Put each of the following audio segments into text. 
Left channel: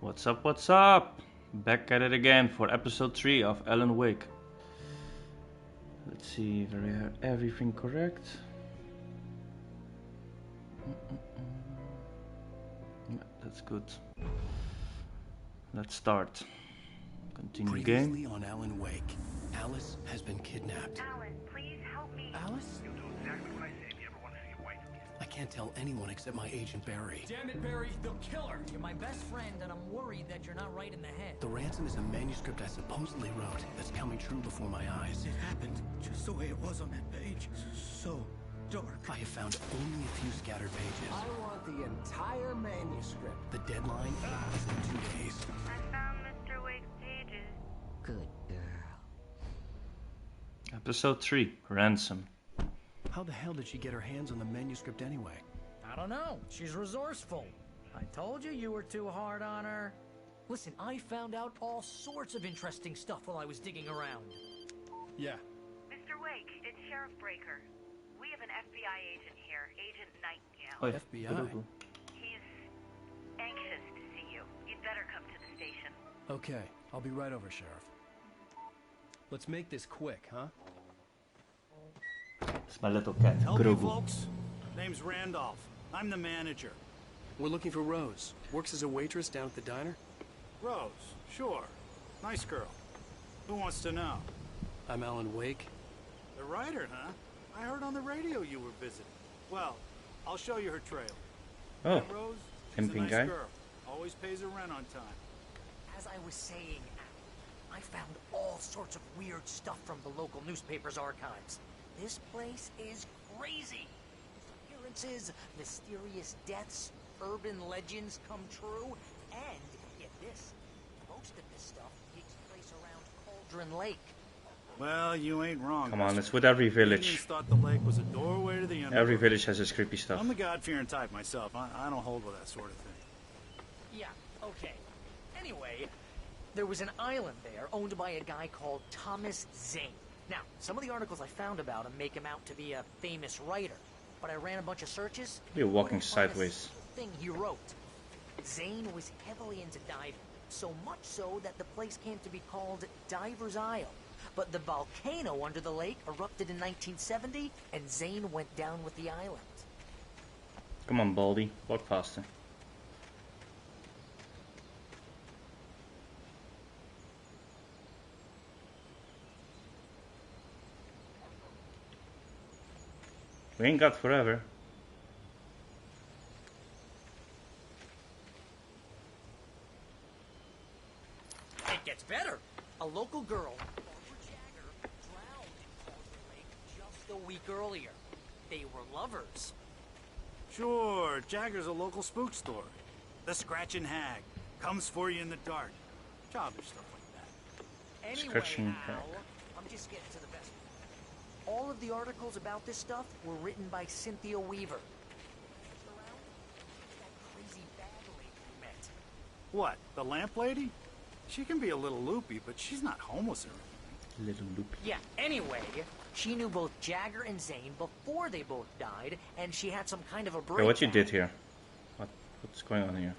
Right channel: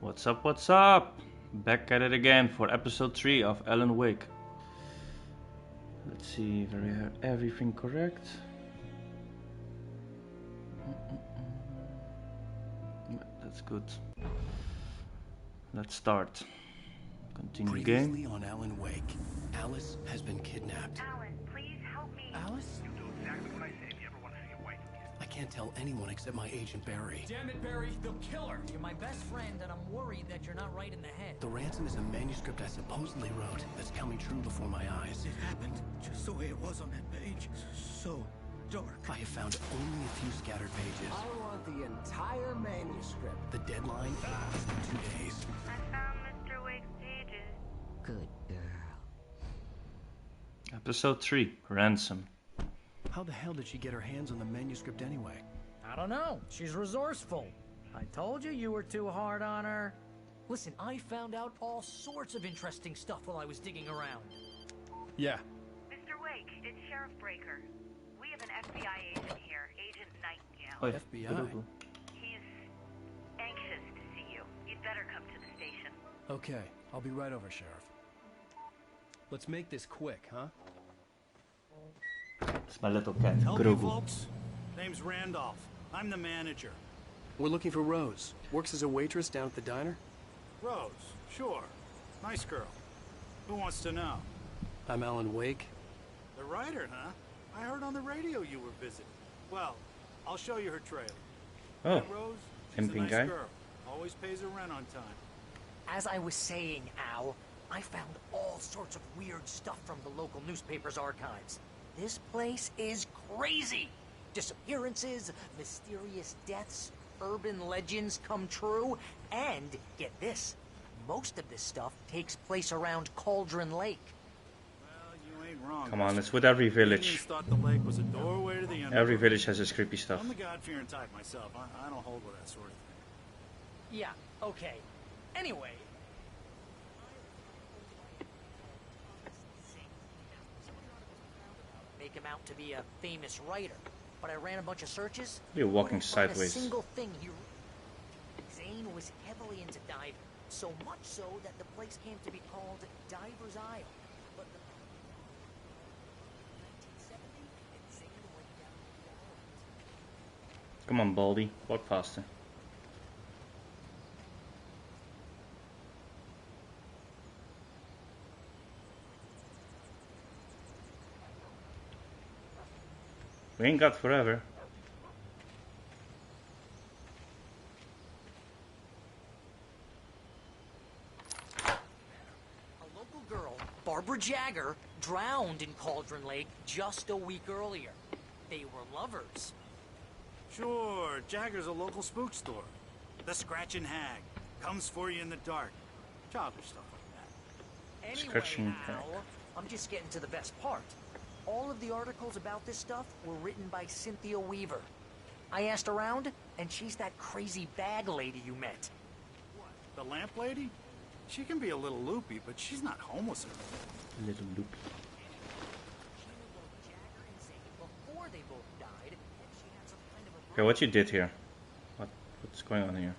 What's up, what's up? Back at it again for episode 3 of Alan Wake. Let's see if we have everything correct. Yeah, that's good. Let's start. Continue Previously game. on Alan Wake, Alice has been kidnapped. Alan, please help me. Alice? You'll do exactly what I say if you ever want to see your wife again. I can't tell anyone except my agent Barry. Damn it, Barry, they'll kill her. You're my best friend, and I'm worried that you're not right in the head. The ransom is a manuscript I supposedly wrote that's coming true before my eyes. It happened just the way it was on that page. So dark. I have found only a few scattered pages. I want the entire manuscript. The deadline is in 2 days. I found Mr. Wake's pages. Good girl. Episode 3, Ransom. How the hell did she get her hands on the manuscript anyway? I don't know. She's resourceful. I told you you were too hard on her. Listen, I found out all sorts of interesting stuff while I was digging around. Yeah. Mr. Wake, it's Sheriff Breaker. We have an FBI agent here, Agent Nightingale. Oi, FBI. He's anxious to see you. You'd better come to the station. Okay, I'll be right over, Sheriff. Let's make this quick, huh? It's my little cat, Help you, Grogu. folks. Name's Randolph. I'm the manager. We're looking for Rose. Works as a waitress down at the diner. Rose, sure. Nice girl. Who wants to know? I'm Alan Wake. The writer, huh? I heard on the radio you were visiting. Well, I'll show you her trailer. Oh, That Rose, she's a pimping nice guy. girl. Always pays her rent on time. As I was saying, Al, I found all sorts of weird stuff from the local newspaper's archives. This place is crazy. Disappearances, mysterious deaths, urban legends come true, and get this, most of this stuff takes place around Cauldron Lake. Well, you ain't wrong. Come on, mister. it's with every Indians village. thought the lake was a doorway to the underworld. Every village has its creepy stuff. I'm the God-fearing type myself. I don't hold with that sort of thing. Yeah, okay. Anyway, there was an island there owned by a guy called Thomas Zane. Now, some of the articles I found about him make him out to be a famous writer, but I ran a bunch of searches. You're walking couldn't find sideways. A single thing he wrote. Zane was heavily into diving, so much so that the place came to be called Diver's Isle. But the volcano under the lake erupted in 1970, and Zane went down with the island. Come on, Baldy, walk faster. We ain't got forever. It gets better. A local girl, Barbara Jagger, drowned in Cauldron Lake just a week earlier. They were lovers. Sure, Jagger's a local spook story. The Scratching Hag comes for you in the dark. Childish stuff like that. Anyway, Scratching Al, Hag. I'm just getting to the best part. All of the articles about this stuff were written by Cynthia Weaver. I asked around, and she's that crazy bag lady you met. What, the lamp lady? She can be a little loopy, but she's not homeless or anything. Little loopy. Yeah, anyway, she knew both Jagger and Zane before they both died, and she had some kind of a break. Okay, what you did here? What's going on here?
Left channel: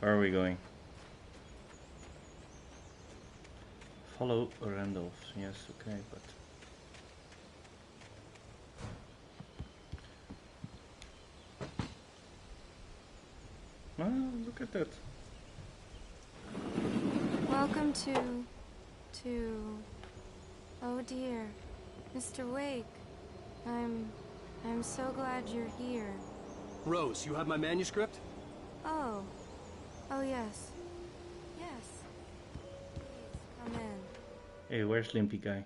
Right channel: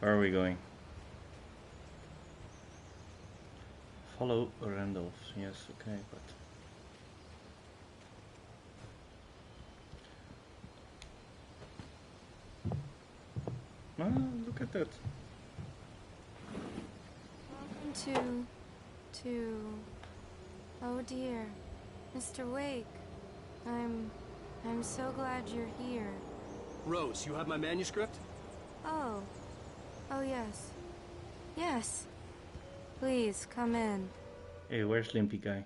Where are we going? Follow Randolph. Yes, okay, but... Ah, look at that. Welcome to... Oh dear, Mr. Wake. I'm so glad you're here. Rose, you have my manuscript? Oh. Oh yes. Yes. Please, come in. Hey, where's Limpy guy?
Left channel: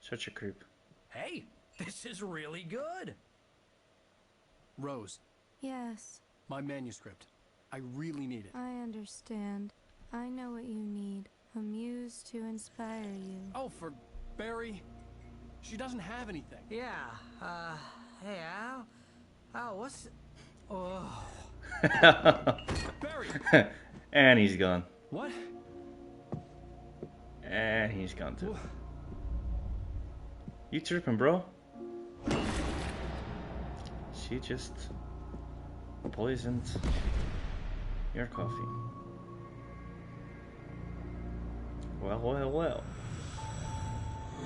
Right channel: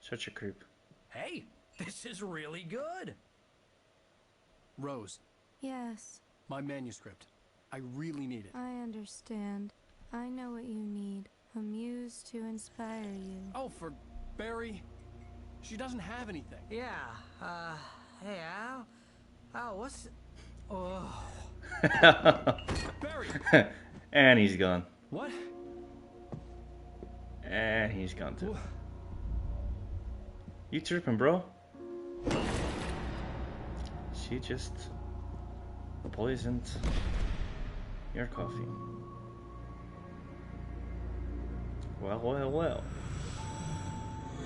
Such a creep. Hey, this is really good. Rose, Yes, my manuscript. I really need it. I understand. I know what you need. A muse to inspire you. Oh, for Barry. She doesn't have anything. Yeah, hey, Al? Al, what's... Oh... Barry! And he's gone. What? And he's gone too. You tripping, bro? She just poisoned Your coffee. Well, well, well.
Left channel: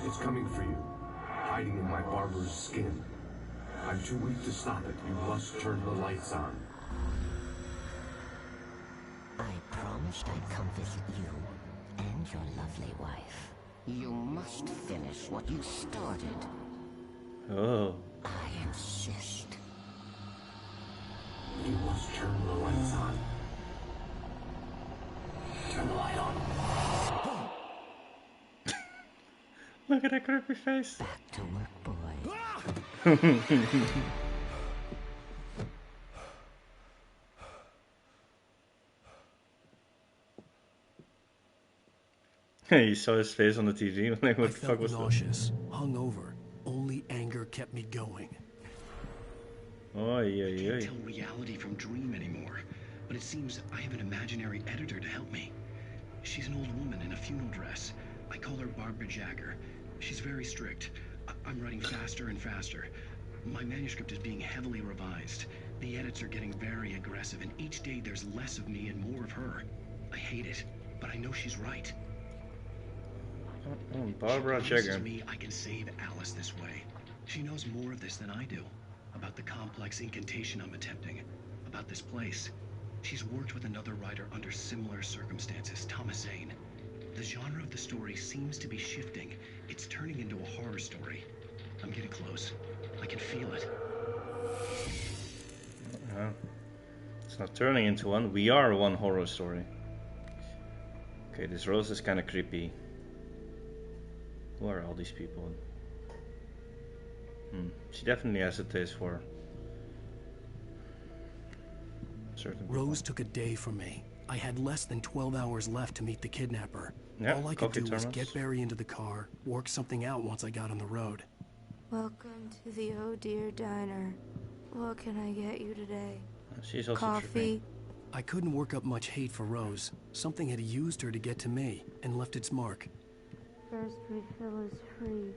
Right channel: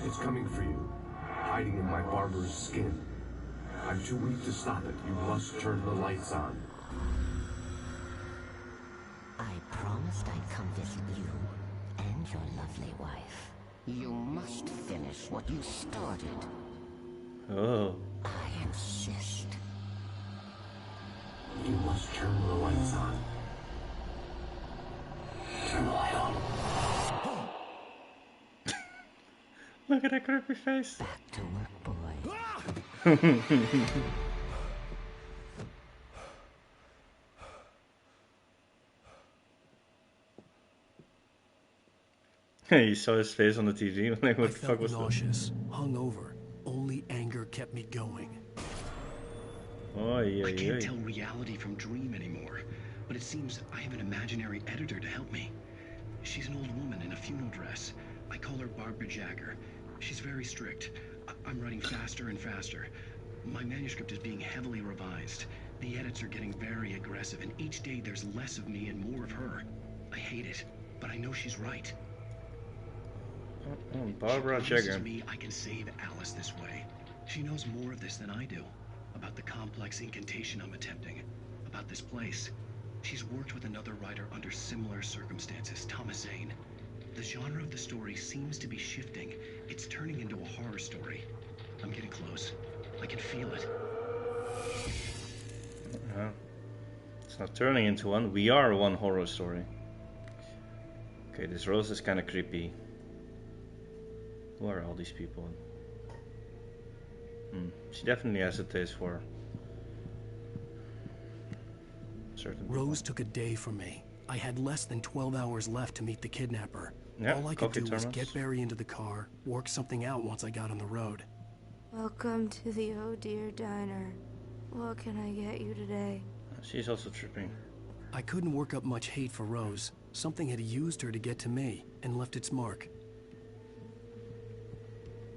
It's coming for you, hiding in my barber's skin. I'm too weak to stop it. You must turn the lights on. I promised I'd come visit you and your lovely wife. You must finish what you started. Oh. I insist. You must turn the lights on. Turn the light on. Look at that creepy face. Back to work, boy. He saw his face on the TV. Like, what I the fuck felt was that? nauseous, hungover. Only anger kept me going. Oh, yeah, I yeah. can't tell reality from dream anymore, but it seems I have an imaginary editor to help me. She's an old woman in a funeral dress. I call her Barbara Jagger. She's very strict. I'm writing faster and faster. My manuscript is being heavily revised. The edits are getting very aggressive, and each day there's less of me and more of her. I hate it, but I know she's right. Barbara She promises Jagger. me I can save Alice this way. She knows more of this than I do. About the complex incantation I'm attempting. About this place. She's worked with another writer under similar circumstances, Thomas Zane. The genre of the story seems to be shifting. It's turning into a horror story. I'm getting close. I can feel it. It's not turning into one. We are one horror story. Okay, this Rose is kind of creepy. Who are all these people? She definitely has a taste for certain people. Rose took a day from me. I had less than 12 hours left to meet the kidnapper. Yeah, all I could coffee do was thermos. get Barry into the car, work something out once I got on the road. Welcome to the Oh Dear Diner. What can I get you today? She's also trippy. Coffee? I couldn't work up much hate for Rose. Something had used her to get to me and left its mark. First refill is free.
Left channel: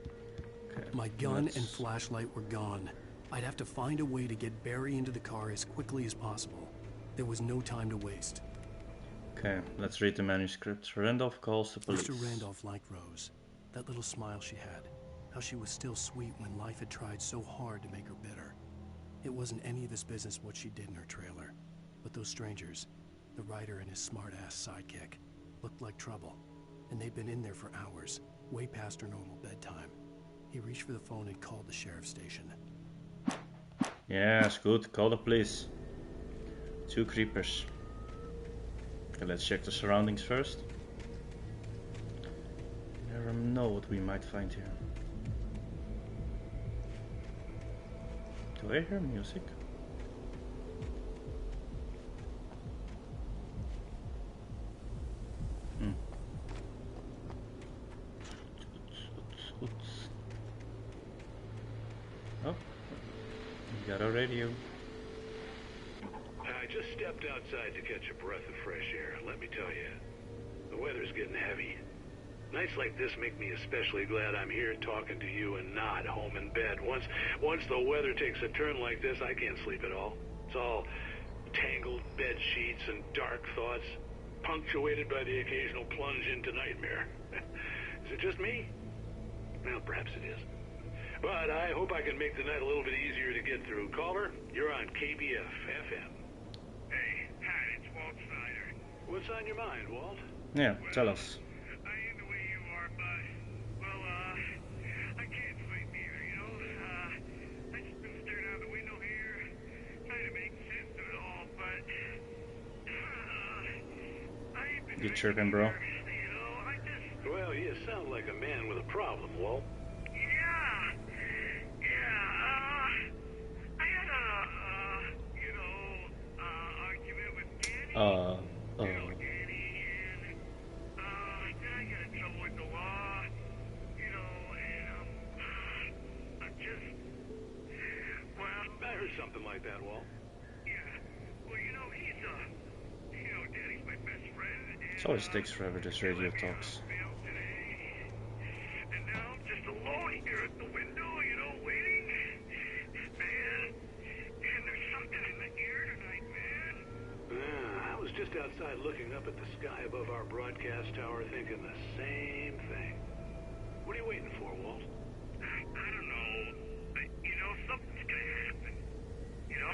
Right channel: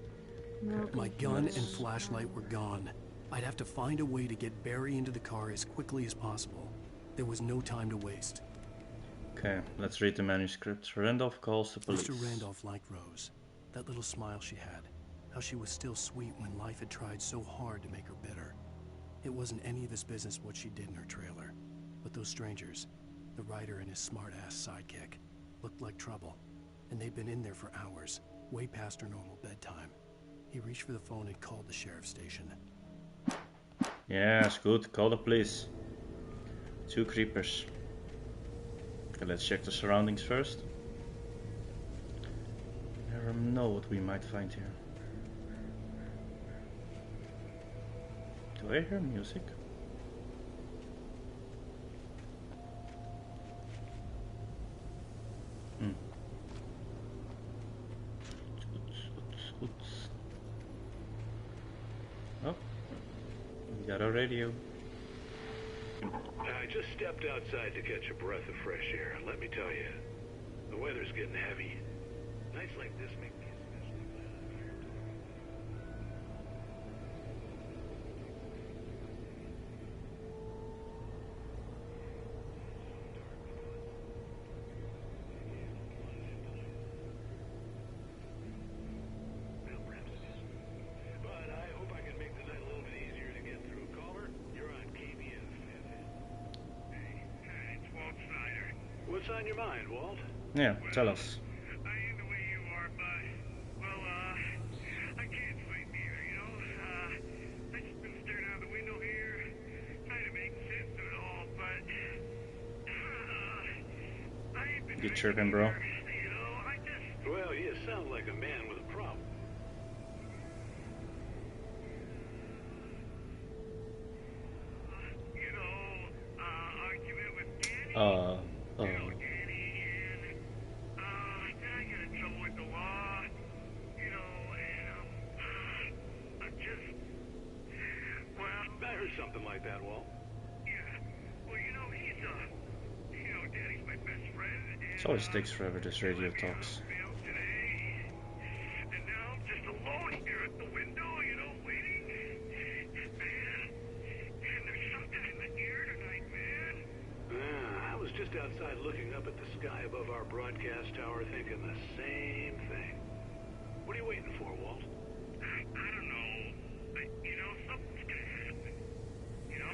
Milk My is gun Let's- and flashlight were gone. I'd have to find a way to get Barry into the car as quickly as possible. There was no time to waste. Okay, let's read the manuscript. Randolph calls the police. Mr. Randolph liked Rose. That little smile she had. How she was still sweet when life had tried so hard to make her bitter. It wasn't any of his business what she did in her trailer. But those strangers, the writer and his smart-ass sidekick, looked like trouble. And they'd been in there for hours, way past her normal bedtime. He reached for the phone and called the sheriff's station. Yes, good. Call the police. 2 creepers. Okay, let's check the surroundings first. Never know what we might find here. Do I hear music? Oh, we got a radio. I just stepped outside to catch a breath of fresh air. Let me tell you, the weather's getting heavy. Nights like this make me especially glad I'm here talking to you and not home in bed. Once the weather takes a turn like this, I can't sleep at all. It's all tangled bed sheets and dark thoughts, punctuated by the occasional plunge into nightmare. Is it just me? Well, perhaps it is. But I hope I can make the night a little bit easier to get through. Caller, you're on KBF FM. Hey, hi, it's Walt Snyder. What's on your mind, Walt? Yeah, tell us. I ain't the way you are, but, well, I can't sleep either, you know? I just been staring out the window here, trying to make sense of it all, but, I ain't been... You chirping, bro? You know, I just... Well, you sound like a man with a problem, Walt. I had a, argument with Danny. Danny, and, then I got in trouble with the law, and, I'm just, well... I heard something like that, Walt. Yeah, well, he's, Danny's my best friend, and... It always takes forever, this radio talks. And now I'm just alone here at the window, waiting. Man, there's something in the air tonight, man. I was was just outside looking up at the sky above our broadcast tower thinking the same thing. What are you waiting for, Walt? I don't know. You know, something's gonna happen. You know,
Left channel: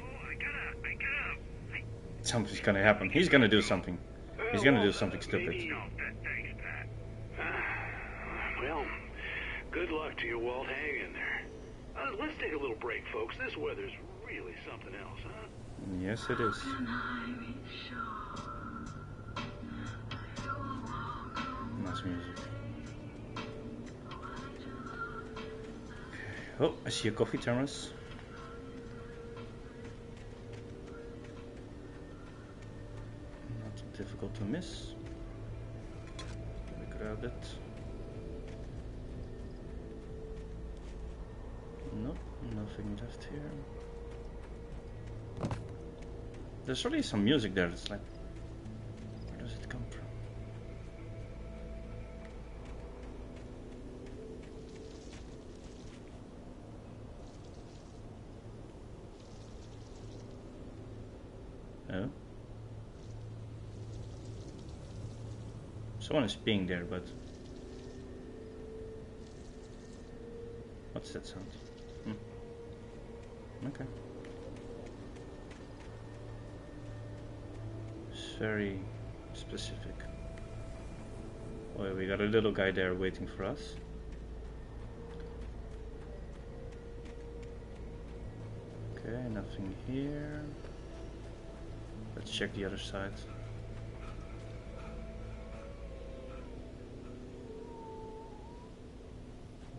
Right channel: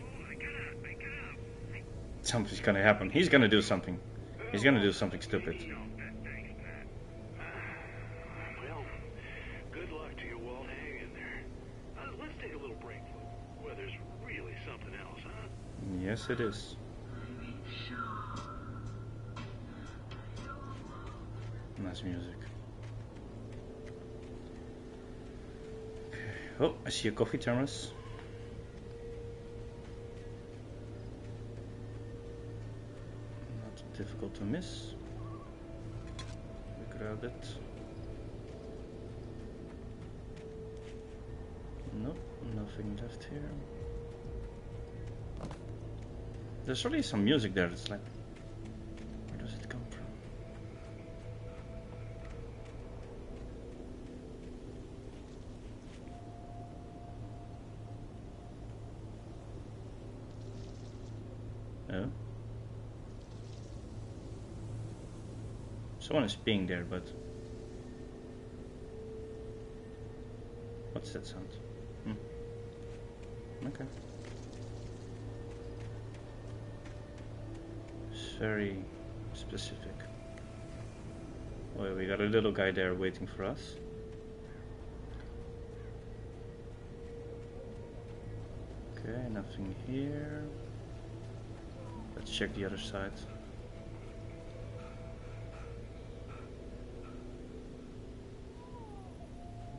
Something's gonna happen. He's gonna do something. He's gonna do something stupid. Thanks, Pat. Well, good luck to you, Walt. Hang in there. Let's take a little break, folks. This weather's really something else, huh? Yes, it is. Nice music. Okay. Oh, I see a coffee thermos. Not difficult to miss. We grabbed it. Nope, nothing left here. There's really some music there. It's like, where does it come from? Oh. Someone is being there, but what's that sound? Okay. It's very specific. Well, we got a little guy there waiting for us. Okay, nothing here. Let's check the other side.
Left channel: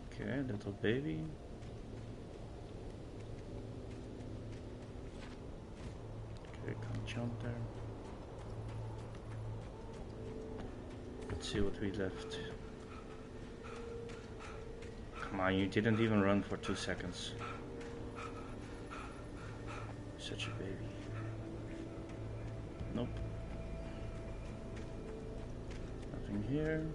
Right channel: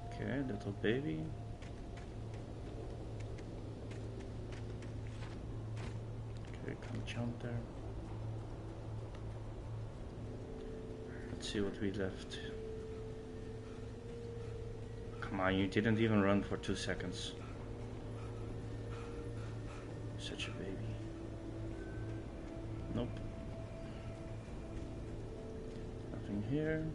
Okay, little baby. Okay, can't jump there. Let's see what we left. Come on, you didn't even run for 2 seconds. Such a baby. Nope. Nothing here.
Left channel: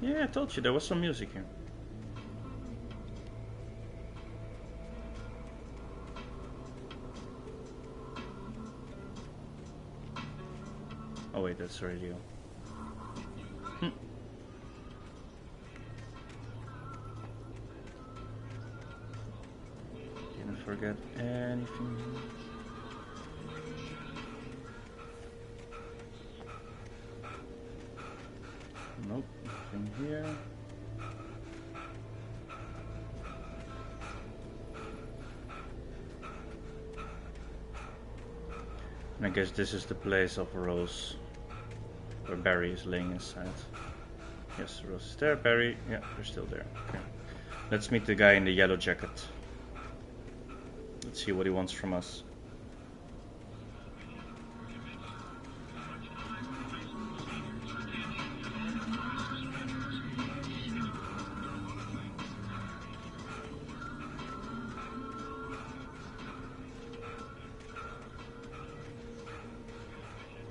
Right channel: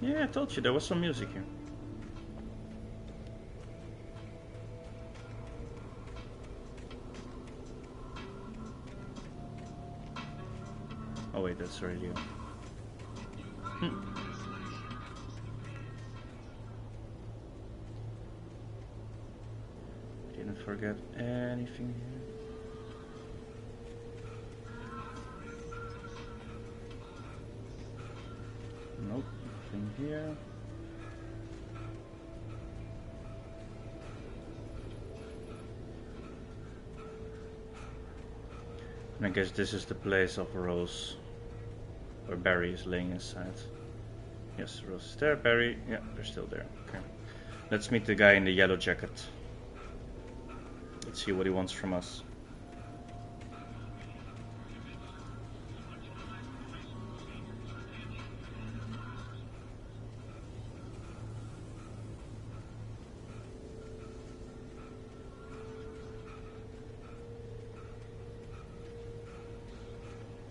Yeah, I told you there was some music here. Oh wait, that's the radio. Didn't forget anything. Nope, nothing here. And I guess this is the place of Rose, where Barry is laying inside. Yes, Rose is there. Barry, yeah, they're still there. Okay, let's meet the guy in the yellow jacket. Let's see what he wants from us.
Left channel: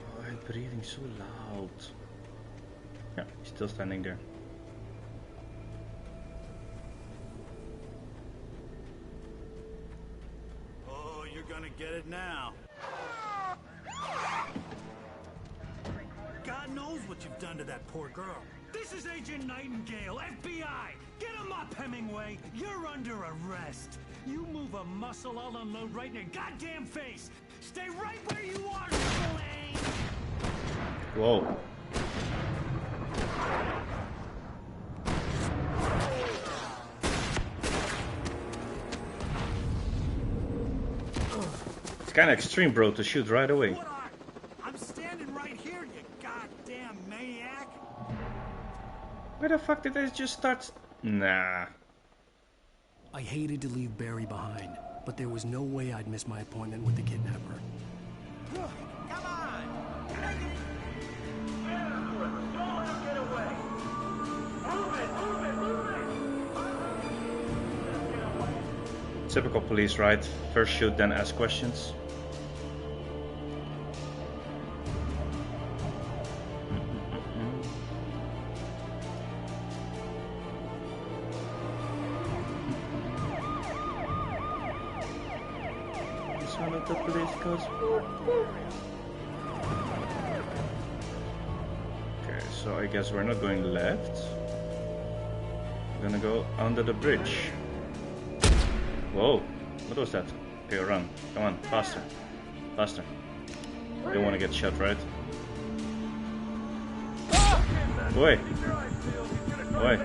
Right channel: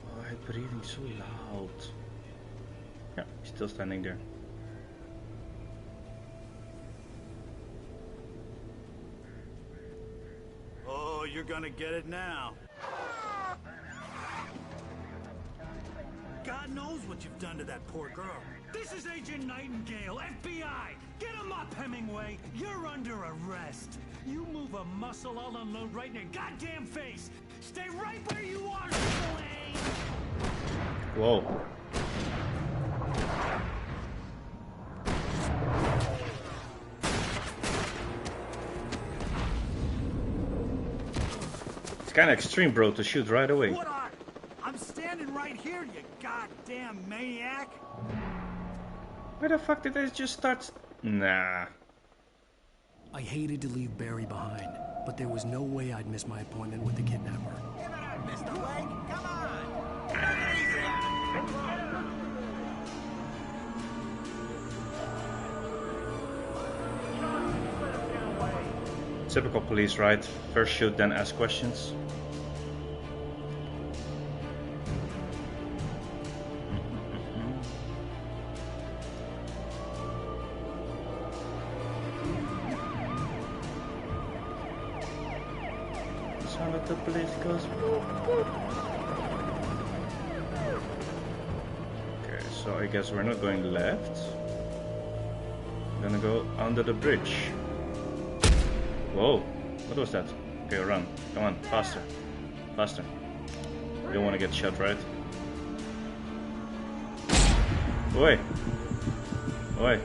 Oh, he's breathing so loud. Yeah, he's still standing there. You're gonna get it now. God knows what you've done to that poor girl. This is Agent Nightingale, FBI! Get him up, Hemingway! You're under arrest! You move a muscle, I'll unload right in your goddamn face! Stay right where you are, Spillane! Whoa. Kind of extreme, bro, to shoot right away. What I'm standing right here, you goddamn maniac. Where the fuck did they just start? Nah. I hated to leave Barry behind, but there was no way I'd miss my appointment with the kidnapper. Mr. Blake, come on! Take it easy! Typical police, right? First shoot, then ask questions. Sound of the police goes. Okay, so I guess we're not going left. We're gonna go under the bridge. Whoa, what was that? Okay, run. Come on, faster. Faster. You don't want to get shot, right? Oi! Oi!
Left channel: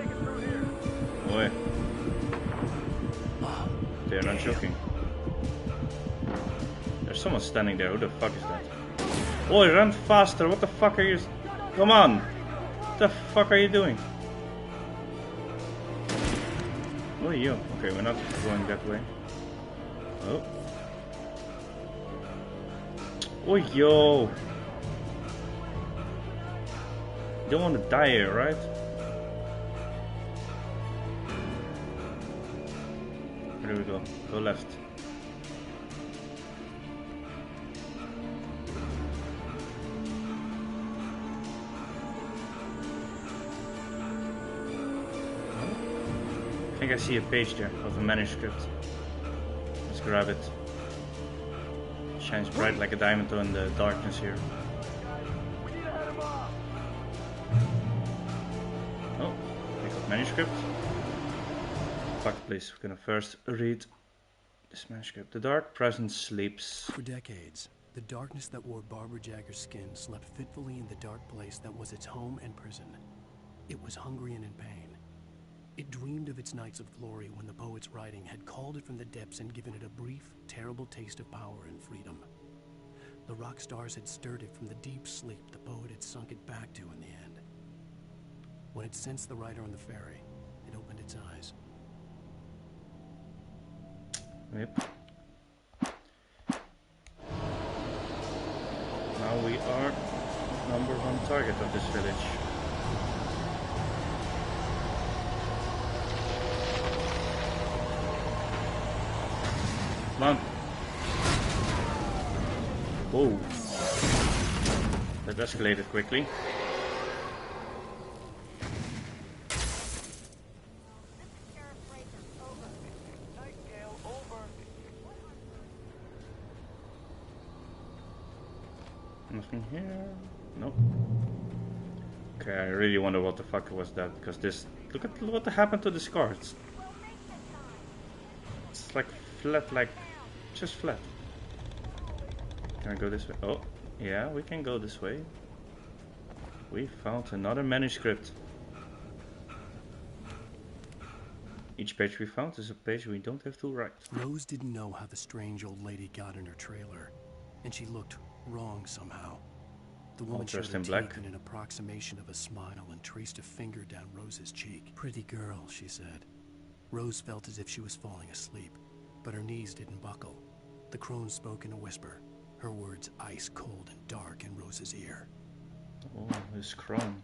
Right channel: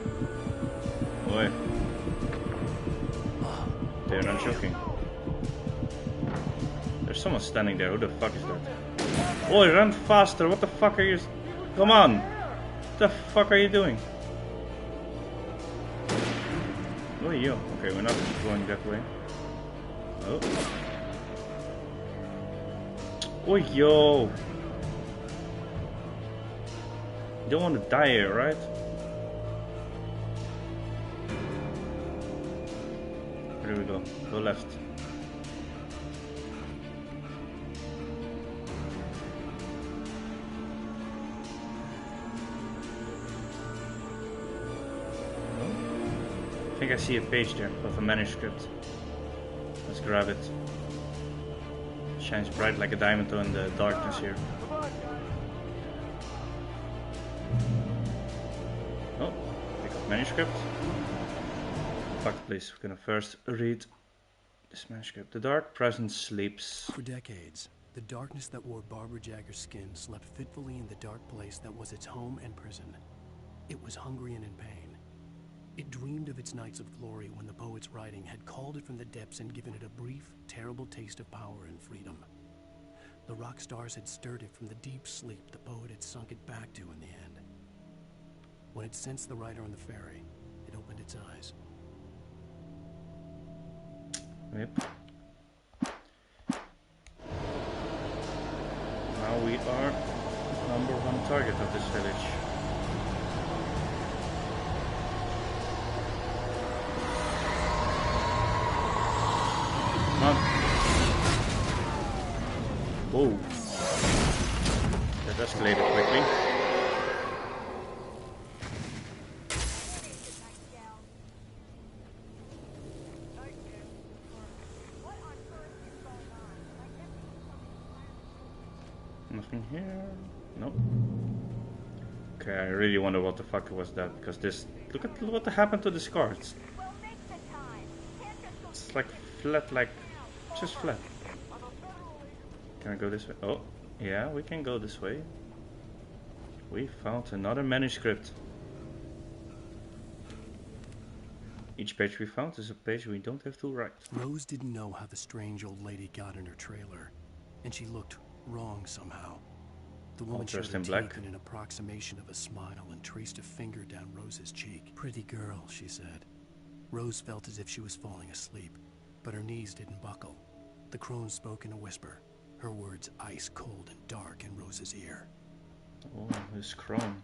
Oi! They're not joking. There's someone standing there. Who the fuck is that? Oi, run faster! What the fuck are you... Come on! What the fuck are you doing? Oh, yo. Okay, we're not going that way. Oh. Oh, yo. You don't want to die here, right? Where do we go? Go left. Oh. I think I see a page there of a manuscript. Let's grab it. Shines bright like a diamond in the darkness here. Oh, we got manuscript. Fuck, please. We're gonna first read this manuscript. The dark presence sleeps. For decades, the darkness that wore Barbara Jagger's skin slept fitfully in the dark place that was its home and prison. It was hungry and in pain. It dreamed of its nights of glory when the poet's writing had called it from the depths and given it a brief, terrible taste of power and freedom. The rock stars had stirred it from the deep sleep the poet had sunk it back to in the end. When it sensed the writer on the ferry, it opened its eyes. Yep. Now we are #1 target of this village. Come on. Whoa. That escalated quickly. Nothing here. Nope. Okay, I really wonder what the fuck was that, because this... Look at what happened to this car. It's like flat, like... just flat. Can I go this way? Oh, yeah, we can go this way. We found another manuscript. Each page we found is a page we don't have to write. Rose didn't know how the strange old lady got in her trailer, and she looked wrong somehow. The woman showed her teeth in an approximation of a smile and traced a finger down Rose's cheek. Pretty girl, she said. Rose felt as if she was falling asleep, but her knees didn't buckle. The crone spoke in a whisper, her words ice cold and dark in Rose's ear. Oh, this crone.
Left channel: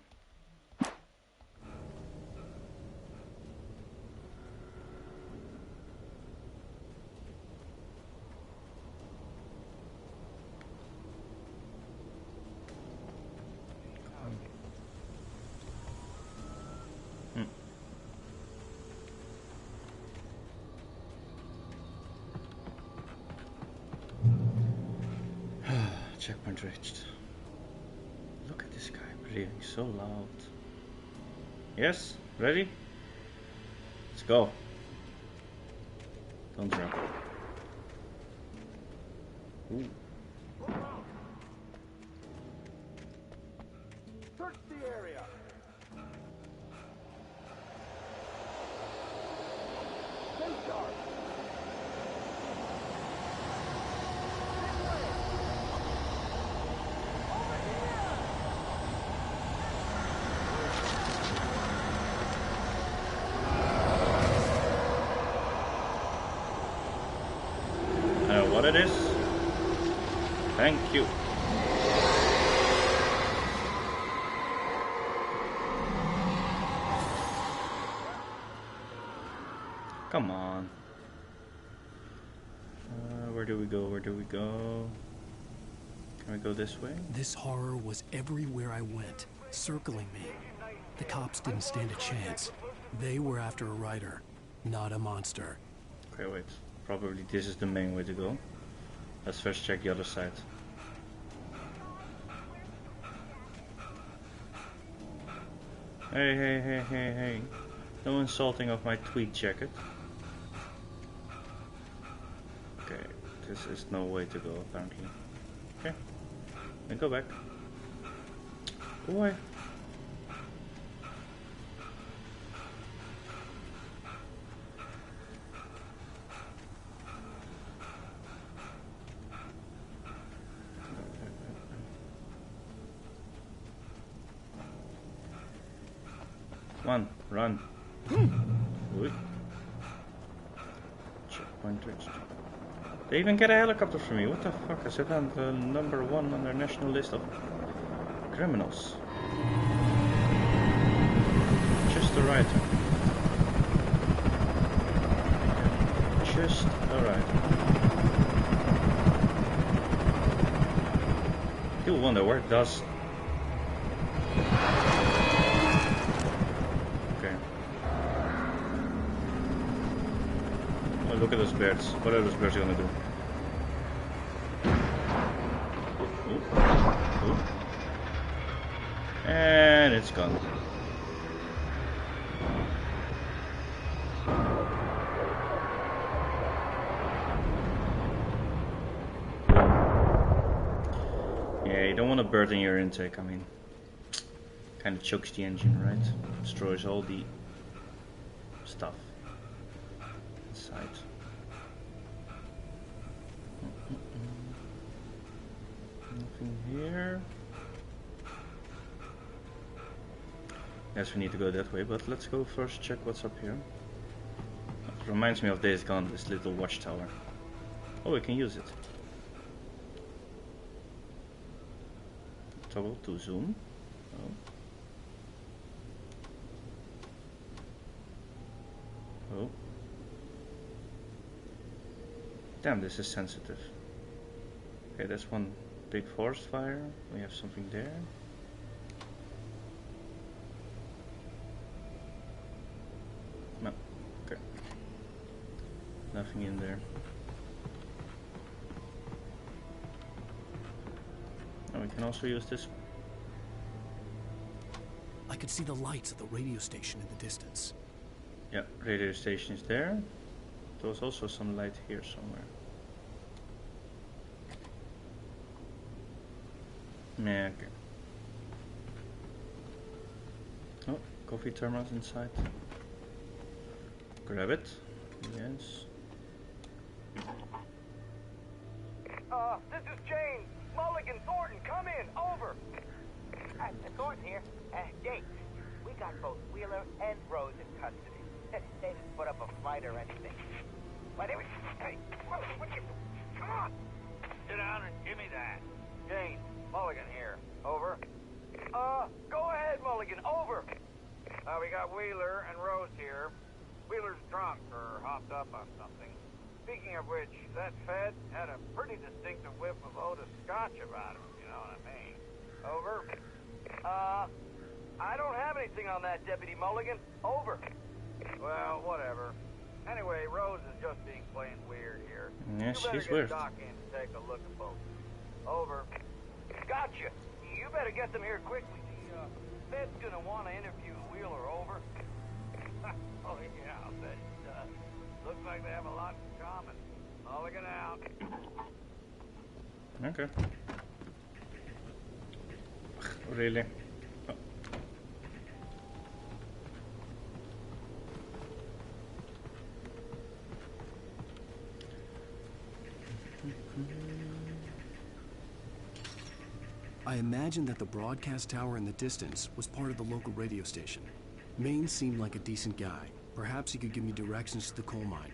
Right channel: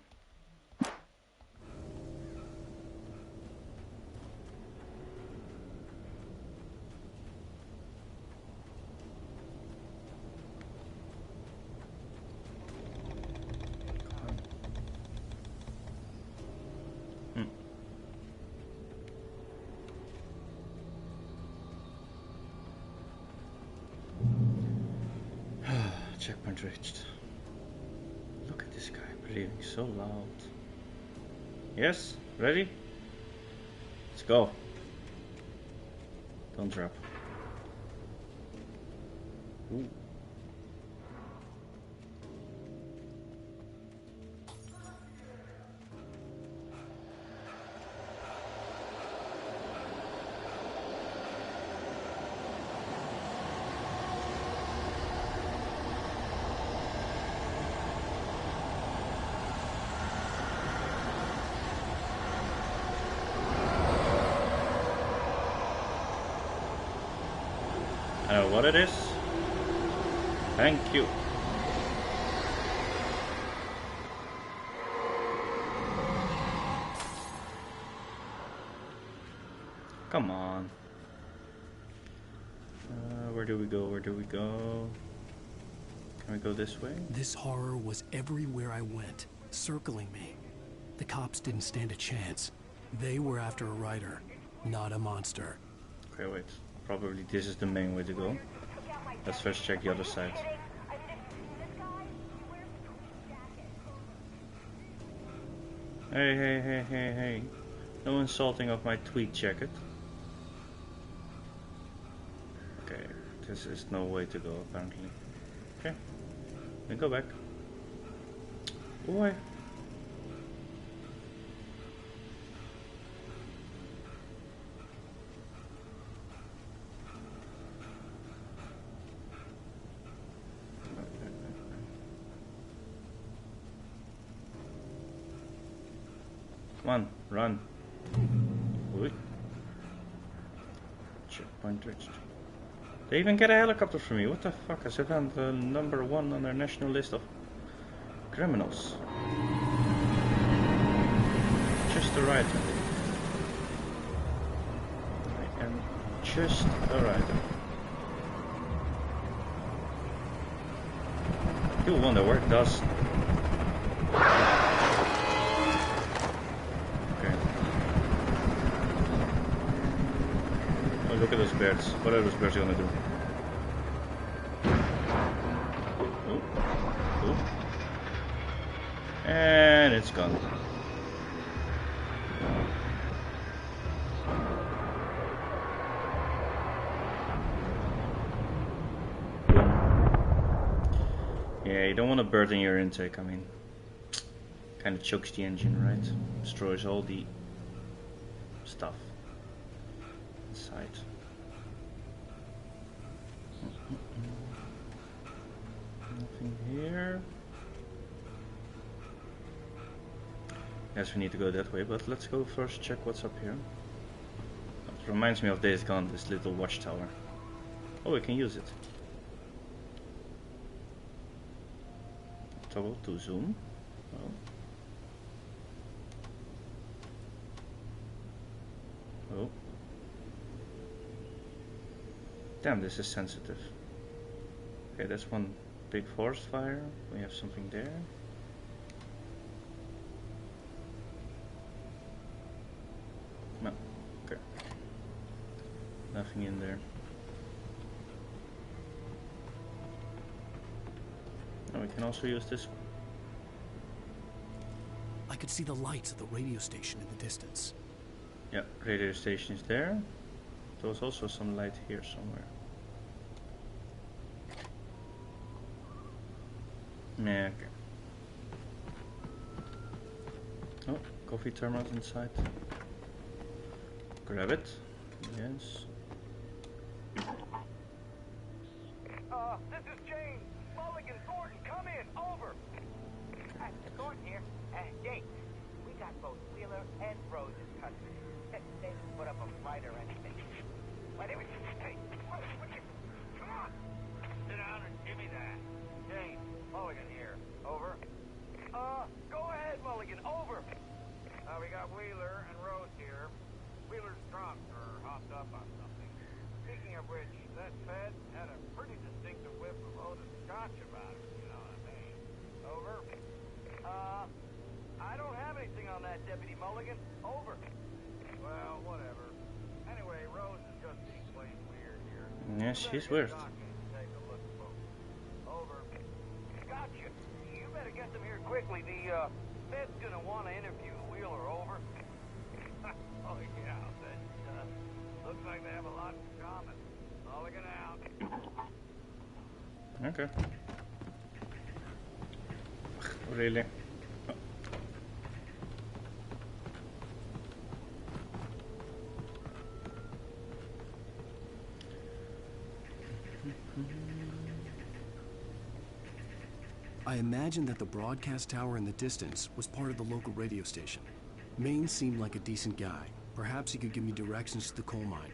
Checkpoint reached. Look at this guy breathing so loud. Yes? Ready? Let's go. Don't drop. Ooh. I know what it is. Thank you. Come on. Where do we go? Where do we go? Can we go this way? This horror was everywhere I went, circling me. The cops didn't stand a chance. They were after a writer, not a monster. Okay, wait. Probably this is the main way to go. Let's first check the other side. Hey, hey, hey, hey, hey. No insulting of my tweed jacket. Okay, this is no way to go apparently. Okay, then go back. Boy. Come on, run. Wait. Checkpoint reached. They even get a helicopter for me. What the fuck? I sit on the #1 on their national list of criminals. Just a writer. I am just a writer. You'll wonder where does. Okay. Oh, look at those birds. What are those birds gonna do? Ooh. Ooh. And it's gone. Yeah, you don't want a bird in your intake, I mean. Kind of chokes the engine, right? Destroys all the stuff inside. Nothing here. Yes, we need to go that way, but let's go first check what's up here. It reminds me of Days Gone, this little watchtower. Oh, we can use it. Toggle to zoom. Oh. Oh. Damn, this is sensitive. Okay, that's one big forest fire. We have something there. No. Okay. Nothing in there. And we can also use this one. I could see the lights of the radio station in the distance. Yeah, radio station is there. There was also some light here somewhere. Yeah, okay. Oh, coffee thermos inside. Grab it. Yes. This is James. Mulligan, Thornton, come in. Over. Thornton here. James, we got both Wheeler and Rose in custody. They didn't put up a fight or anything. But it was... Hey, what you... Come on! Sit down and give me that. James, Mulligan here. Over. Go ahead, Mulligan. Over. We got Wheeler and Rose here. Wheeler's drunk or hopped up on something. Speaking of which, that Fed had a pretty distinctive whiff of Otis Scotch about him, you know what I mean. Over. I don't have anything on that, Deputy Mulligan. Over. Well, whatever. Anyway, Rose is just being plain weird here. Yeah, she's weird. Doc in to take a look at both. Over. Gotcha. You better get them here quickly. The Fed's gonna want to interview Wheeler. Over. Oh yeah, I'll bet it does. Looks like they have a lot in common. Mulligan out. Okay. Really? Oh. I imagined that the broadcast tower in the distance was part of the local radio station. Maine seemed like a decent guy. Perhaps he could give me directions to the coal mine.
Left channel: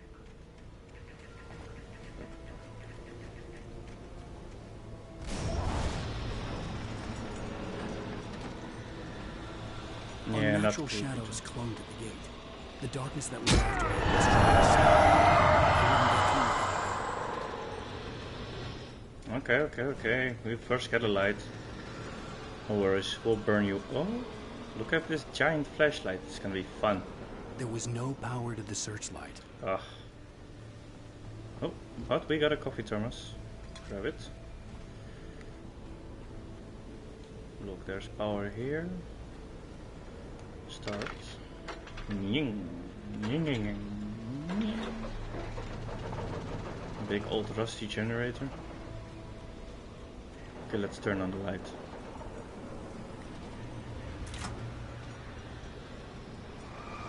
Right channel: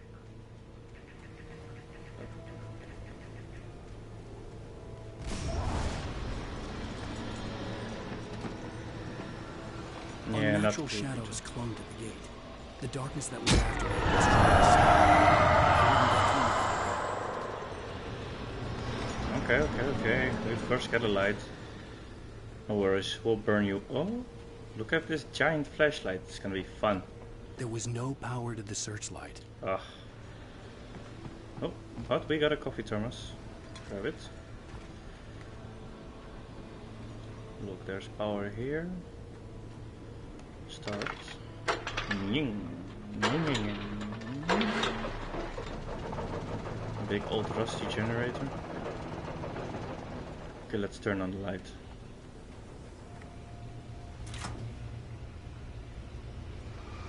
Yeah, Unnatural not shadows clung to the gate. The darkness that was after me was trying to stop. Okay. We first get a light. No worries, we'll burn you. Oh, look at this giant flashlight. It's gonna be fun. There was no power to the searchlight. Ugh. Oh, but we got a coffee thermos. grab it. Look, there's power here. Start. Ying. Ying, ying, ying. Big old rusty generator. Okay, let's turn on the light.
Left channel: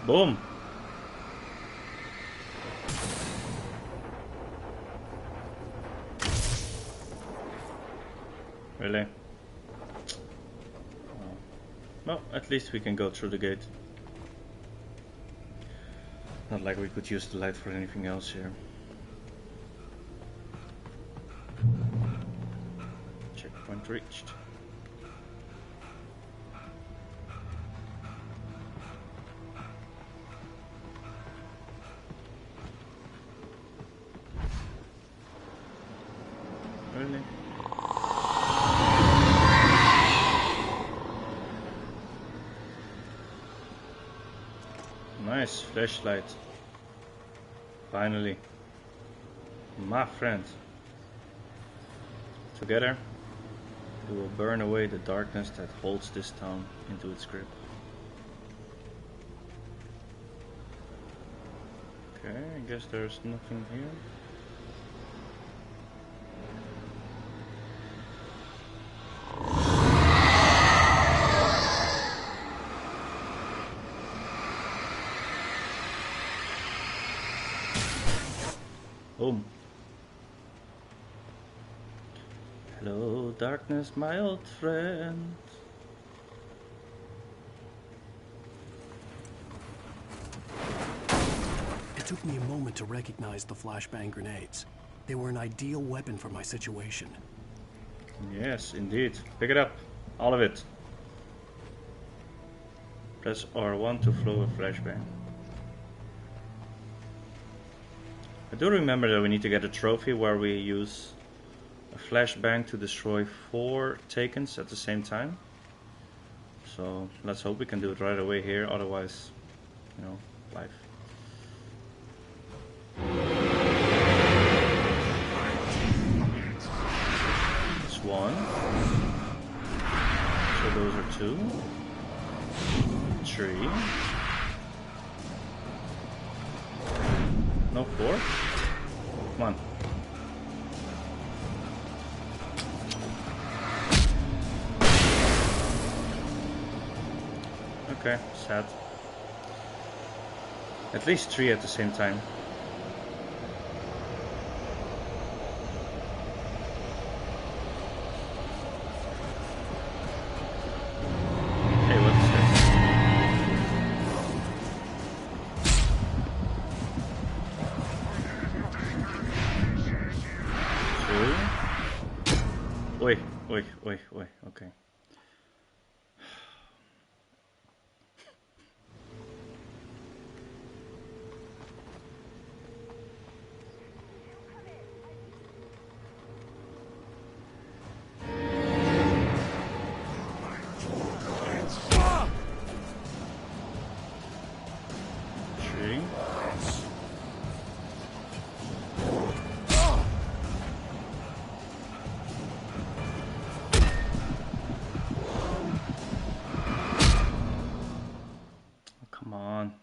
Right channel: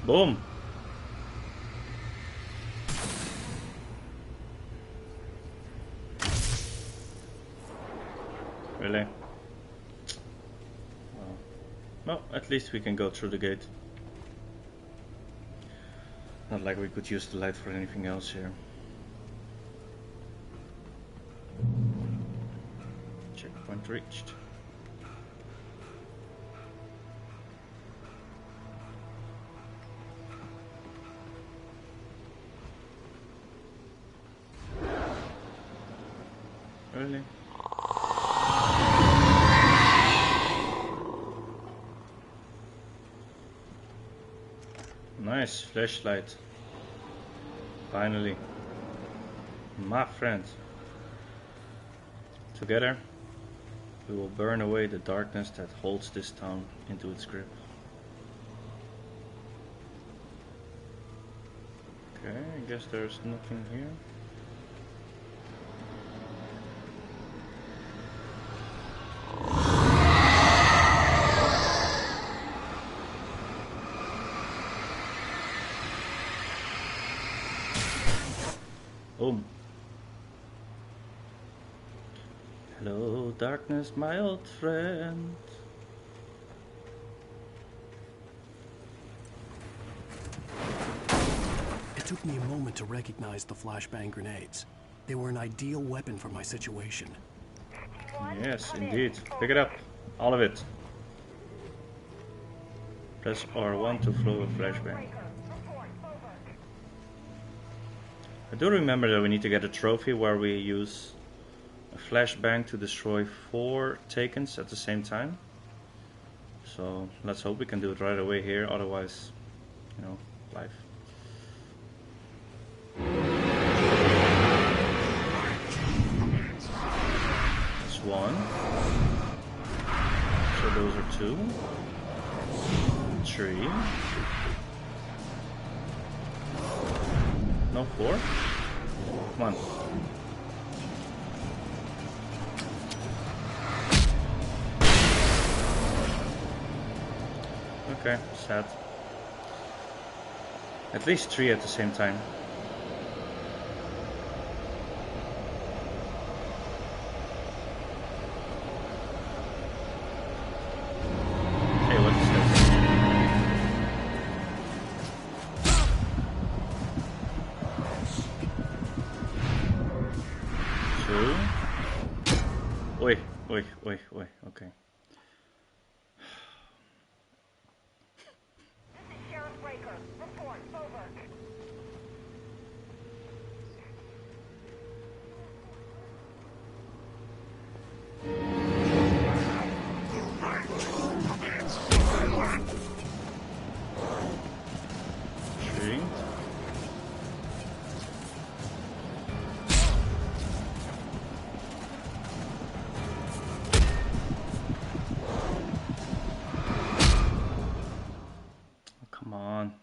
Boom! Really? Well, at least we can go through the gate. Not like we could use the light for anything else here. Checkpoint reached. Really? Nice flashlight. Finally. My friend. Together, we will burn away the darkness that holds this town into its grip. Okay, I guess there's nothing here. Boom. Hello, darkness, my old friend. It took me a moment to recognize the flashbang grenades. They were an ideal weapon for my situation. Yes, indeed. Pick it up. All of it. Press R1 to throw a flashbang. I do remember that we need to get a trophy where we use a flashbang to destroy 4 takens at the same time. So let's hope we can do it right away here, otherwise, you know, life. That's 1. So those are 2. 3. No 4? Come on. Okay, sad. At least 3 at the same time. Hey, what is this? Oi, oi, oi, oi, okay.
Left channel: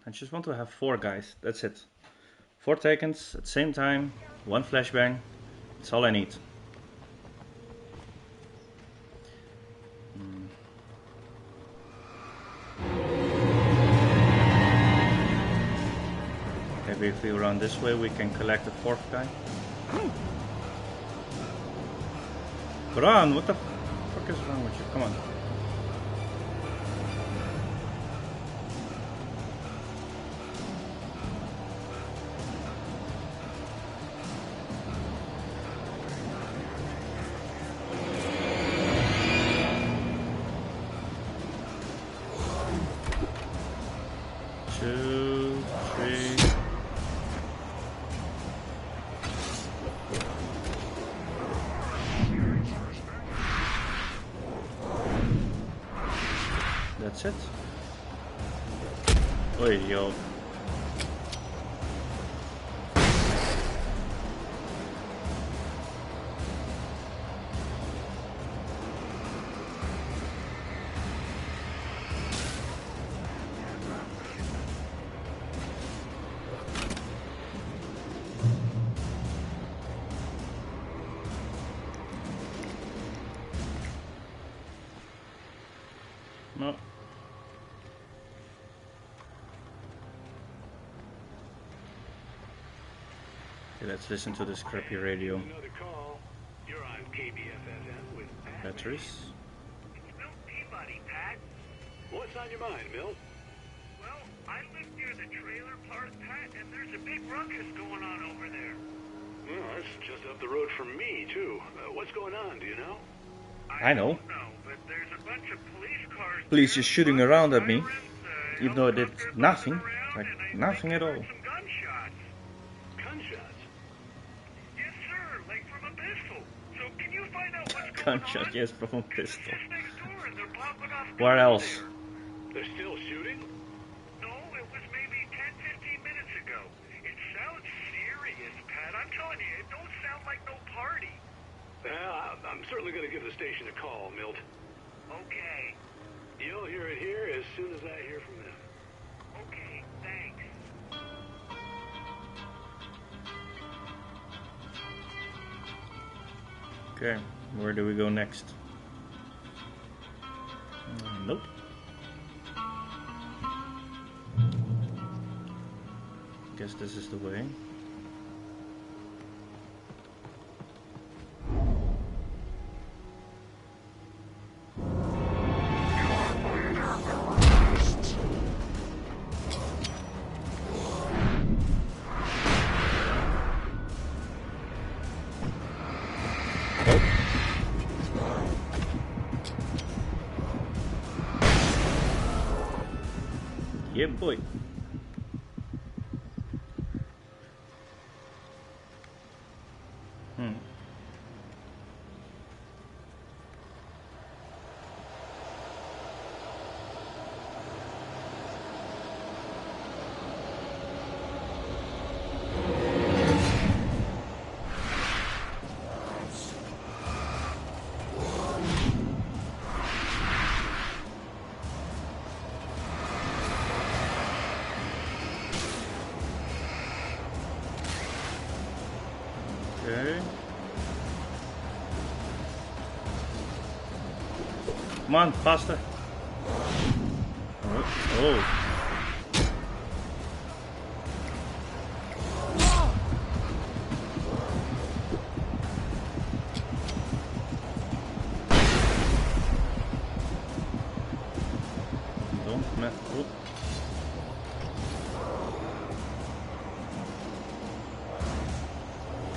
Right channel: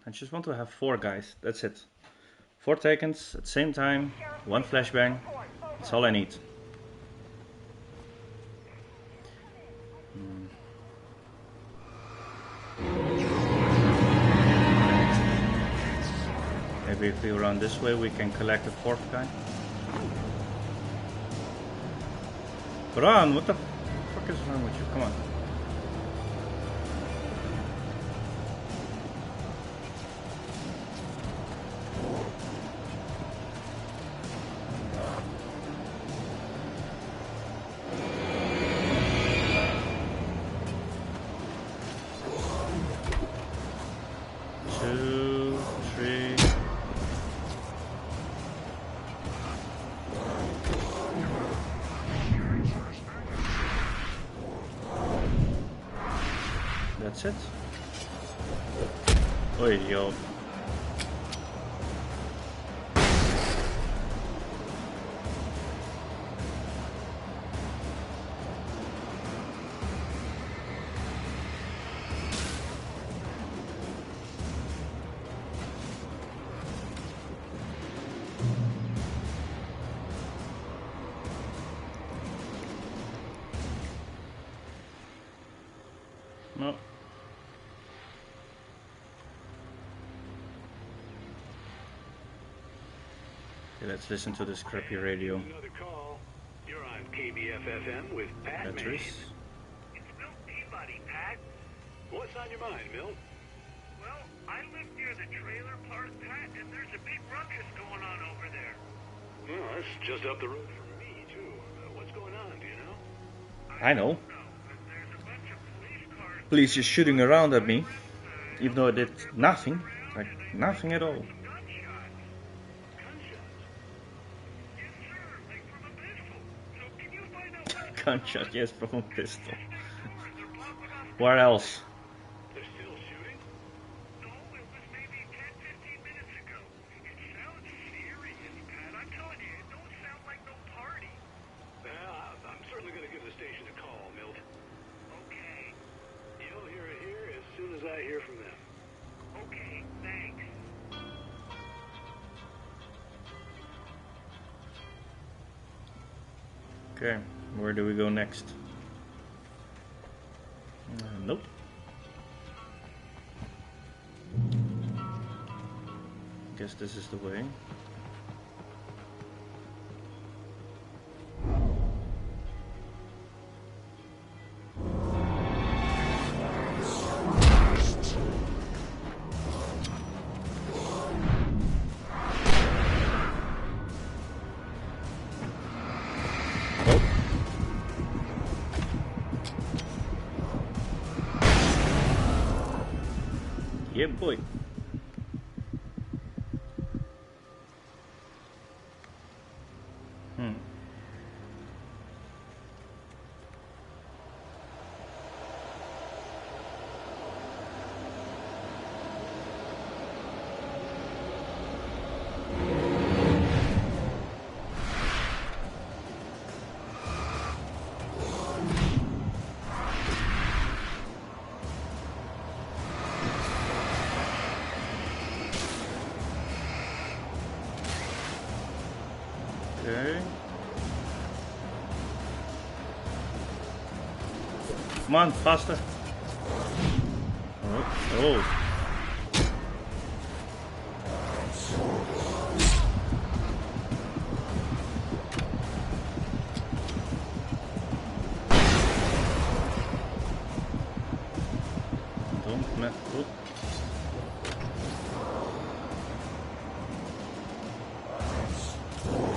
I just want to have 4 guys, that's it. 4 takens at the same time, 1 flashbang, that's all I need. Maybe if we run this way we can collect the 4th guy. Run, what the fuck is wrong with you? Come on. That's it. Oi, yo. No. Okay, let's listen to this crappy radio. Another call. You're on KBFFM with Pat. Batteries. It's Milt Peabody, Pat. What's on your mind, Milt? Well, I live near the trailer park, Pat, and there's a big ruckus going on over there. Well, that's just up the road from me, too. What's going on, do you know? I know. No, but there's a bunch of police cars. Police just shooting around at me, even though I did nothing. Like, nothing at all. Gunshots. Gunshots? Yes, sir, like from a pistol. So can you find out what's Gunshot, yes, from a pistol. next door and they're popping off? Where else? They're still shooting? No, it was maybe 10, 15 minutes ago. It sounds serious, Pat. I'm telling you, it don't sound like no party. I'm certainly going to give the station a call, Milt. Okay. You'll hear it here as soon as I hear from them. Okay, thanks. Okay, where do we go next? Nope. Guess this is the way. Yeah, boy. Okay. Come on, faster. Oh. Don't mess. Oh.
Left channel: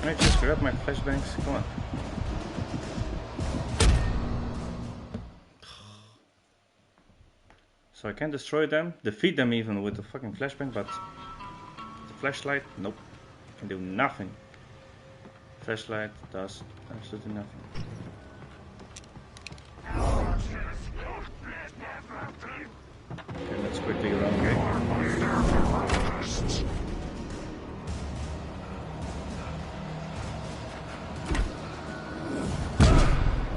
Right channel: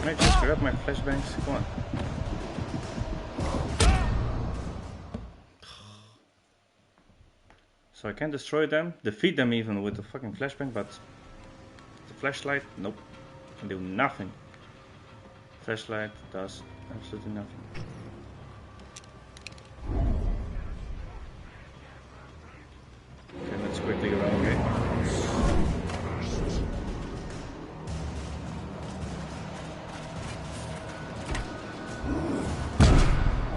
Can I just grab my flashbangs? Come on. So I can destroy them, defeat them even with the fucking flashbang, but the flashlight, nope, can do nothing. Flashlight does absolutely nothing. Okay, let's quickly go around, okay?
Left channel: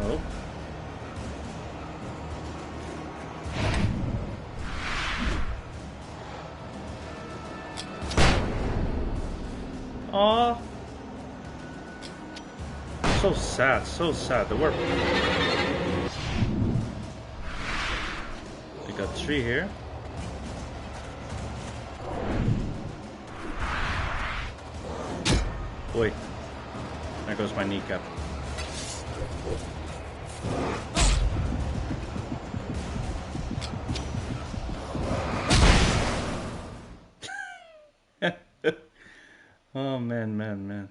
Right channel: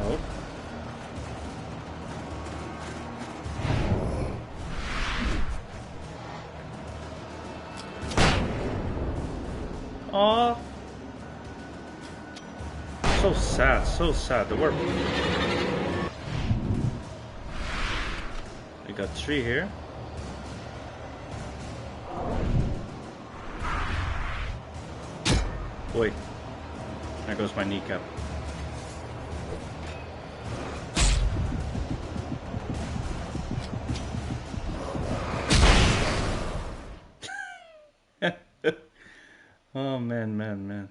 Oh. Aww. So sad, so sad. The work. We got 3 here. Boy, there goes my kneecap. Oh man.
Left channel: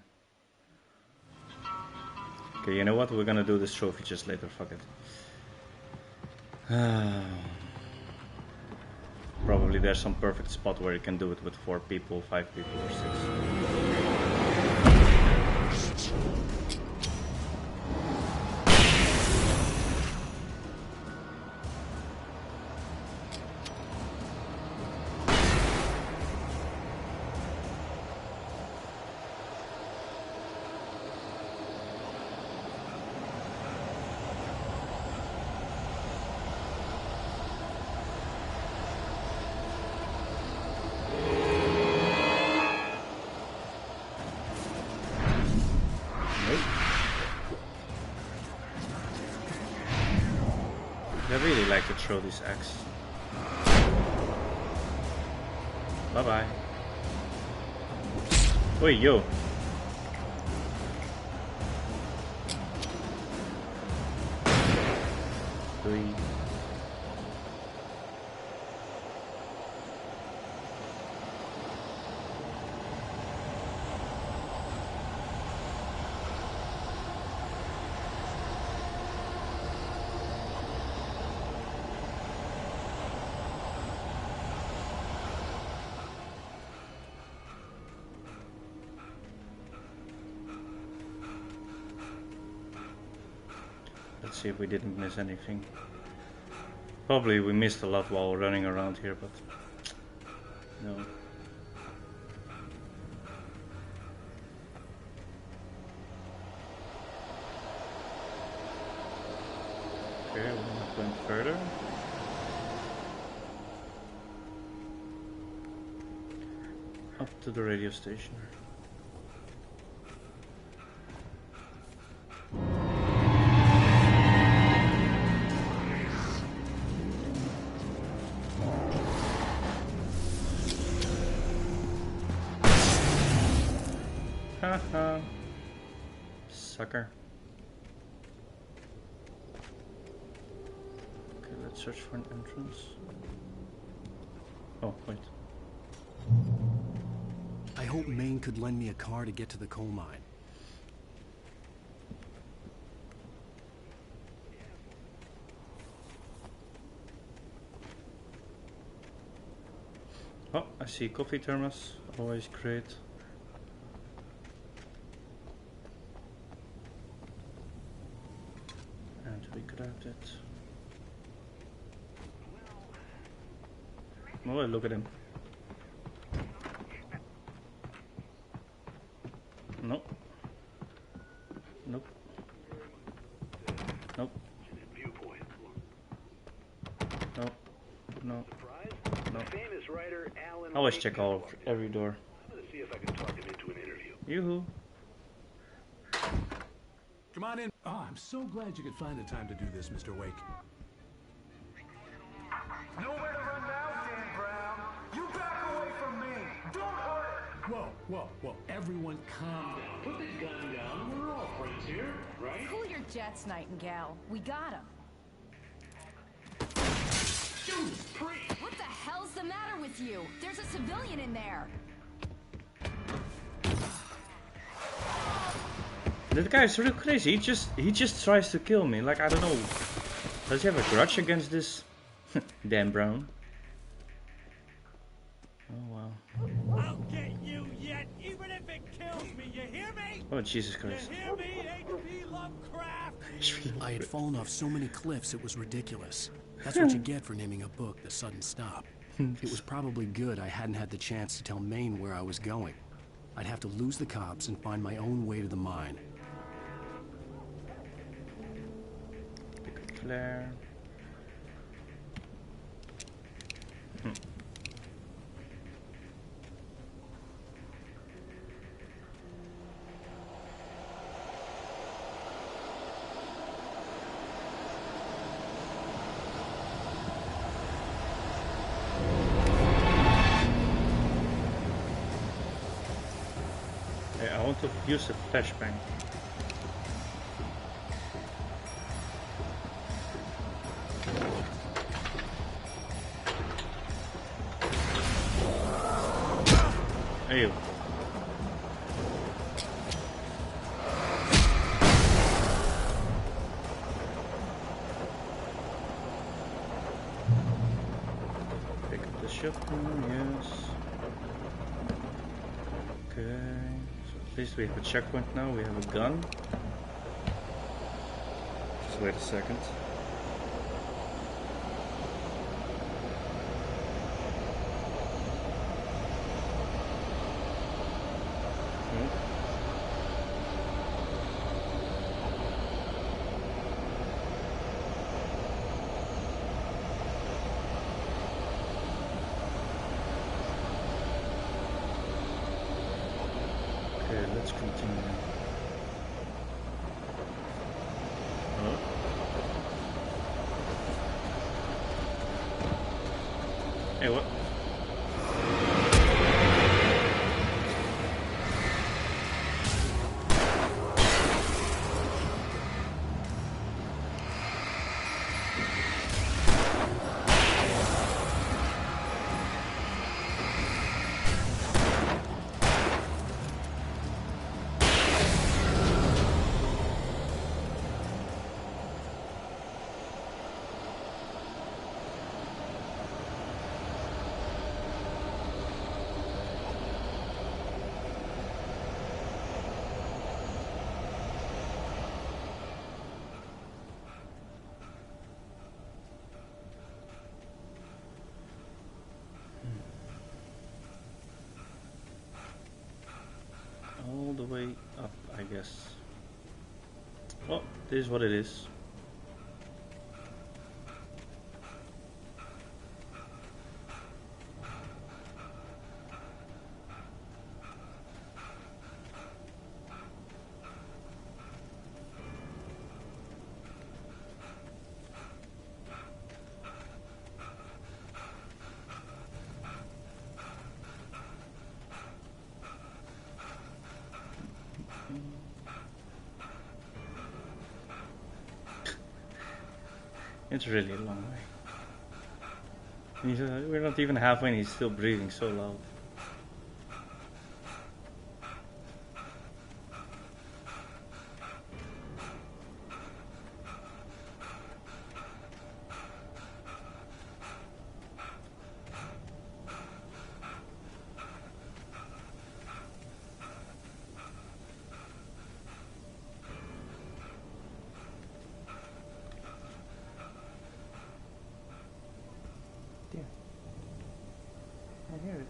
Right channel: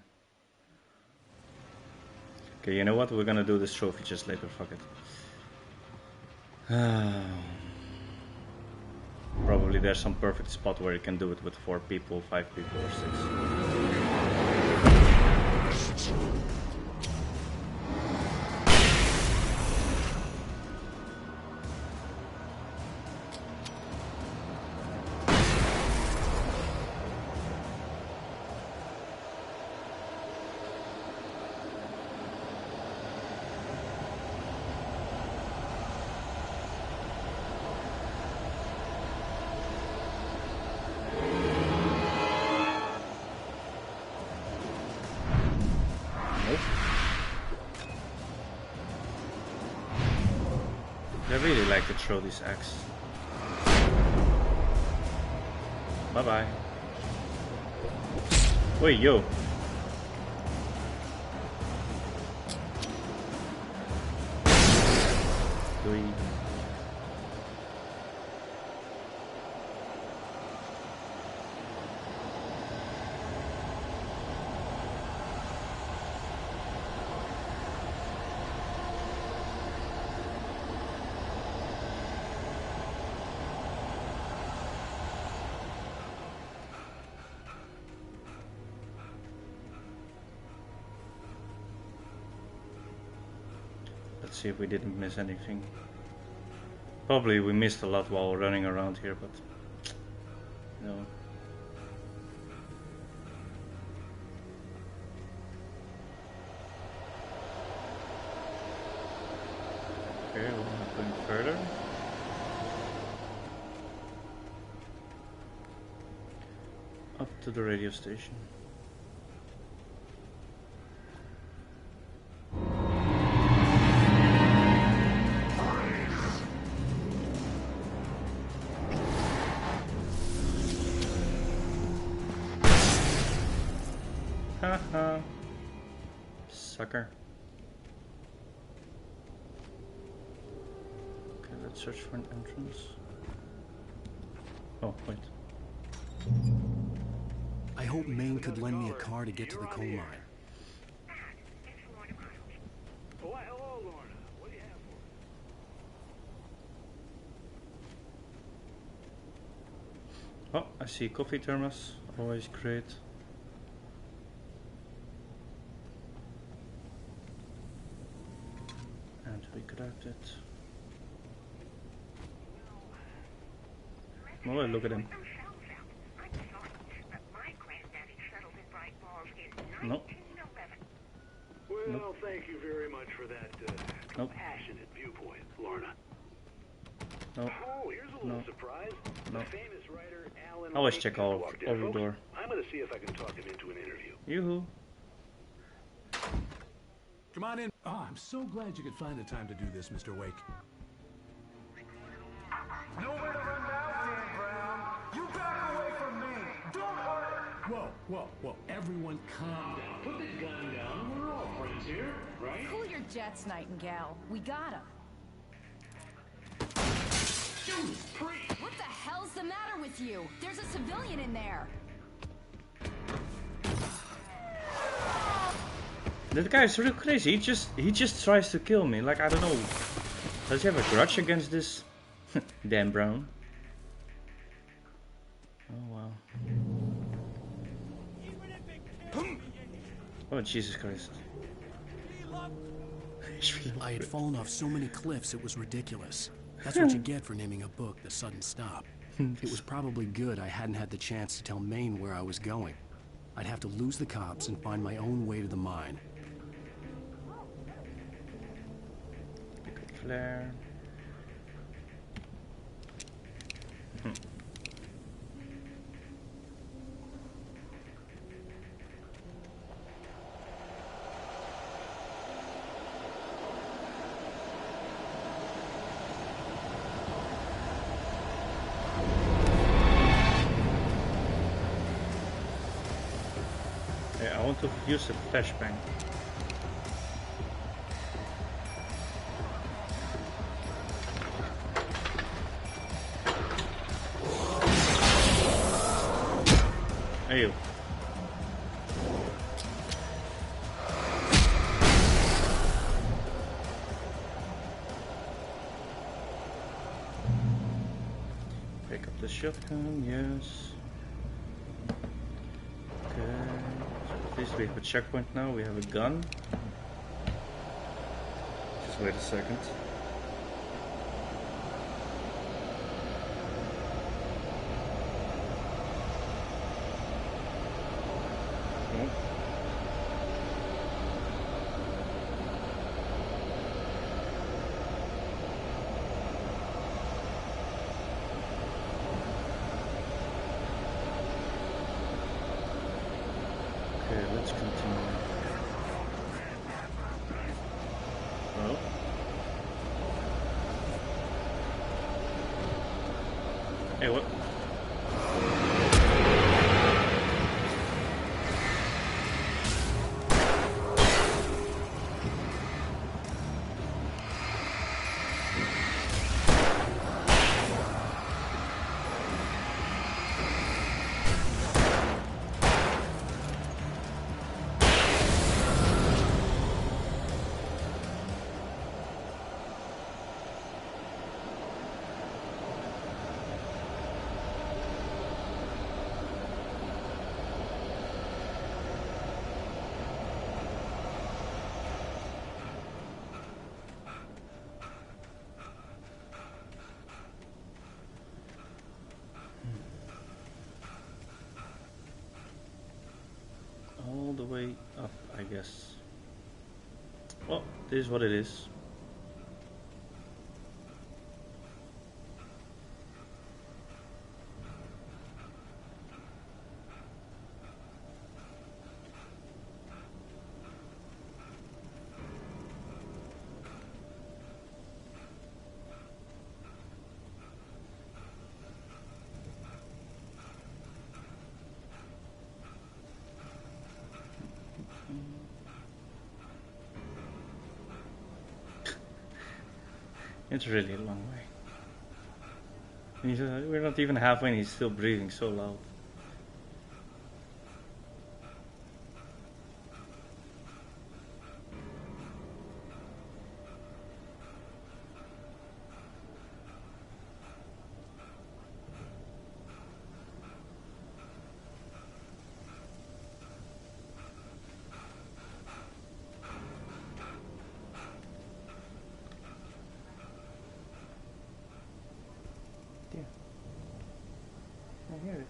Okay, you know what? We're gonna do this trophy just later. Fuck it. Probably there's some perfect spot where you can do it with 4 people, 5 people, or 6. I really like to throw this axe. Bye bye. Oi, yo. Doei. Let's see if we didn't miss anything. Probably we missed a lot while running around here, but no. Okay, we're not going further. Up to the radio station. Haha. Sucker. Okay, let's search for an entrance. Oh, wait. I hope Maine could lend me a car to get to the coal mine. Oh, I see coffee thermos. Always great. And we grabbed it. Oh, look at him. No. Nope. Thank you very much for that Nope. passionate viewpoint, Lorna. No. Oh, here's a No. little surprise. No. The famous writer Alan Always Wake check just all walked in. every door. I'm going to see if I can talk him into an interview. Yoo-hoo. Come on in. Oh, I'm so glad you could find the time to do this, Mr. Wake. Nowhere to run now, Dan Brown. You back away from me. Don't hurt it. Whoa, whoa, whoa. Everyone calm down. Put the gun down. We're all friends here, right? Cool your jets, Nightingale. We got him. Judas Priest! What the hell's the matter with you? There's a civilian in there. That guy's real crazy. He just tries to kill me. Like, I don't know. Does he have a grudge against this Dan Brown? Oh wow. I'll get you yet, even if it kills me, you hear me? Oh Jesus Christ. You hear me, H.P. Lovecraft? I had fallen off so many cliffs it was ridiculous. That's what you get for naming a book The Sudden Stop. It was probably good I hadn't had the chance to tell Maine where I was going. I'd have to lose the cops and find my own way to the mine. Flare. I want to use a flashbang. Hey. Pick up the shotgun, yes. Okay. At least we have a checkpoint now, we have a gun. Just wait a second. Oh. Okay, let's continue. Oh. Hey, what? All the way up, I guess. Well, this is what it is. It's really a long way. And we're not even halfway and he's still breathing so loud. I hear it.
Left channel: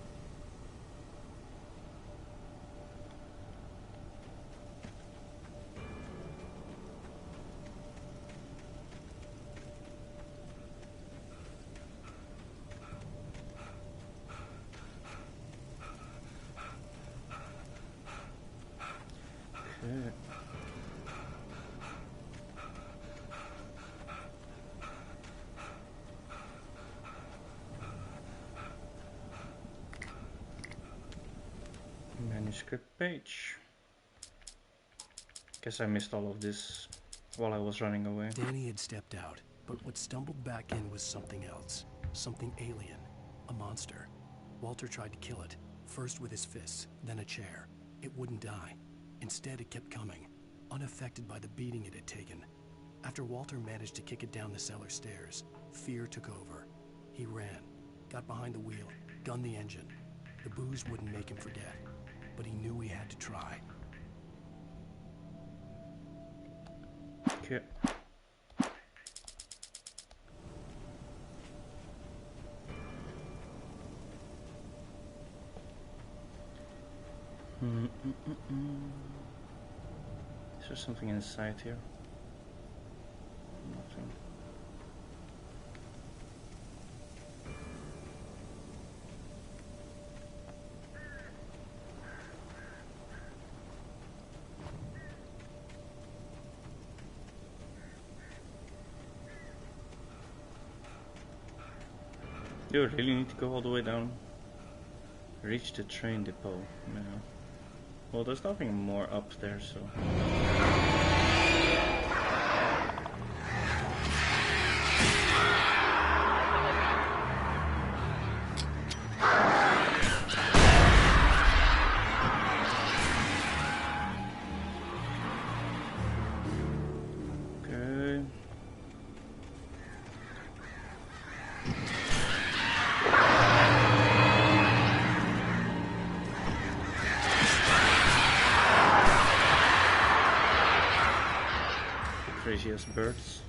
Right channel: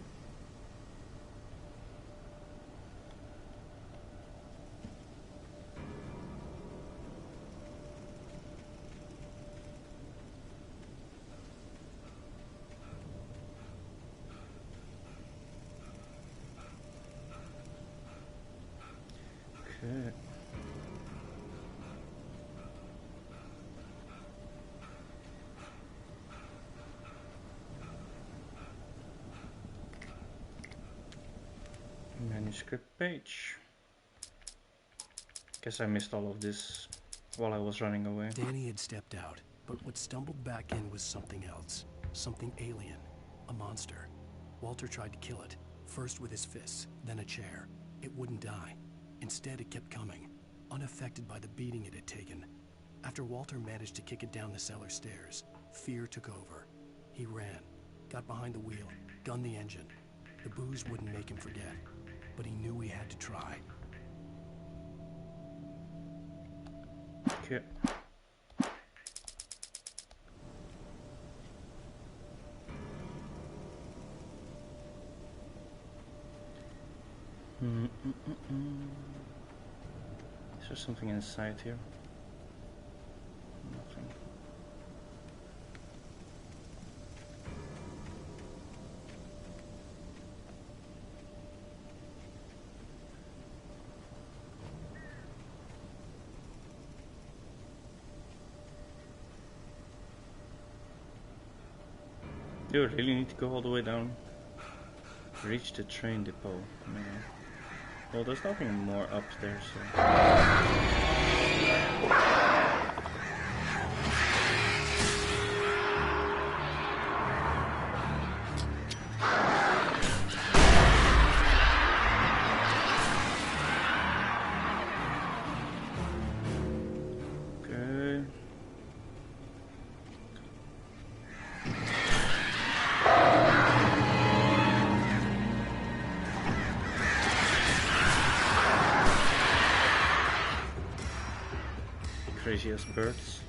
Okay. Manuscript page. Guess I missed all of this while I was running away. Danny had stepped out, but what stumbled back in was something else. Something alien. A monster. Walter tried to kill it, first with his fists, then a chair. It wouldn't die. Instead, it kept coming, unaffected by the beating it had taken. After Walter managed to kick it down the cellar stairs, fear took over. He ran, got behind the wheel, gunned the engine. The booze wouldn't make him forget, but he knew he had to try. Okay. Is there something inside here? Nothing. Do you really need to go all the way down? Reach the train depot. No. Well, there's nothing more up there, so... Okay. Craziest birds.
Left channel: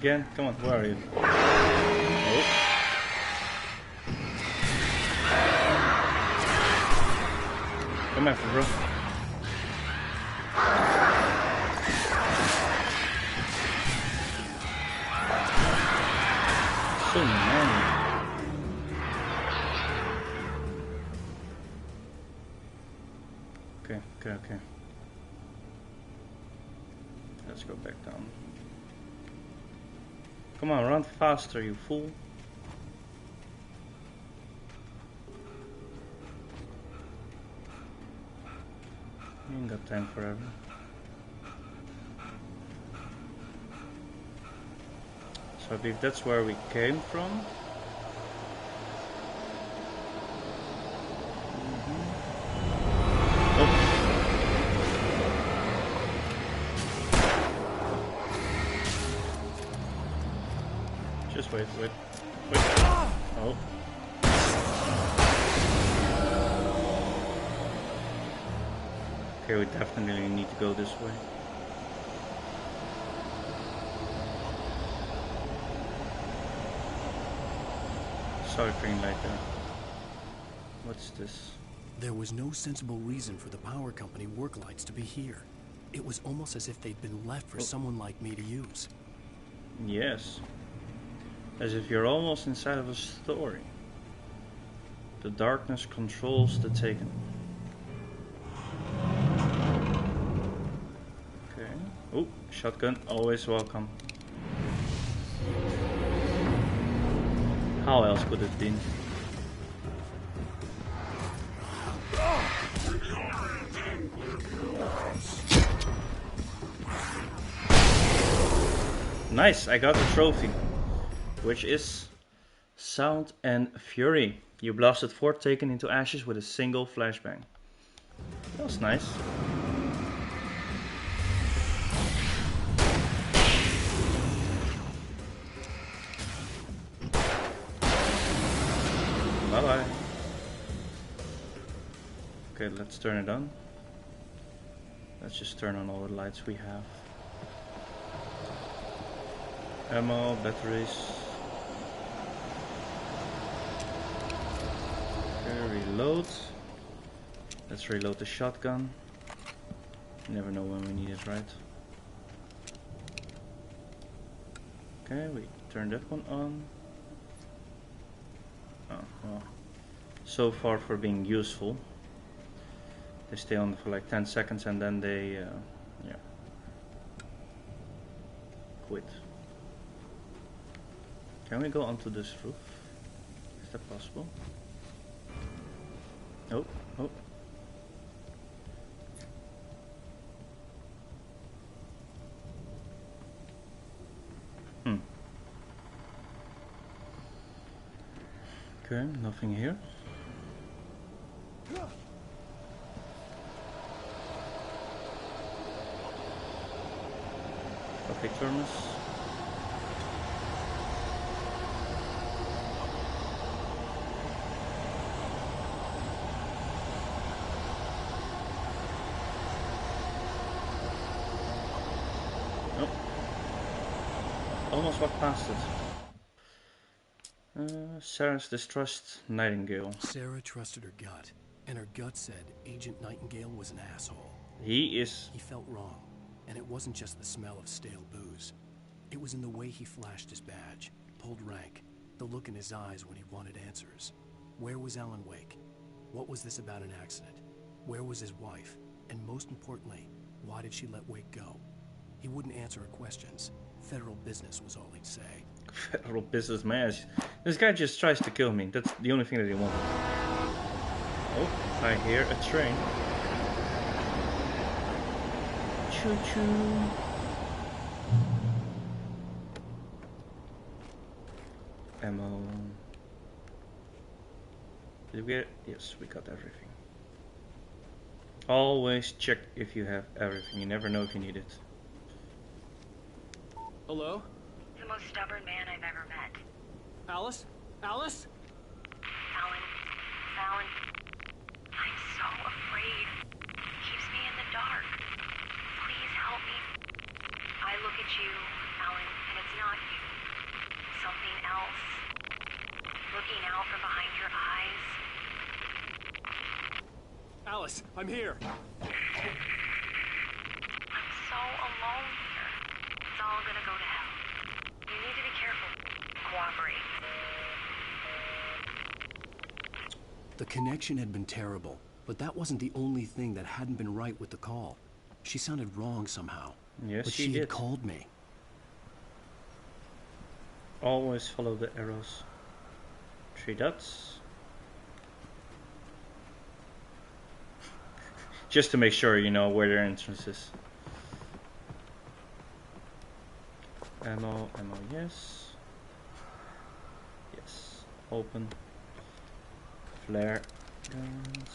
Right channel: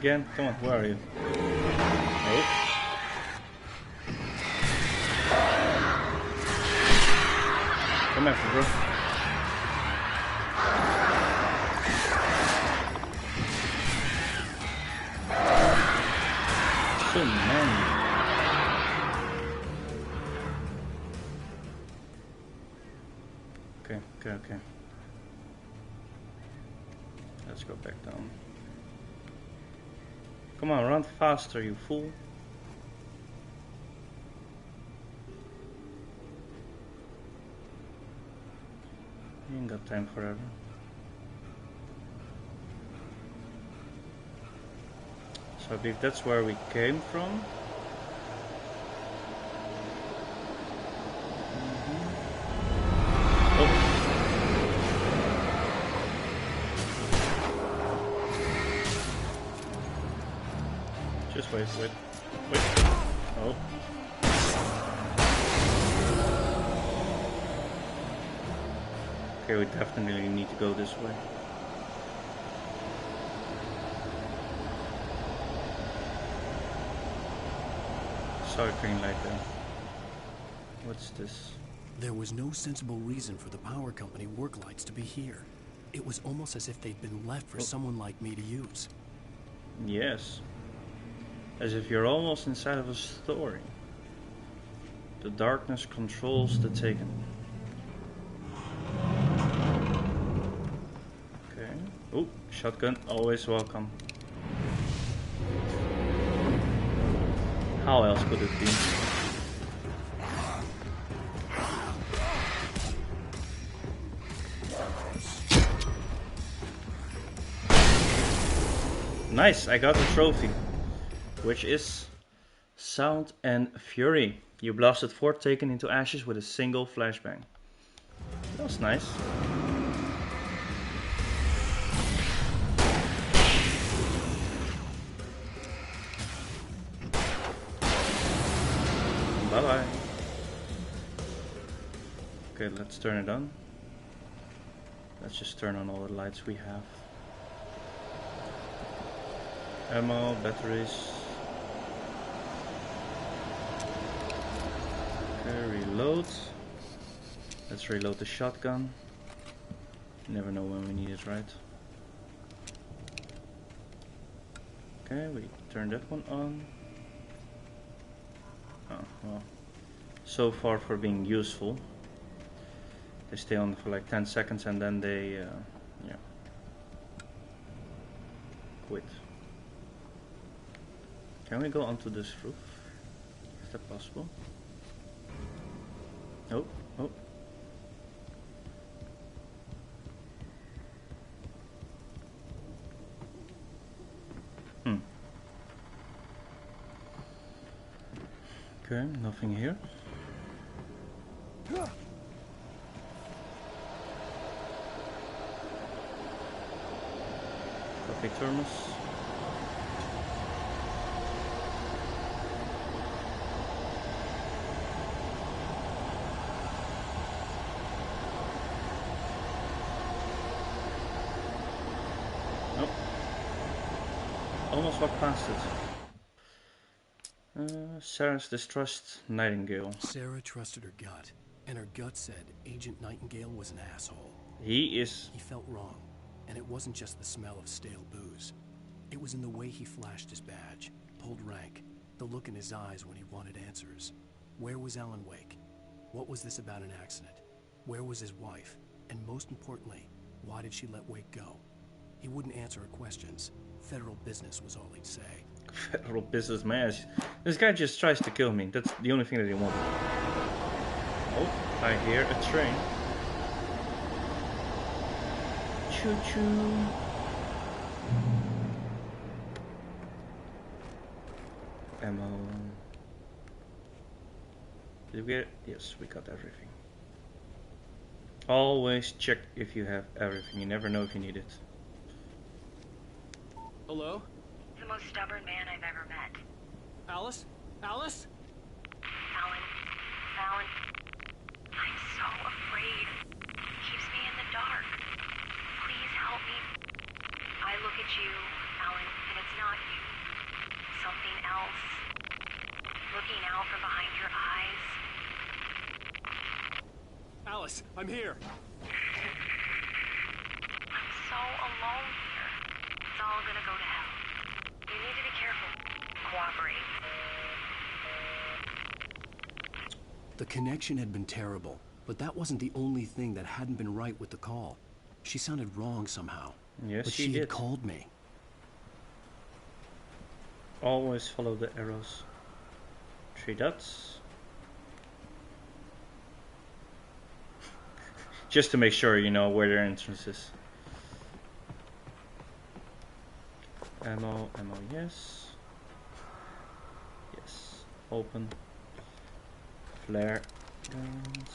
Again, come on, where are you? Oh. Come after, bro. So many. Okay. Let's go back down. Come on, run faster, you fool. You ain't got time forever. So I believe that's where we came from. Oh. Just wait. Oh. Okay, we definitely need to go this way. Saw a green light there. What's this? There was no sensible reason for the power company work lights to be here. It was almost as if they'd been left for someone like me to use. Yes. As if you're almost inside of a story. The darkness controls the taken. Okay. Oh, shotgun, always welcome. How else could it be? Nice, I got the trophy, which is Sound and Fury. You blasted 4 taken into ashes with a single flashbang. That was nice. Bye bye. Okay, let's turn it on. Let's just turn on all the lights we have. Ammo, batteries. Okay, reload. Let's reload the shotgun. You never know when we need it, right? Okay, we turn that one on. Oh, well. So far for being useful. They stay on for like 10 seconds and then they, yeah, quit. Can we go onto this roof? Is that possible? Oh. Okay, nothing here. Coffee thermos. Oh. Almost walked past it. Sarah's distrust Nightingale. Sarah trusted her gut, and her gut said Agent Nightingale was an asshole. He felt wrong, and it wasn't just the smell of stale booze. It was in the way he flashed his badge, pulled rank, the look in his eyes when he wanted answers. Where was Alan Wake? What was this about an accident? Where was his wife? And most importantly, why did she let Wake go? He wouldn't answer her questions. Federal business was all he'd say. Federal business, man. This guy just tries to kill me. That's the only thing that he wanted. Oh, I hear a train. Choo-choo. Ammo. Did we get it? Yes, we got everything. Always check if you have everything. You never know if you need it. Hello? The most stubborn man I've ever met. Alice? Alice? Alan. I'm so afraid. It keeps me in the dark. Please help me. I look at you, Alan, and it's not you. Something else. Looking out from behind your eyes. Alice, I'm here. I'm so alone here. It's all gonna go to hell. You need to be careful. Cooperate. The connection had been terrible, but that wasn't the only thing that hadn't been right with the call. She sounded wrong somehow. Yes, but she she did. had called me. Always follow the arrows. 3 dots. Just to make sure you know where their entrance is. Ammo, yes. Yes. Open. Flare guns.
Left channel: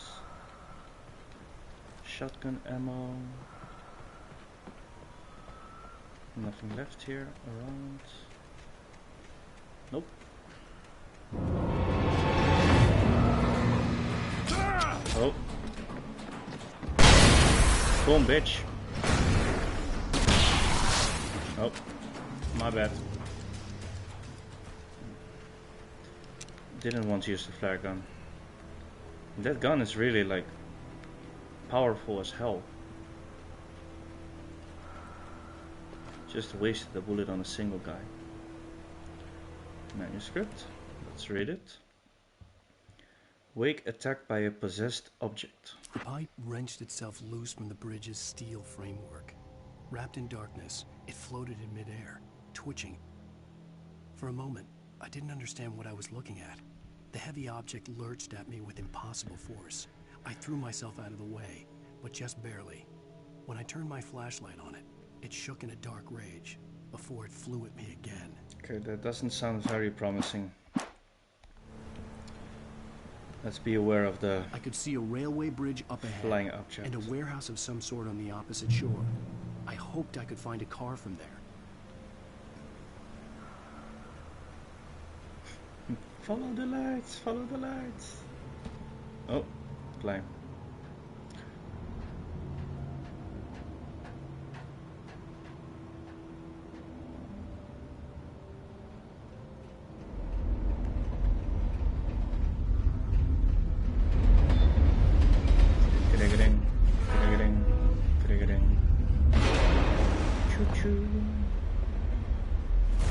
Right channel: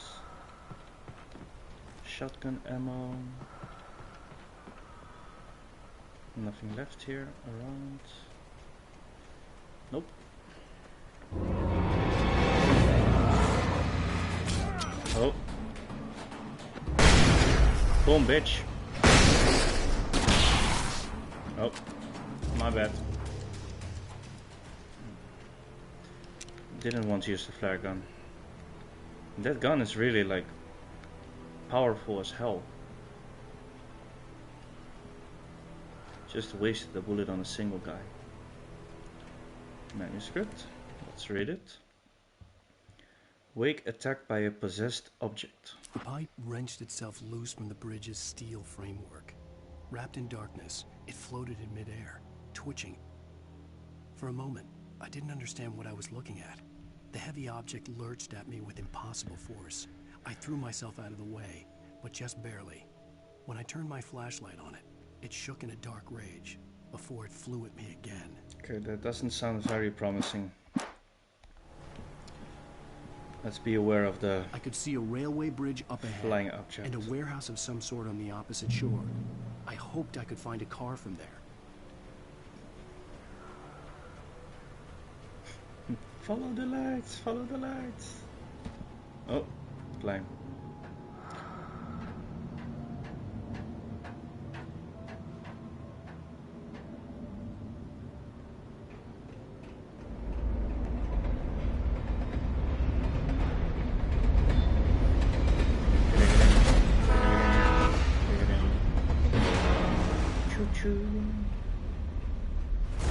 Shotgun ammo. Nothing left here around. Nope. Oh. Boom, bitch. Oh. My bad. Didn't want to use the flare gun. That gun is really like powerful as hell. Just wasted a bullet on a single guy. Manuscript. Let's read it. Wake attacked by a possessed object. The pipe wrenched itself loose from the bridge's steel framework. Wrapped in darkness, it floated in midair, twitching. For a moment, I didn't understand what I was looking at. The heavy object lurched at me with impossible force. I threw myself out of the way, but just barely. When I turned my flashlight on it, it shook in a dark rage before it flew at me again. Okay, that doesn't sound very promising. Let's be aware of the I could see a railway bridge up ahead flying object and a warehouse of some sort on the opposite shore. I hoped I could find a car from there. Follow the lights, follow the lights. Oh, plane.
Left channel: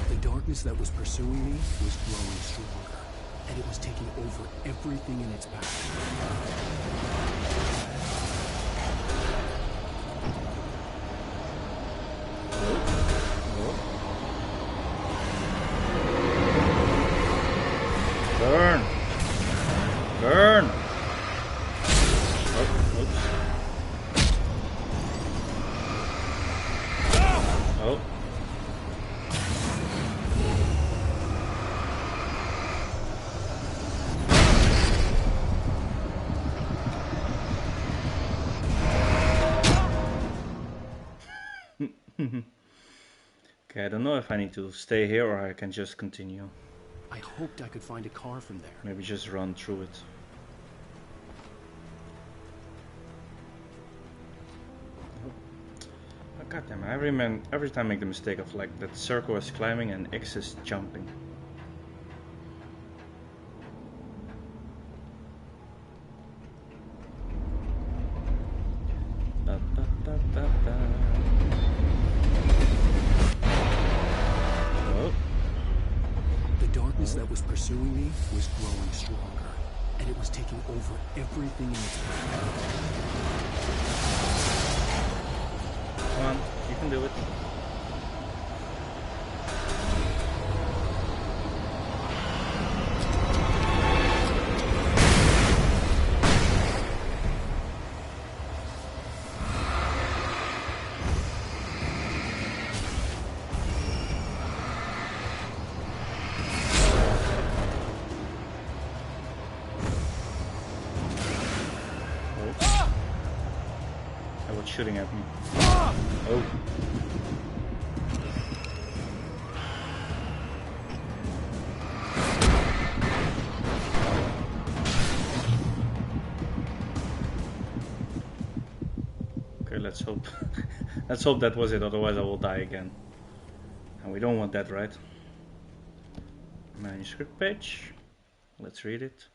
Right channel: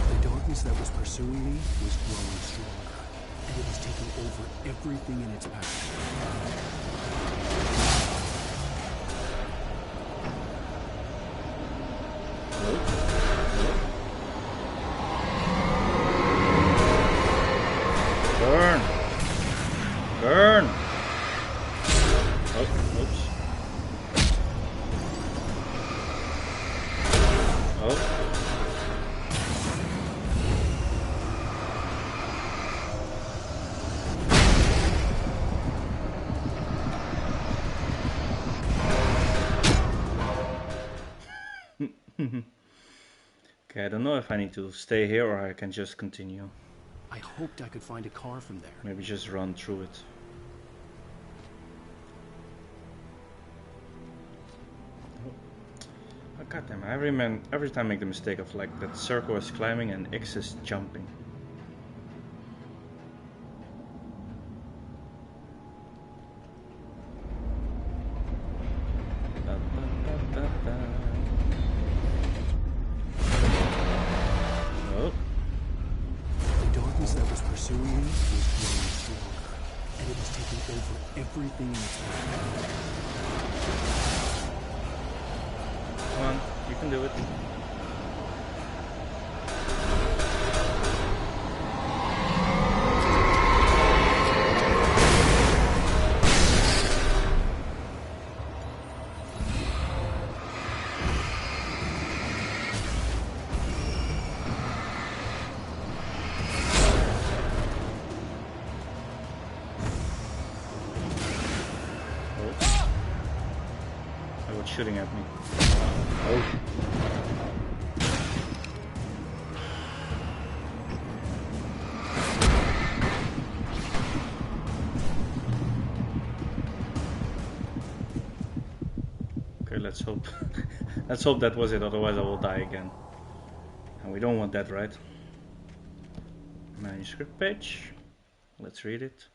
The darkness that was pursuing me was growing stronger, and it was taking over everything in its path. Burn! Burn! Oh, oops. Oh. Okay, I don't know if I need to stay here or I can just continue. I hoped I could find a car from there. Maybe just run through it. Oh, goddamn! Every time I make the mistake of like that circle is climbing and X is jumping. Ba, ba, ba, ba, ba. Oh. The darkness that was pursuing me was growing stronger, and it was taking over everything in its path. Come on, you can do it. Shooting at me. Oh. Okay, let's hope. Let's hope that was it, otherwise I will die again. And we don't want that, right? Manuscript page. Let's read it.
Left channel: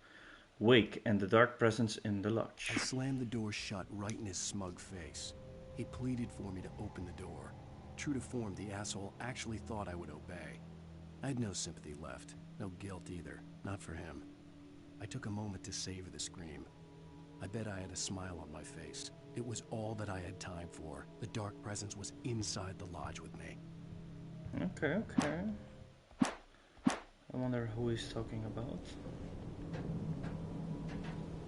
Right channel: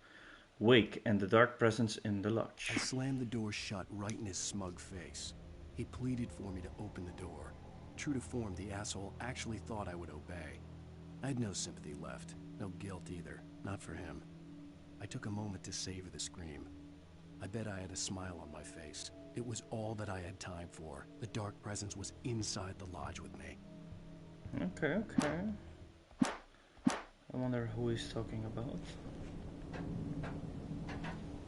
Wake and the dark presence in the lodge. I slammed the door shut right in his smug face. He pleaded for me to open the door. True to form, the asshole actually thought I would obey. I had no sympathy left, no guilt either, not for him. I took a moment to savor the scream. I bet I had a smile on my face. It was all that I had time for. The dark presence was inside the lodge with me. Okay, okay. I wonder who he's talking about.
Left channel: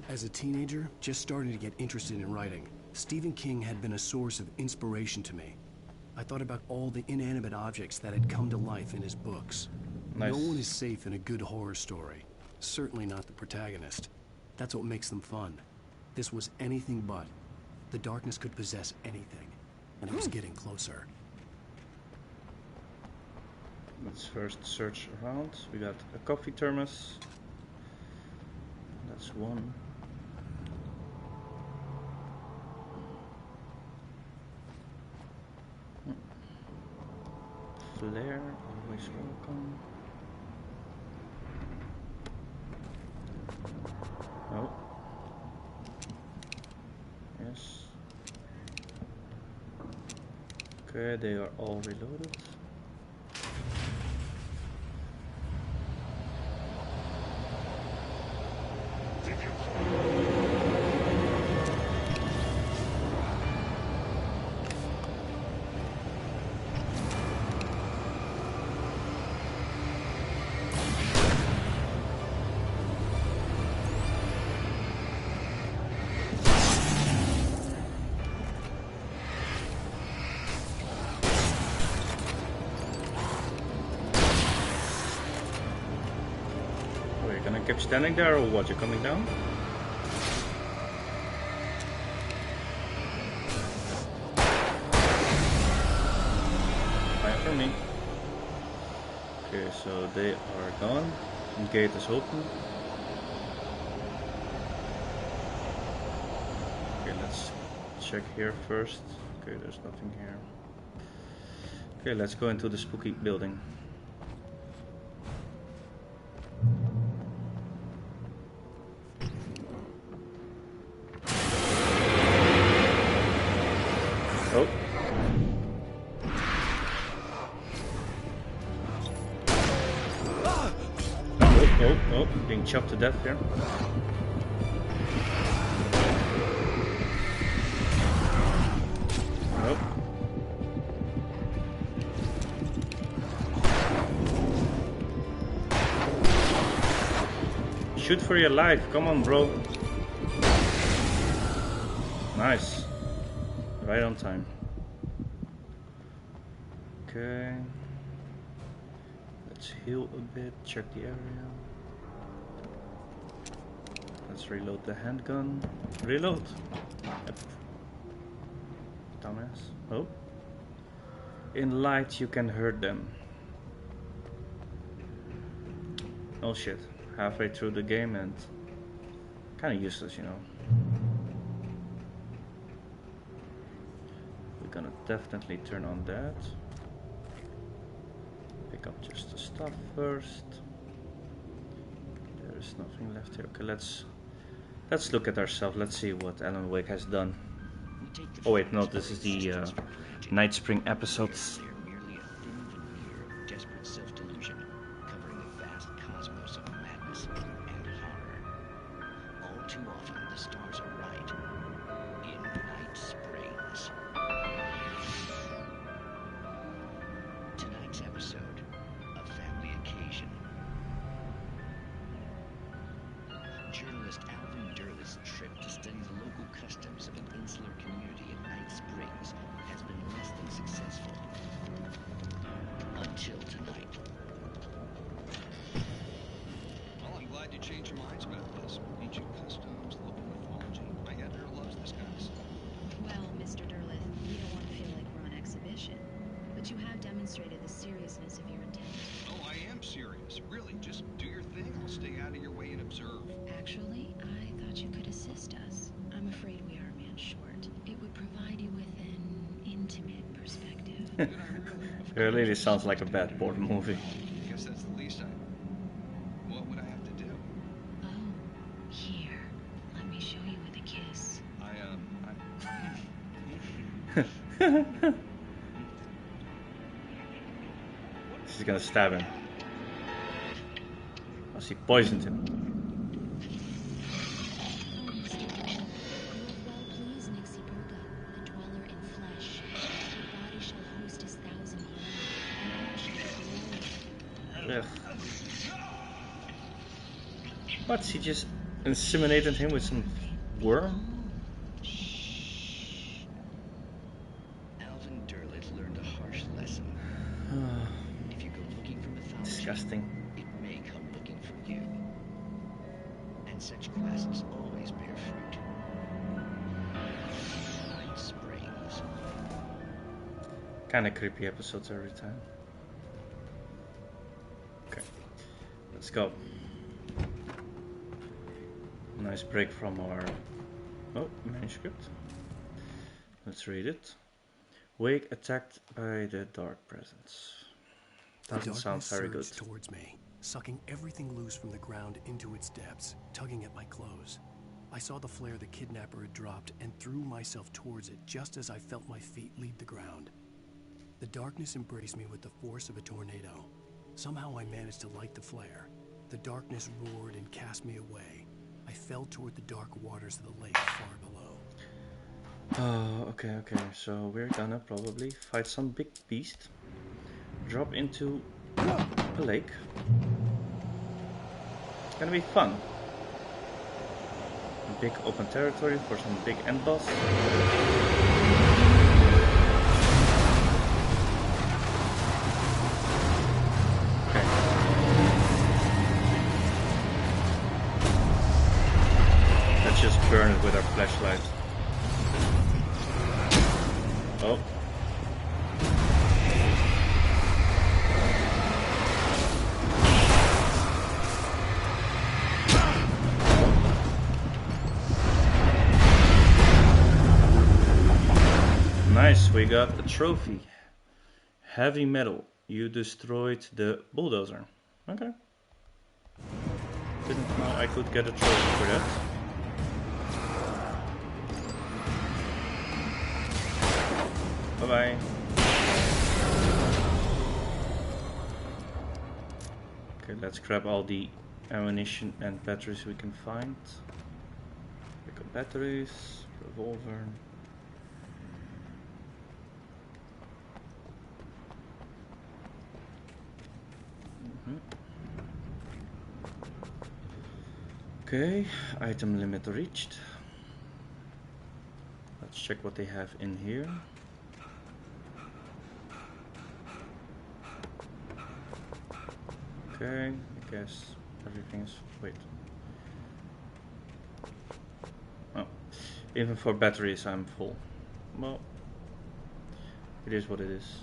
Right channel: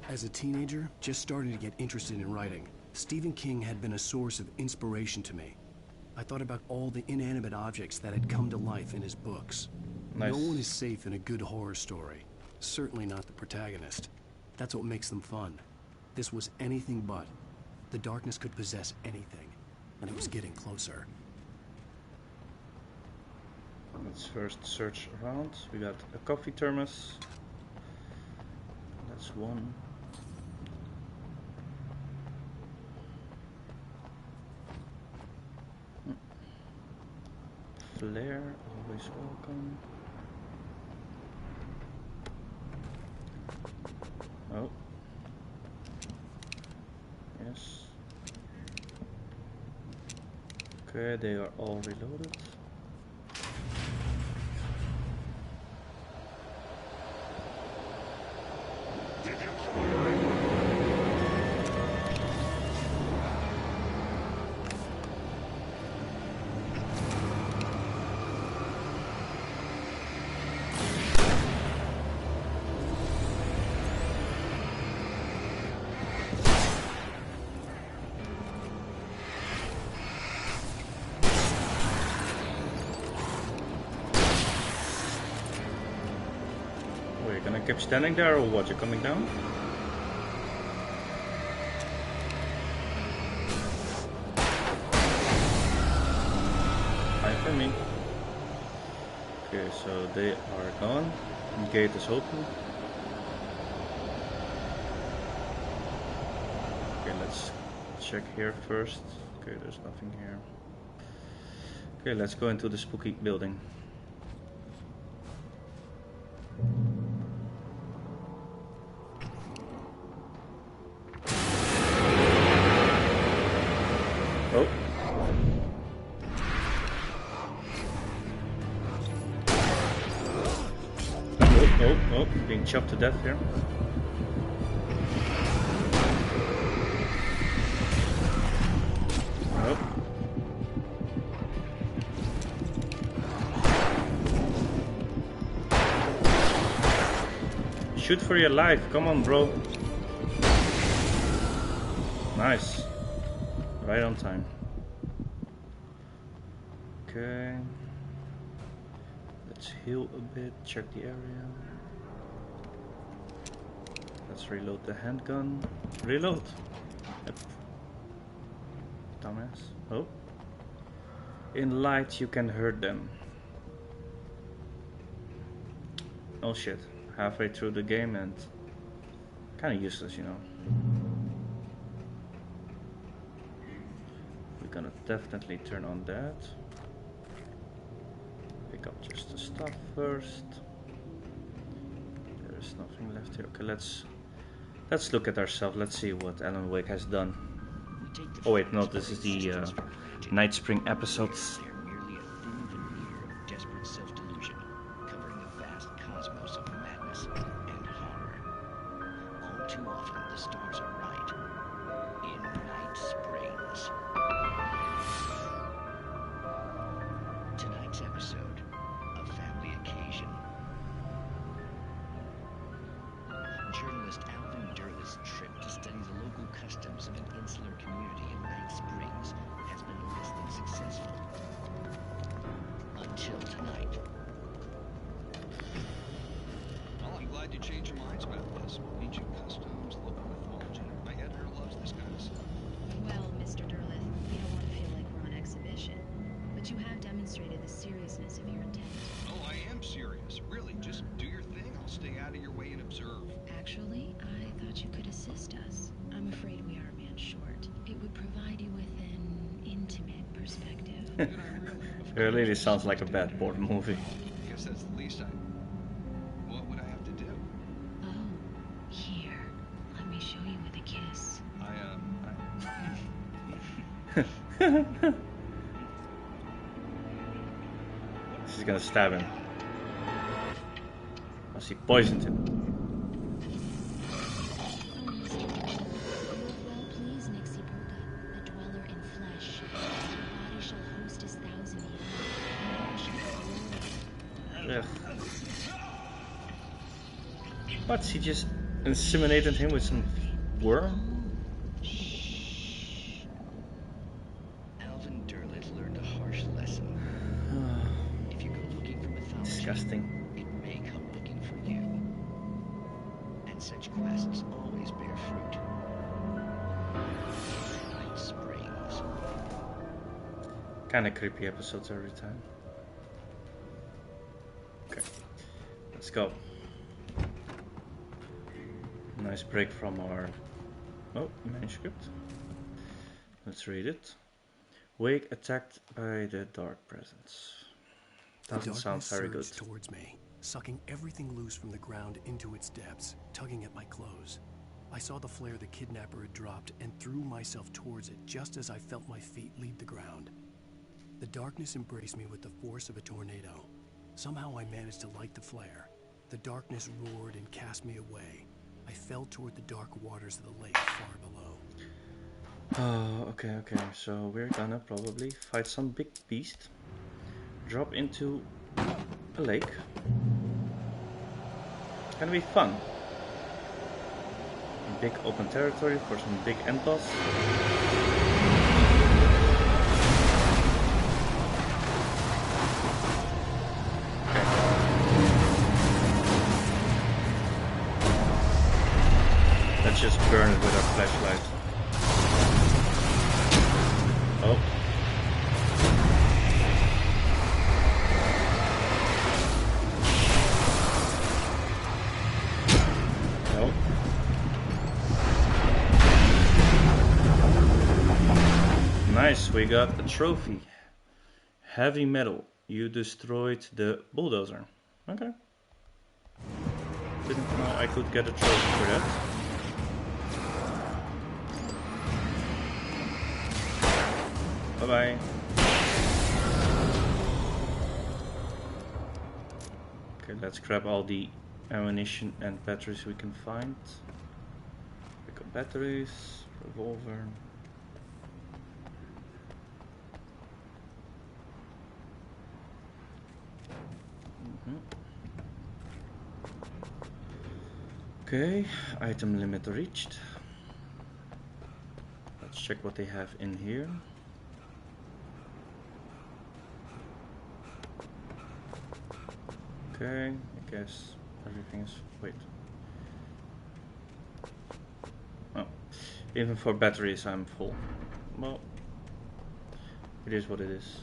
As a teenager, just starting to get interested in writing, Stephen King had been a source of inspiration to me. I thought about all the inanimate objects that had come to life in his books. Nice. No one is safe in a good horror story. Certainly not the protagonist. That's what makes them fun. This was anything but. The darkness could possess anything, and it was getting closer. Let's first search around. We got a coffee thermos. That's one. Flare, always welcome. Oh. Yes. Okay, they are all reloaded. Oh, you're gonna keep standing there, or what? You're coming down? Fine for me. Okay, so they are gone. The gate is open. Okay, let's check here first. Okay, there's nothing here. Okay, let's go into the spooky building. Oh. Oh, being chopped to death here. Oh. Shoot for your life, come on, bro. Nice. Right on time. Okay. Let's heal a bit, check the area. Let's reload the handgun. Reload! Yep. Dumbass. Oh. In light you can hurt them. Oh shit. Halfway through the game and kinda useless, you know. We're gonna definitely turn on that. Pick up just the stuff first. There's nothing left here. Okay, let's look at ourselves. Let's see what Alan Wake has done. Oh wait, no, this is the Night Spring episodes. They're merely a thin veneer of desperate self-delusion, covering the vast cosmos of madness and horror. All too often, the stars are right. In Night Springs. Tonight's episode, a family occasion. Journalist Alvin Durleth's trip to study the local customs of an insular community in Night Springs has been less than successful. Until tonight. Well, I'm glad you changed your minds about this. Ancient customs, local mythology. My editor loves this kind of stuff. Well, Mr. Durleth, we don't want to feel like we're on exhibition. But you have demonstrated the seriousness of your intent. Oh, I am serious. Really, just do your thing. I'll stay out of your way and observe. Actually, I thought you could assist us. I'm afraid we are a man short. It would provide you with an intimate perspective. Really, this sounds like a bad board movie. I guess that's the least what would I have to do? Oh, here. Let me show you with a kiss. She's gonna stab him. Oh, she poisoned him. Ugh. What? He just inseminated him with some worm? Alvin Derlet learned a harsh lesson. If you go looking for mythology, Disgusting. it may come looking for you. And such quests always bear fruit. Night Springs. Kinda creepy episodes every time. Okay, let's go. Nice break from our manuscript. Let's read it. Wake attacked by the dark presence. Doesn't sound very good. Towards me, sucking everything loose from the ground into its depths, tugging at my clothes. I saw the flare the kidnapper had dropped and threw myself towards it just as I felt my feet leave the ground. The darkness embraced me with the force of a tornado. Somehow I managed to light the flare. The darkness roared and cast me away. I fell toward the dark waters of the lake far below. Oh, okay. So we're gonna probably fight some big beast. Drop into a lake. Gonna be fun. Big open territory for some big end boss. Okay. Let's just burn it with our flashlight. Oh. Nice, we got a trophy. Heavy metal. You destroyed the bulldozer. Okay. Didn't know I could get a trophy for that. Bye-bye. Okay, let's grab all the ammunition and batteries we can find. Pick up batteries, revolver. Okay, item limit reached. Let's check what they have in here. Okay, I guess everything is... wait. Oh, even for batteries I'm full. Well, it is what it is.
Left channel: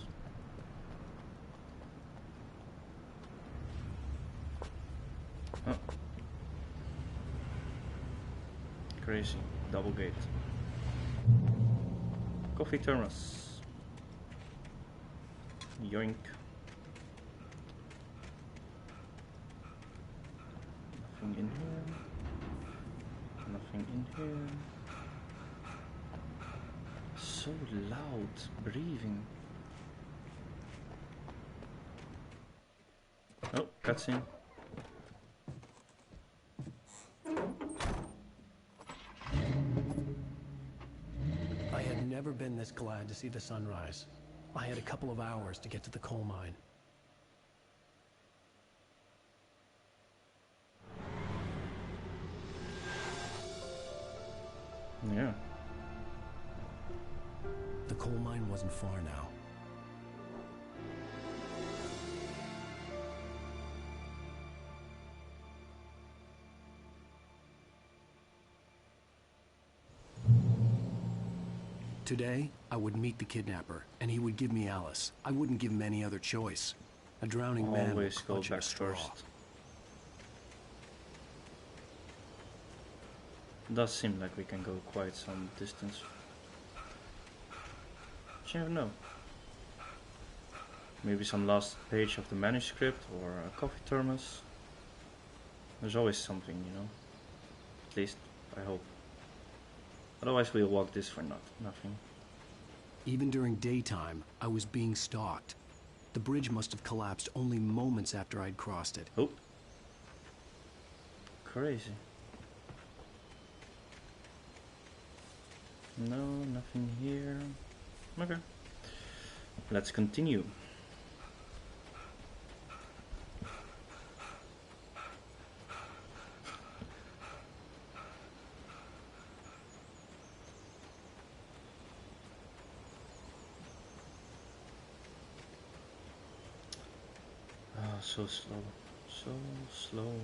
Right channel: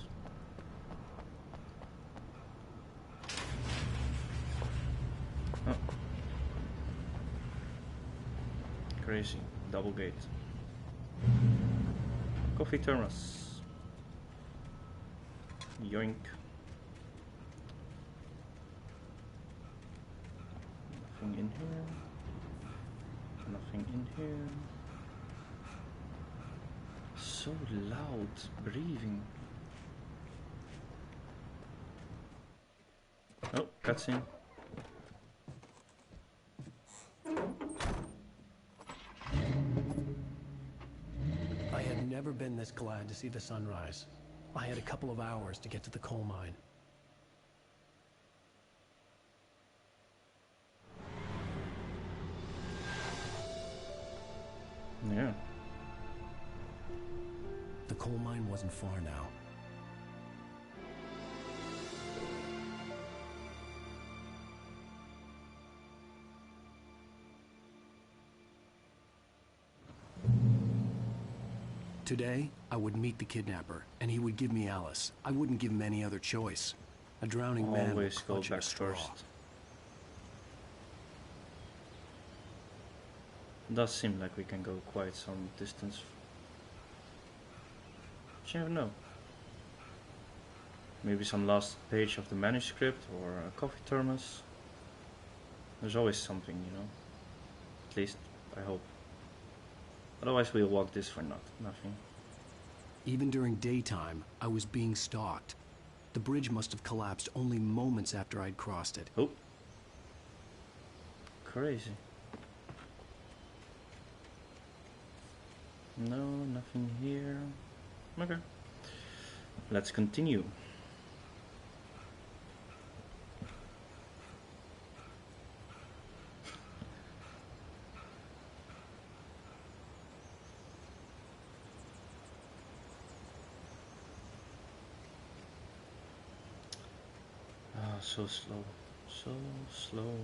Oh. Crazy. Double gate. Coffee thermos. Yoink. Nothing in here. Nothing in here. So loud breathing. Oh, cutscene. I had never been this glad to see the sunrise. I had a couple of hours to get to the coal mine. Yeah. The coal mine wasn't far now. Today, I would meet the kidnapper, and he would give me Alice. I wouldn't give him any other choice. A drowning man would Always go clutch at a back straw. first. Does seem like we can go quite some distance. But you never know. Maybe some last page of the manuscript or a coffee thermos. There's always something, you know. At least, I hope. Otherwise we'll walk this for nothing. Even during daytime, I was being stalked. The bridge must have collapsed only moments after I'd crossed it. Oh. Crazy. No, nothing here. Okay. Let's continue. so slow. So slow.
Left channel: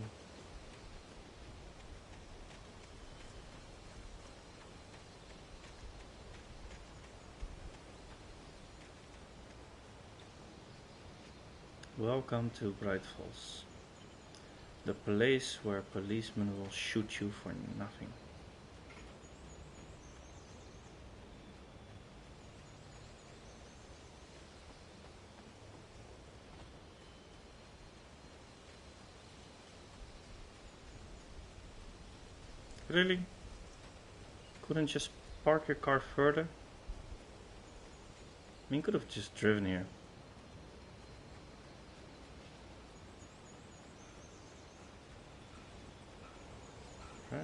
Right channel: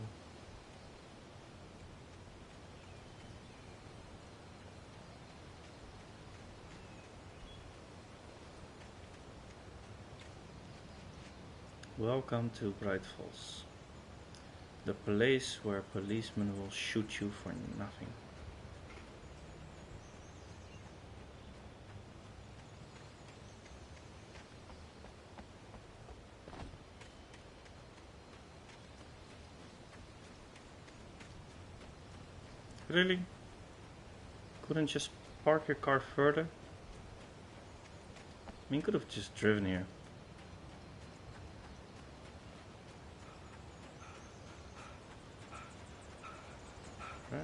Welcome to Bright Falls. The place where policemen will shoot you for nothing. Really? Couldn't just park your car further? I mean, could have just driven here. Right.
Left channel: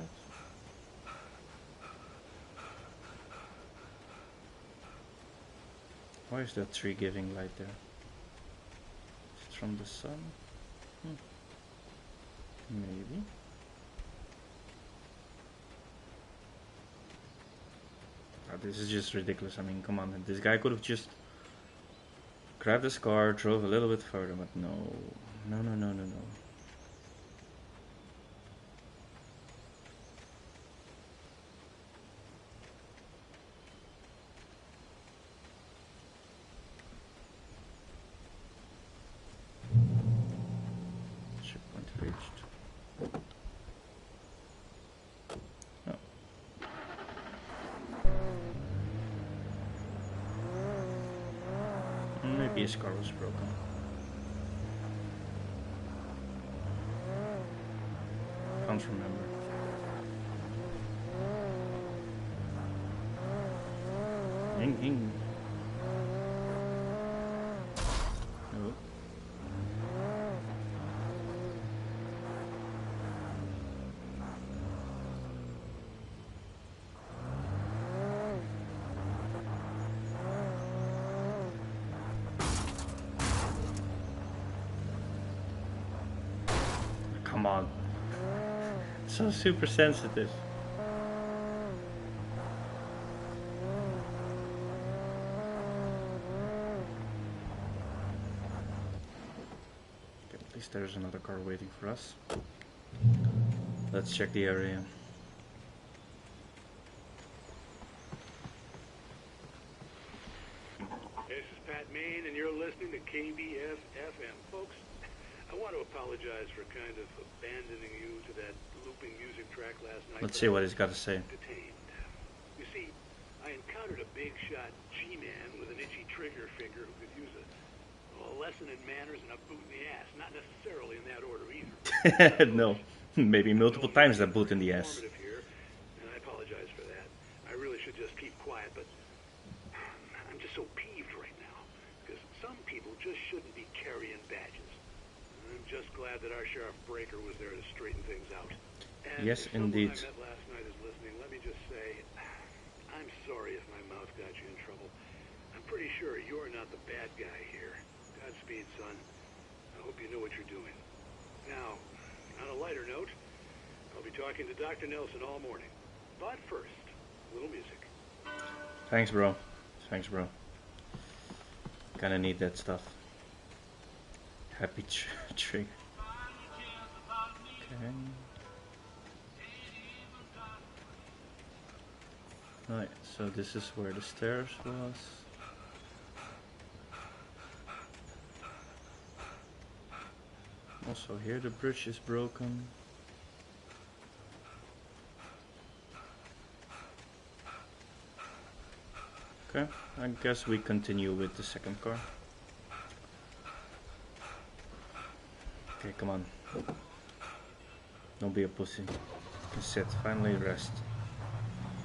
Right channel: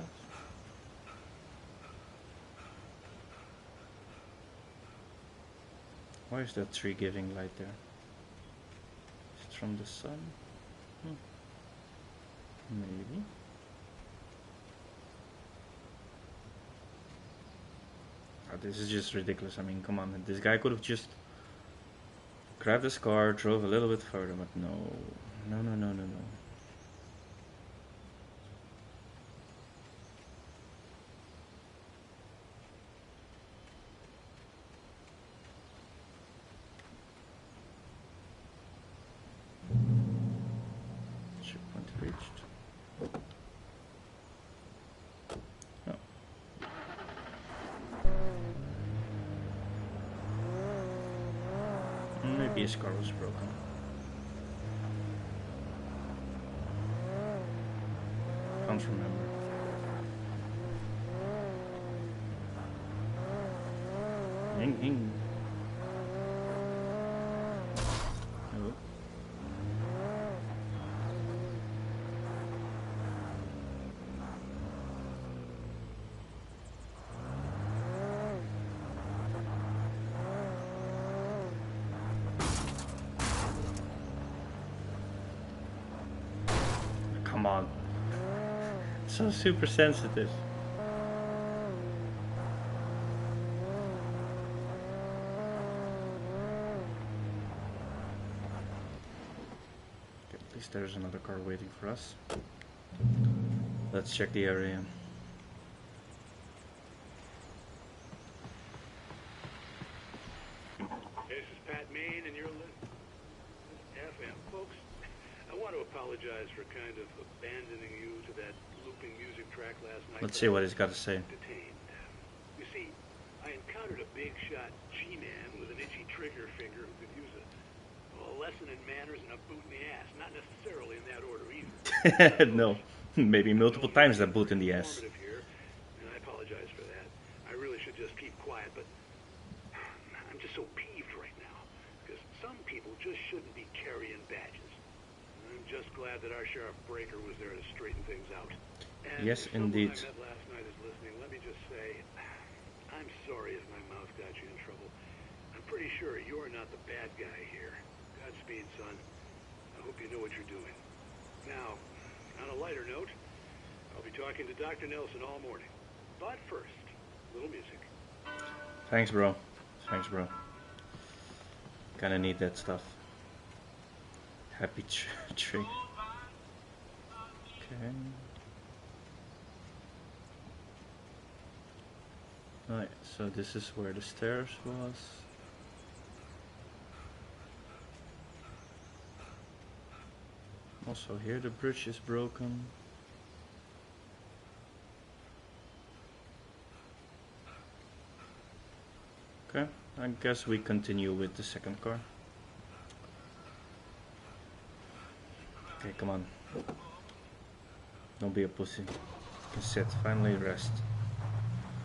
Why is that tree giving light there? Is it from the sun? Maybe. Oh, this is just ridiculous. I mean, come on. This guy could have just grabbed his car, drove a little bit further, but no. No, no, no, no, no. Checkpoint reached. Oh. Maybe his car was broken. Can't remember. Ding, ding. Oh. Come on. So super sensitive. Okay, at least there's another car waiting for us. Let's check the area. This is Pat Main, and you're listening to KBS FM. Folks, I want to apologize for kind of abandoning you to that looping music track last night. Let's see what he's got to say. Detained. You see, I encountered a big shot G-man with an itchy trigger finger who could use a lesson in manners and a boot in the ass. Not necessarily in that order either. No, maybe multiple times that boot in the ass. Here, and I apologize for that. I really should just keep quiet, but I'm just so peeved right now because some people just shouldn't be carrying badges. I'm just glad that our Sheriff Breaker was there to straighten things out. And yes, if indeed. Someone I met last night is listening, let me just say, I'm sorry if my mouth got you in trouble. I'm pretty sure you're not the bad guy here. Godspeed, son. I hope you know what you're doing. Now, on a lighter note, I'll be talking to Dr. Nelson all morning. But first, a little music. Thanks, bro. Thanks, bro. Kinda need that stuff. Happy trick. Okay. Alright, so this is where the stairs was. Also here the bridge is broken. Okay, I guess we continue with the second car. Okay, come on. Don't be a pussy. You can sit, finally rest.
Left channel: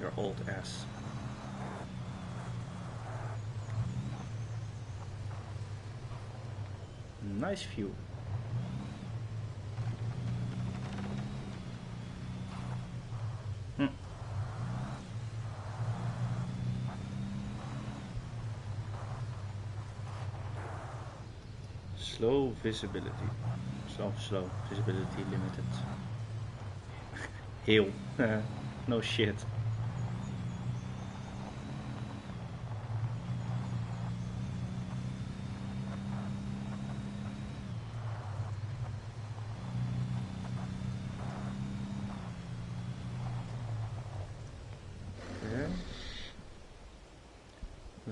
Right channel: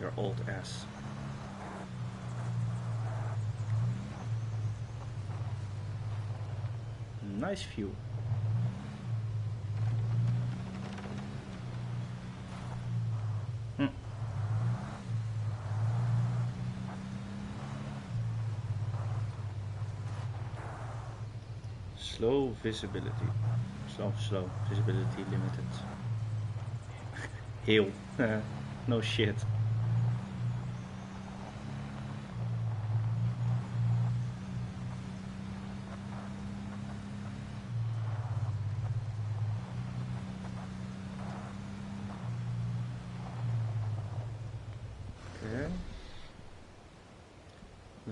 Your old ass. Nice view. Slow visibility. Slow visibility limited. Heel. No shit.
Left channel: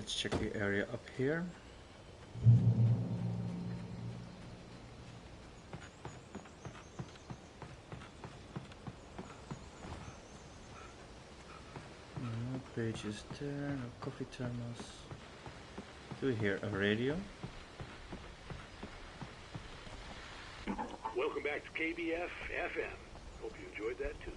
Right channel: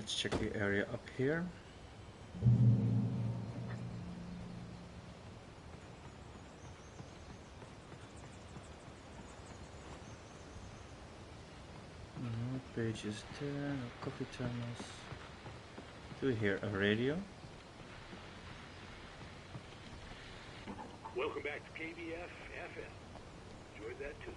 Let's check the area up here. No pages there, no coffee thermos. Do we hear a radio? Welcome back to KBF FM. Hope you enjoyed that tune.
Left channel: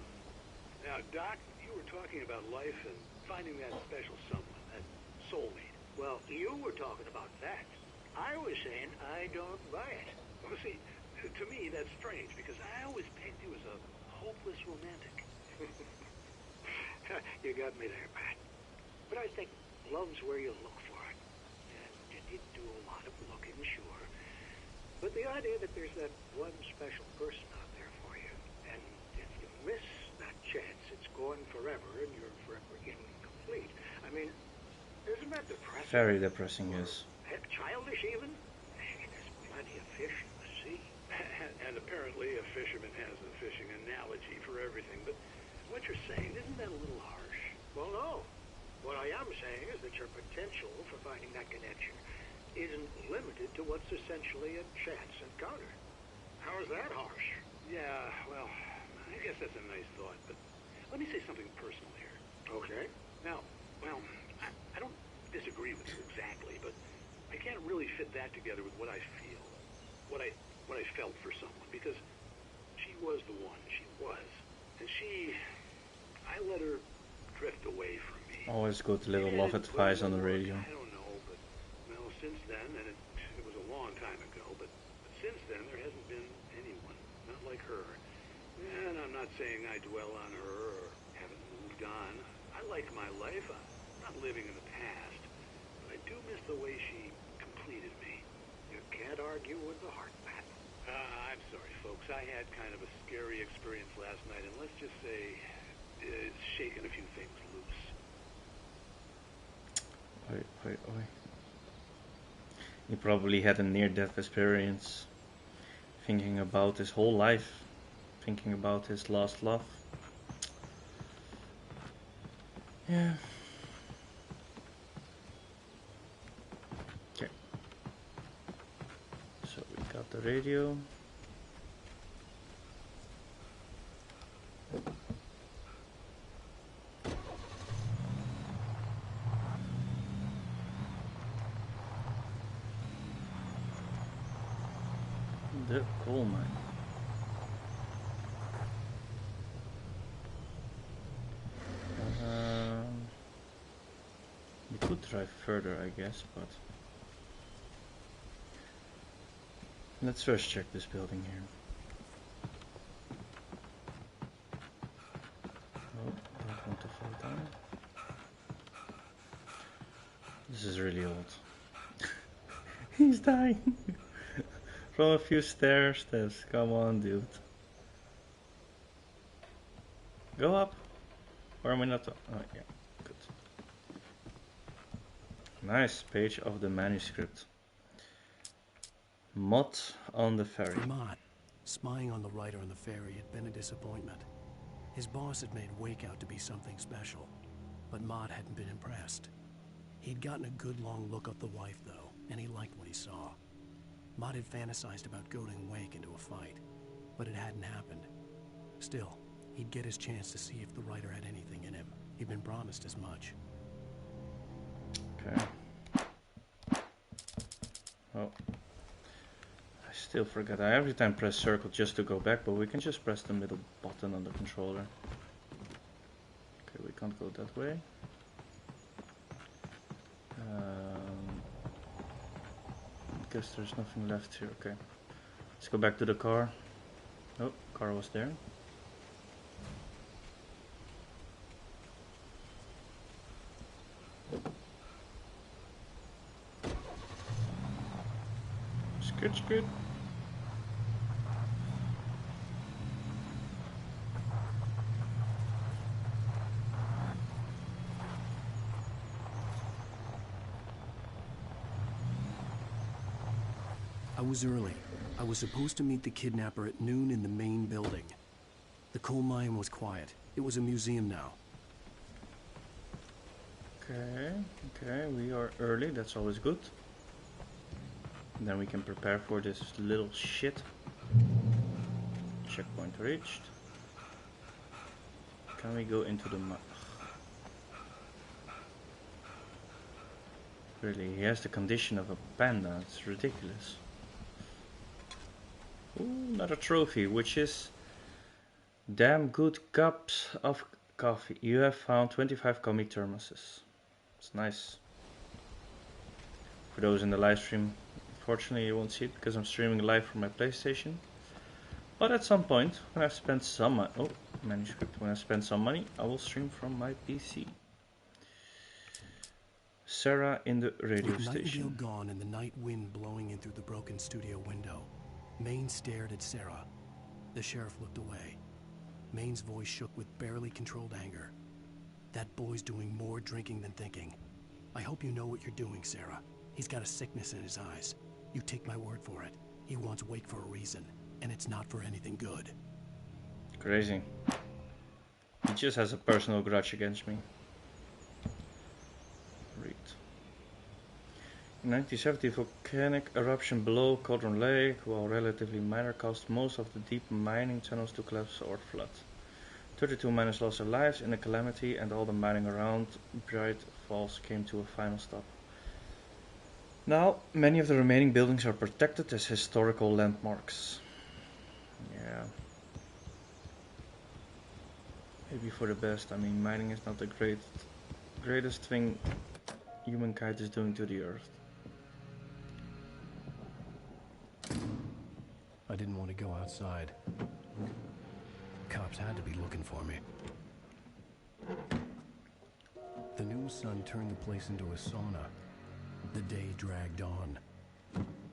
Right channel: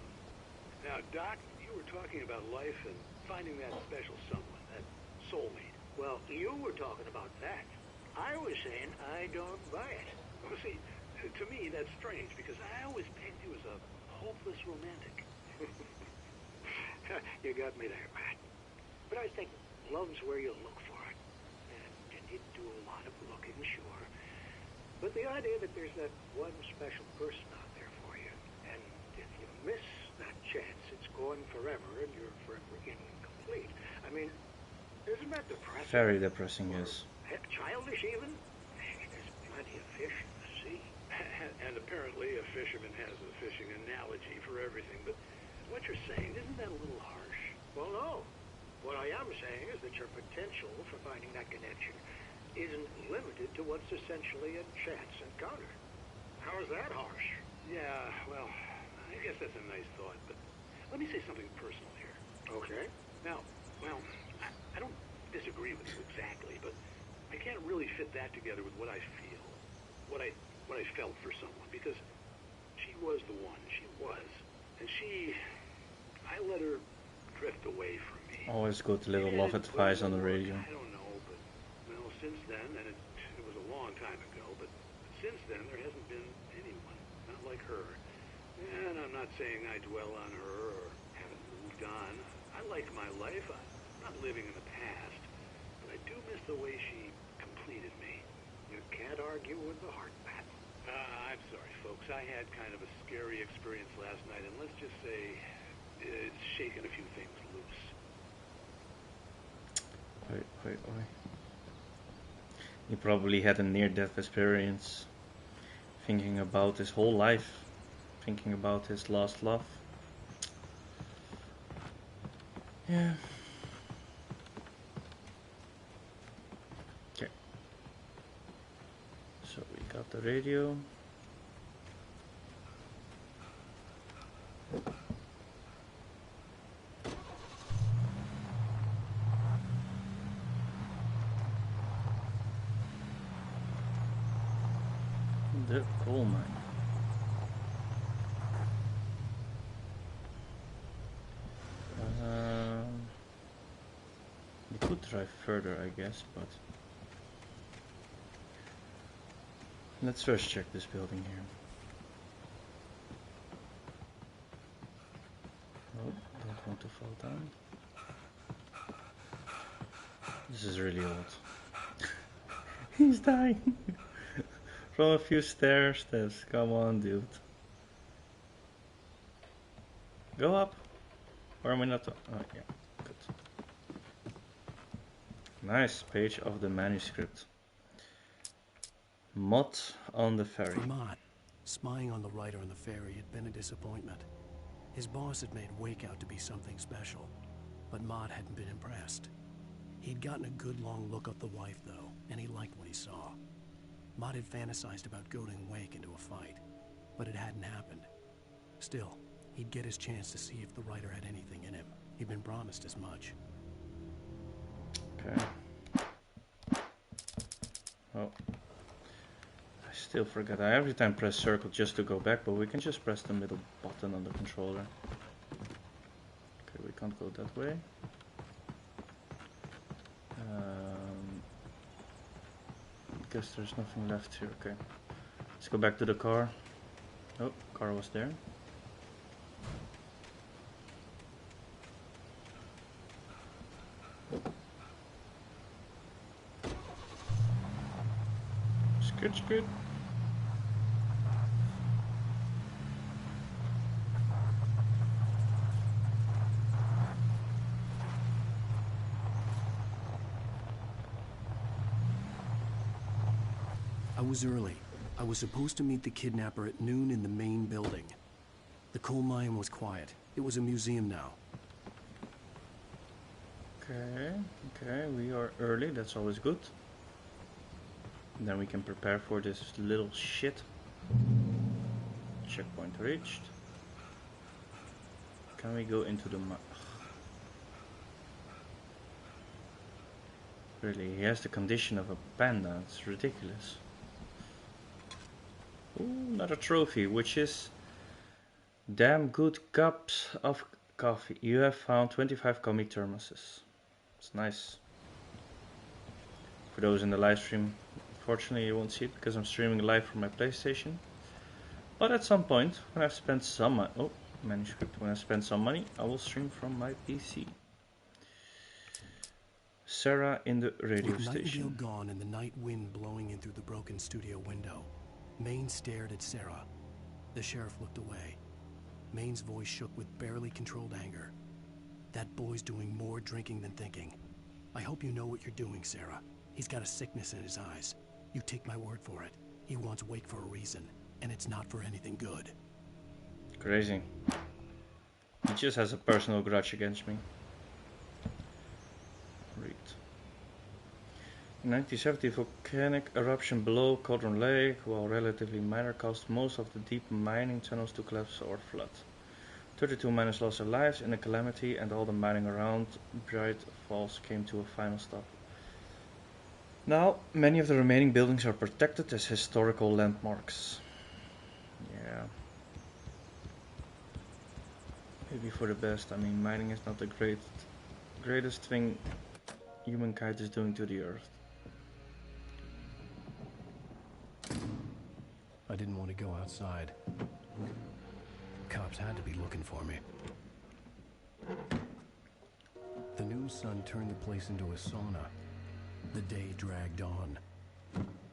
Now, Doc, you were talking about life and finding that special someone, that soulmate. Well, you were talking about that. I was saying I don't buy it. Well, see, to me that's strange because I always pegged you as a hopeless romantic. You got me there, Pat. But I think love's where you look for it. And you need to do a lot of looking, sure. But the idea that there's that one special person out there for you, and if you miss that chance, it's gone forever and you're forever incomplete. I mean, isn't that depressing? Very depressing, yes. Heck, childish even? Hey, there's plenty of fish in the sea. And apparently a fisherman has a fishing analogy for everything, but what you're saying, isn't that a little harsh? Well, no. What I am saying is that your potential for finding that connection isn't limited to what's essentially a chance encounter. How is that harsh? Yeah, well, I guess that's a nice thought, but let me say something personal here. Okay. Now, well, I don't disagree with you exactly, but I can't really fit that together with what I feel, what I felt for someone, because she was the one. She was. And I let her drift away from me. Always good little love advice on the radio. I don't know, but, well, since then, and it was a long time ago, but since then there hasn't been anyone, not like her. And I'm not saying I dwell on her or haven't moved on. I like my life. I'm not living in the past, but I do miss the way she completed me. You can't argue with the heart, Pat. I'm sorry, folks. I had kind of a scary experience last night, and let's just say it's shaken a few things loose. Oi. He probably had a near-death experience, thinking about his whole life, thinking about his last love. Yeah. Okay. So we got the radio. The coal mine. We could drive further, I guess, but let's first check this building here. Oh, don't want to fall down. This is really old. He's dying. From a few stairs. Come on, dude. Go up. Or am I not? Oh, yeah. Good. Nice page of the manuscript. Mott on the ferry. For Mott, spying on the writer on the ferry had been a disappointment. His boss had made Wake out to be something special, but Mott hadn't been impressed. He'd gotten a good long look at the wife, though, and he liked what he saw. Mott had fantasized about goading Wake into a fight, but it hadn't happened. Still, he'd get his chance to see if the writer had anything in him. He'd been promised as much. Okay. Oh. I still forget. I every time press circle just to go back, but we can just press the middle button on the controller. Okay, we can't go that way. Guess there's nothing left here. Okay, let's go back to the car. Oh, car was there. Good. I was early. I was supposed to meet the kidnapper at noon in the main building. The coal mine was quiet. It was a museum now. Okay, we are early, that's always good. Then we can prepare for this little shit. Checkpoint reached. Can we go into the Really, he has the condition of a panda, it's ridiculous. Ooh, another trophy, which is damn good cups of coffee. You have found 25 commie thermoses. It's nice. For those in the live stream, unfortunately you won't see it because I'm streaming live from my PlayStation. But at some point, when I've spent some manuscript, when I've spent some money, I will stream from my PC. Sarah in the radio With station. Nightingale gone and the night wind blowing in through the broken studio window, Maine stared at Sarah. The sheriff looked away. Maine's voice shook with barely controlled anger. That boy's doing more drinking than thinking. I hope you know what you're doing, Sarah. He's got a sickness in his eyes. You take my word for it. He wants Wake for a reason, and it's not for anything good. Crazy. He just has a personal grudge against me. Read. In 1970, volcanic eruption below Cauldron Lake, while relatively minor, caused most of the deep mining tunnels to collapse or flood. 32 miners lost their lives in the calamity, and all the mining around Bright Falls came to a final stop. Now, many of the remaining buildings are protected as historical landmarks. Yeah. Maybe for the best. I mean, mining is not the greatest thing humankind is doing to the earth. I didn't want to go outside. Cops had to be looking for me. The new sun turned the place into a sauna. The day dragged on.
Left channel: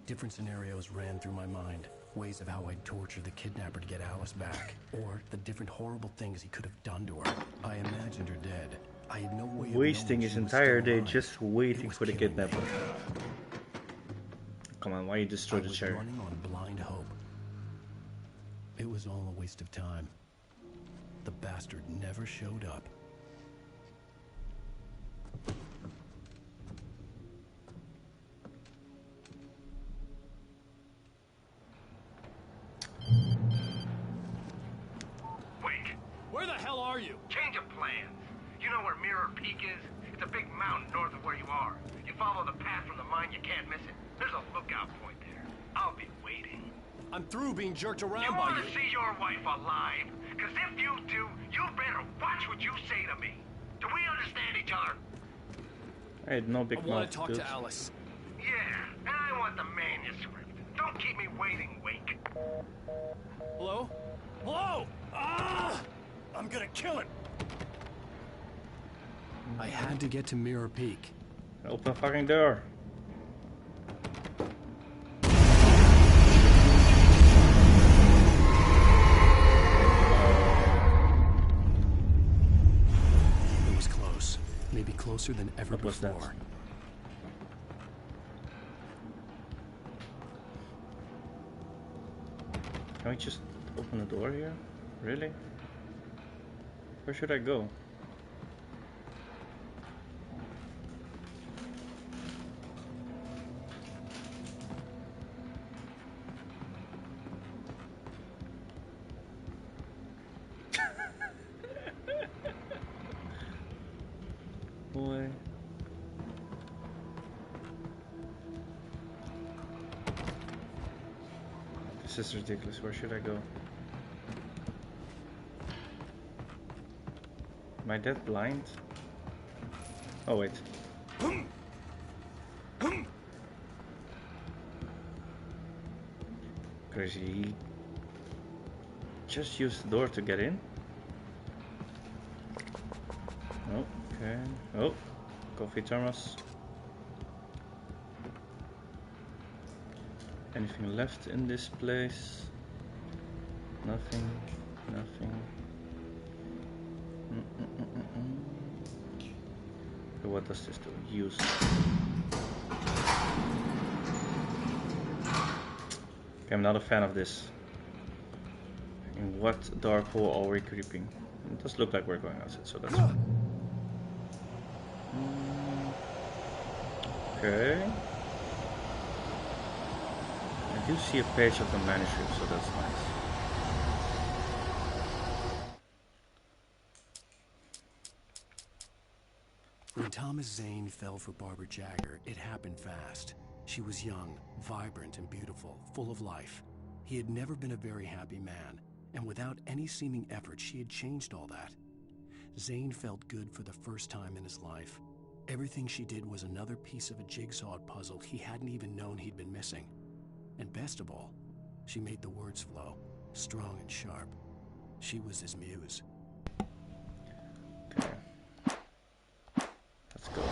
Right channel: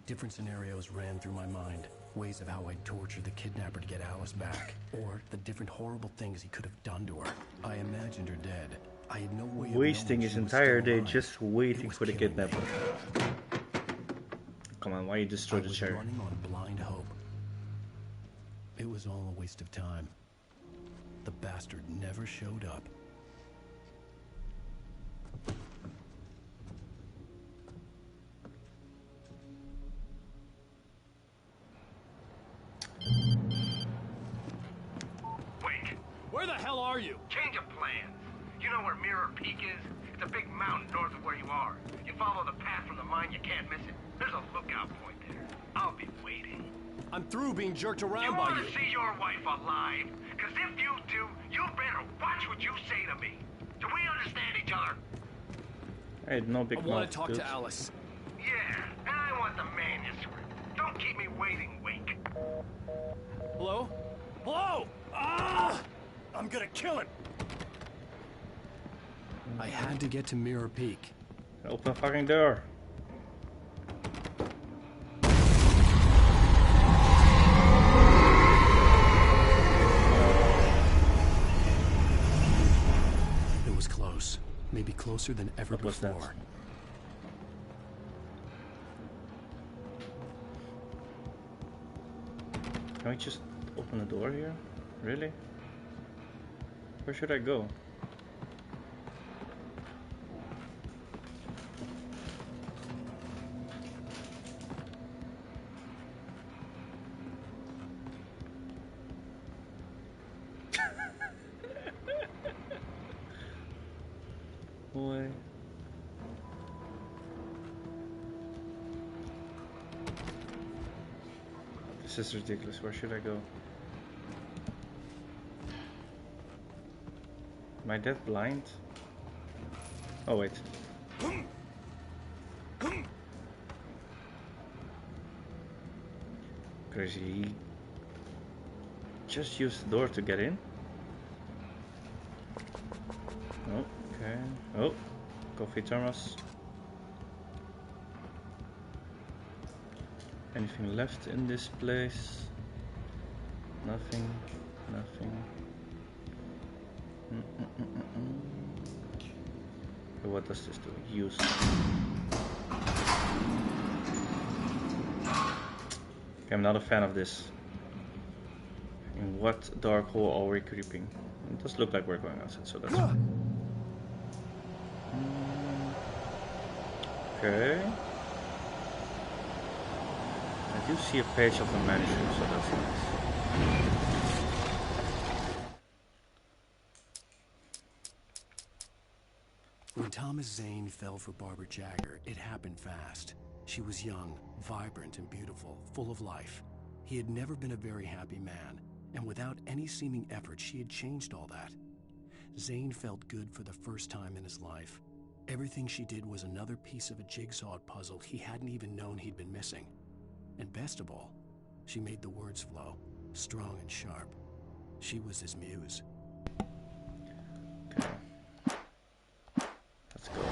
Different scenarios ran through my mind. Ways of how I'd torture the kidnapper to get Alice back. Or the different horrible things he could have done to her. I imagined her dead. I had no way of wasting his entire day just waiting for the kidnapper. me. Come on, why you destroy the chair? Running on blind hope. It was all a waste of time. The bastard never showed up. Wait. Where the hell are you? Change of plans. You know where Mirror Peak is? It's a big mountain north of where you are. You follow the path from the mine, you can't miss it. There's a lookout point there. I'll be waiting. I'm through being jerked around You by want you. to see your wife alive? Because if you do, you better watch what you say to me. Do we understand each other? Hey, no big I mouth. want to talk dude. to Alice. Yeah, and I want the manuscript. Don't keep me waiting, Wake. Hello? Hello? Ah! I'm gonna kill him. I had to get to Mirror Peak. Open fucking door. It was close. Maybe closer than ever What was that? before. Can we just open the door here? Really? Where should I go? Boy. This is ridiculous. Where should I go? Am I that blind? Oh wait. Crazy. He just used the door to get in. Oh, okay. Oh, coffee thermos. Anything left in this place? Nothing. Nothing. Okay, what does this do? Use. Okay, I'm not a fan of this. In what dark hole are we creeping? It does look like we're going outside, so that's fine. Okay. I do see a page of the manuscript, so that's nice. When Thomas Zane fell for Barbara Jagger, it happened fast. She was young, vibrant, and beautiful, full of life. He had never been a very happy man, and without any seeming effort, she had changed all that. Zane felt good for the first time in his life. Everything she did was another piece of a jigsaw puzzle he hadn't even known he'd been missing. And best of all, she made the words flow, strong and sharp. She was his muse. Okay. Let's go.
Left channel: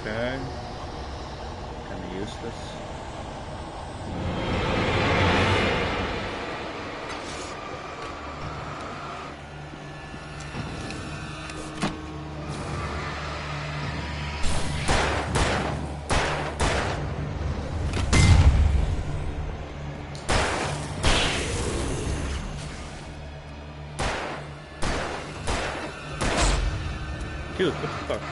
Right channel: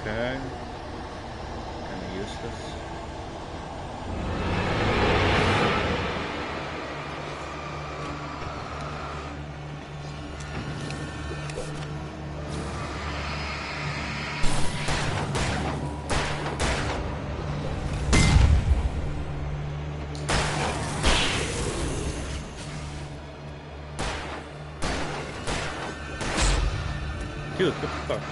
Okay. Kinda useless. Dude, what the fuck?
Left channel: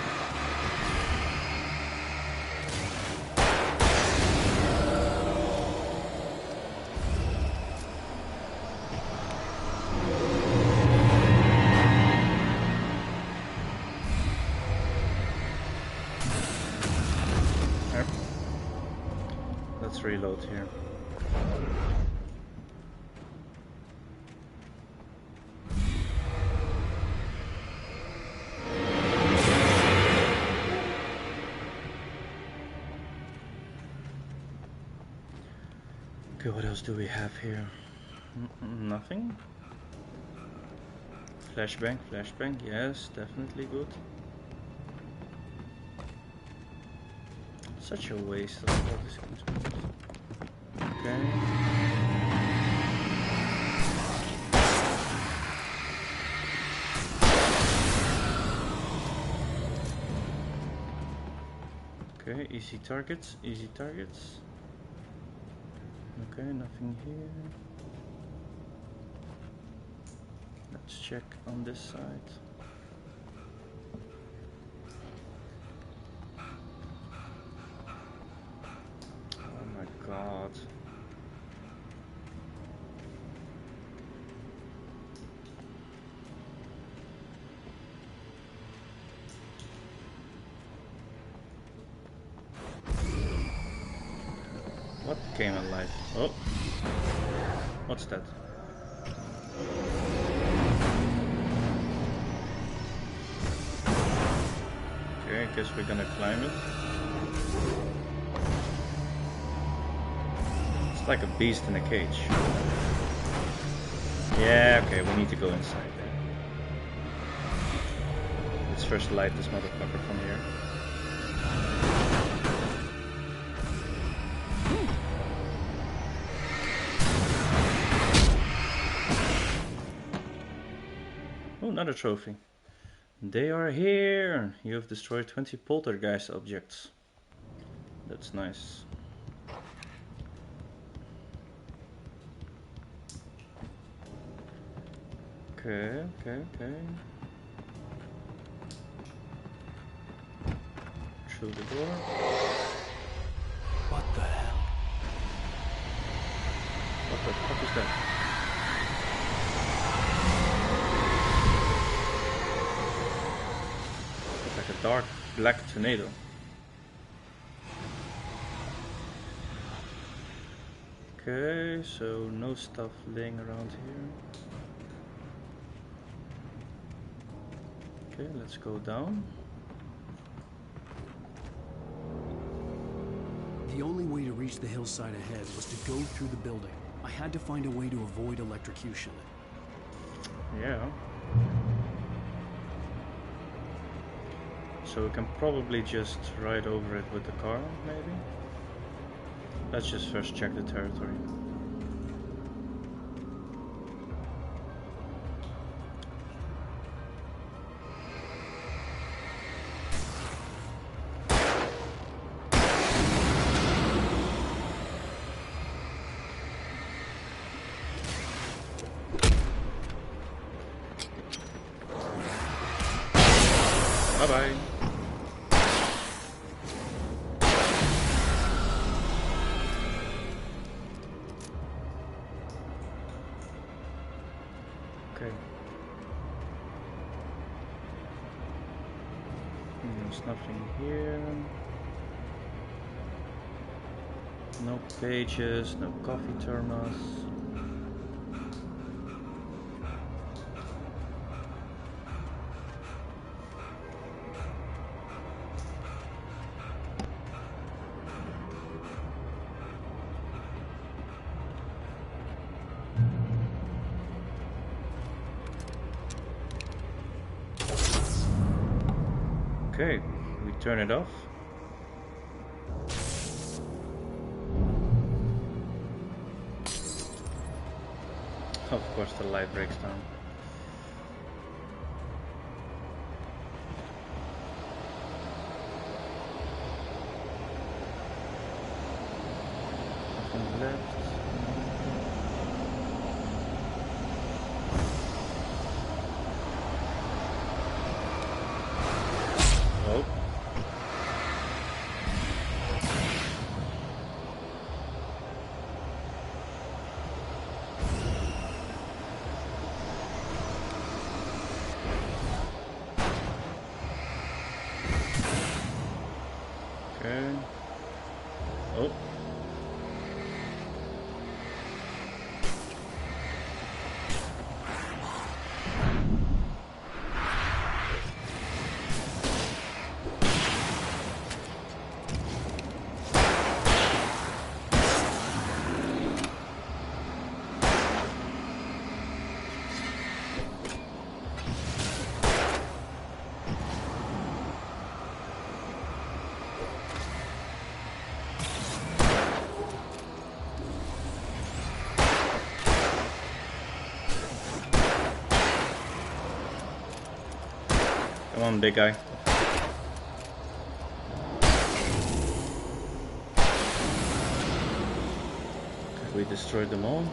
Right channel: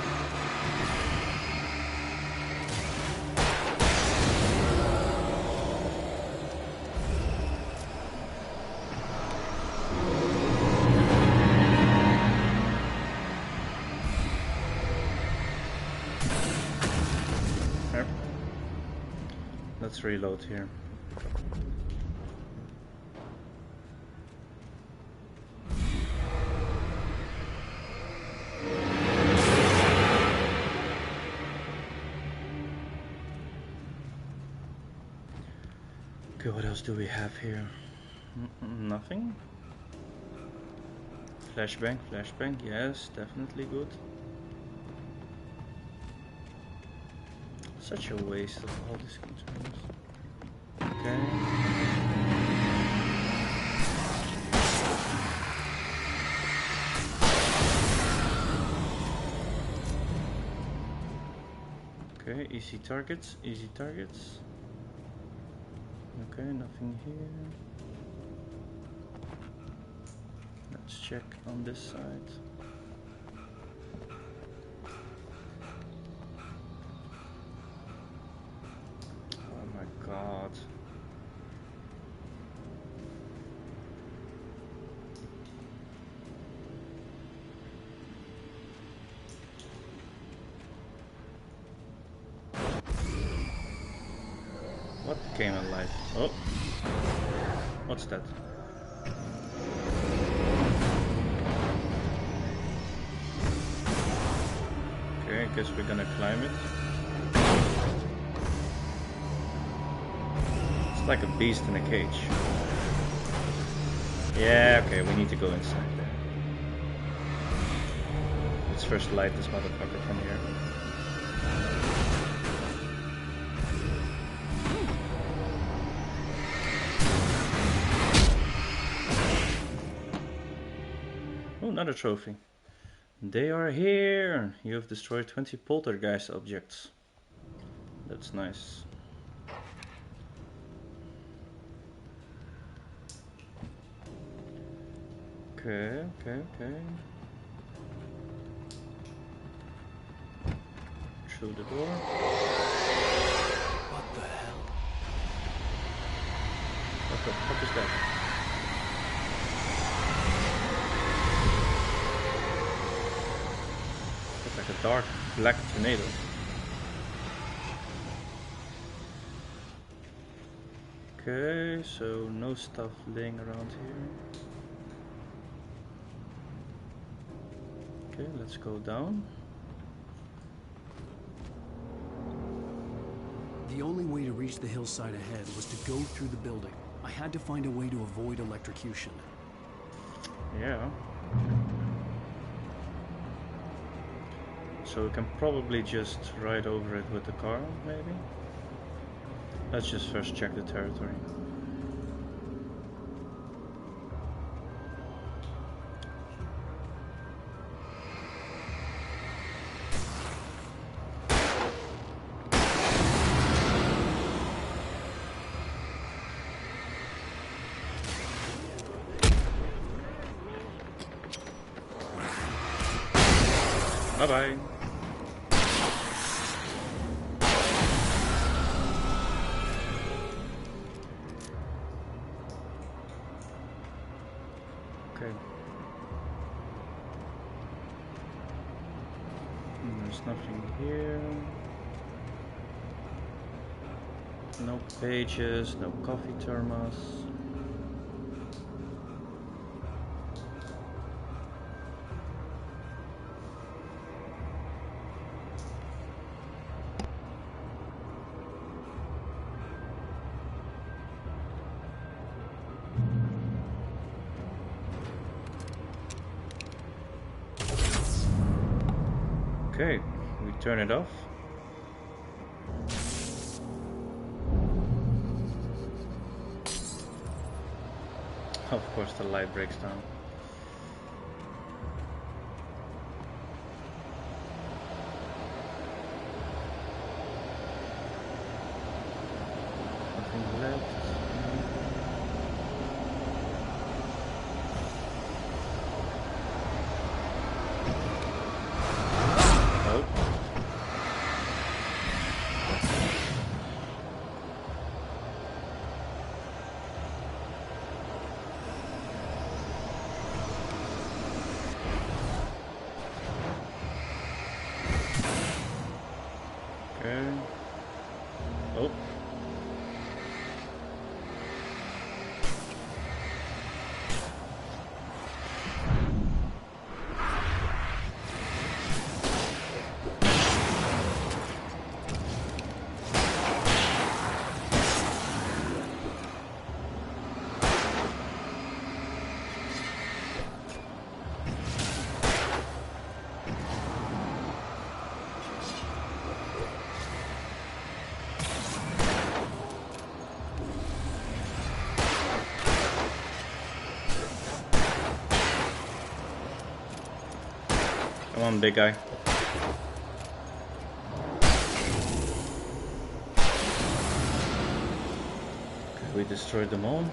Yep. Let's reload here. Okay, what else do we have here? Nothing. Flashbang, flashbang, yes, definitely good. Such a waste of all these containers. Okay. Okay, easy targets, easy targets. Okay, nothing here. Let's check on this side. Oh my god. What came alive? Oh. What's that? Okay, I guess we're gonna climb it. It's like a beast in a cage. Yeah, okay, we need to go inside there. Let's first light this motherfucker from here. Oh, another trophy. They are here! You have destroyed 20 poltergeist objects. That's nice. Okay, okay, okay. Through the door. What the hell? What the fuck is that? Looks like a dark black tornado. Okay, so no stuff laying around here. Okay, let's go down. The only way to reach the hillside ahead was to go through the building. I had to find a way to avoid electrocution. Yeah. So we can probably just ride over it with the car, maybe? Let's just first check the territory. Bye-bye. Okay. There's nothing here. No pages, no coffee thermos. Okay, we turn it off. Of course the light breaks down. Nothing left. No. Oh. Okay. Oh. Come on, big guy. Okay, we destroyed them all.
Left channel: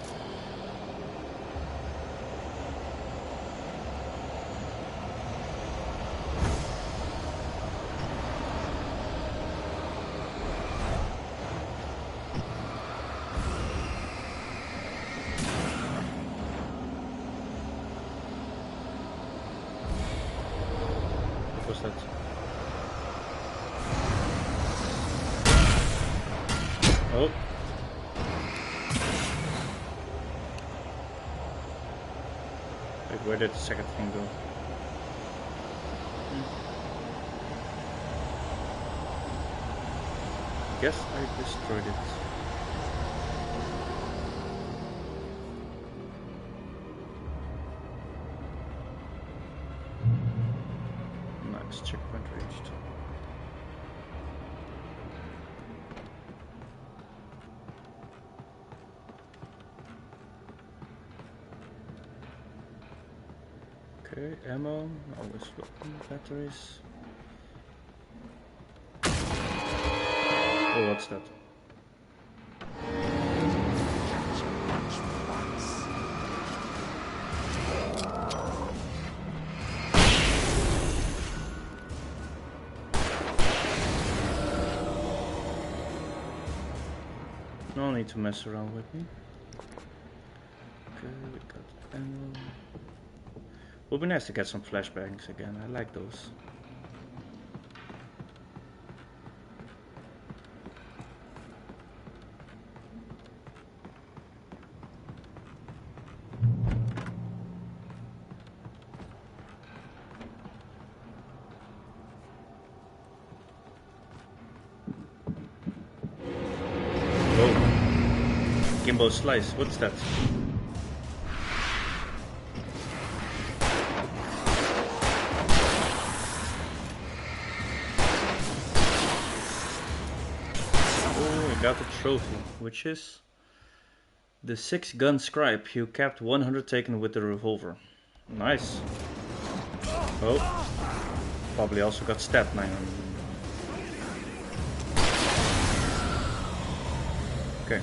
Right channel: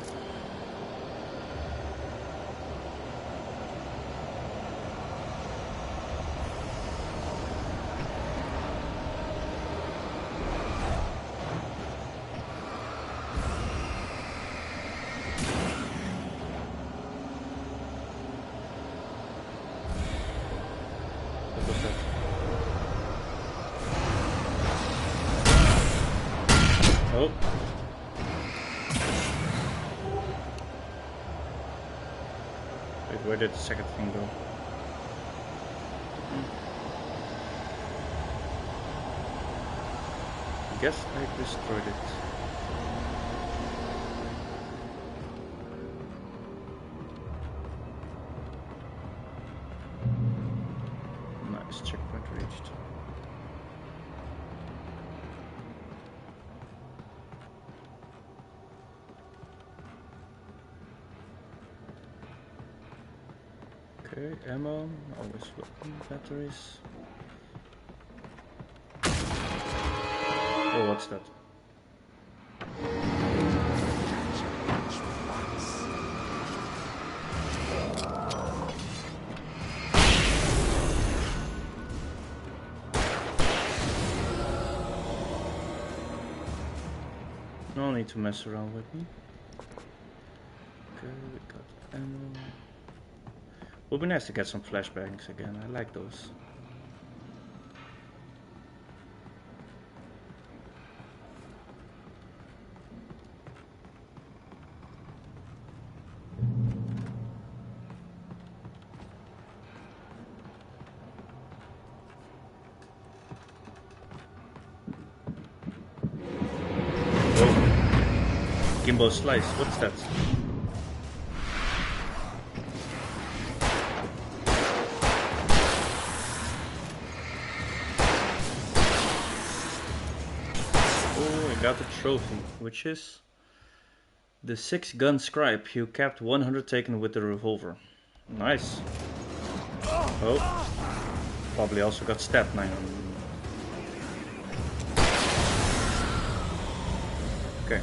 What was that? Oh. Wait, where did the second thing go? I guess I destroyed it. Nice, checkpoint reached. Okay, ammo, always welcome, batteries. Oh, what's that? No need to mess around with me. Okay, we got ammo. Would be nice to get some flashbangs again. I like those. Whoa. Gimbo slice. What's that? Got a trophy, which is the Six-Gun Scribe. You capped 100 taken with the revolver. Nice. Oh, probably also got stabbed 900. Okay.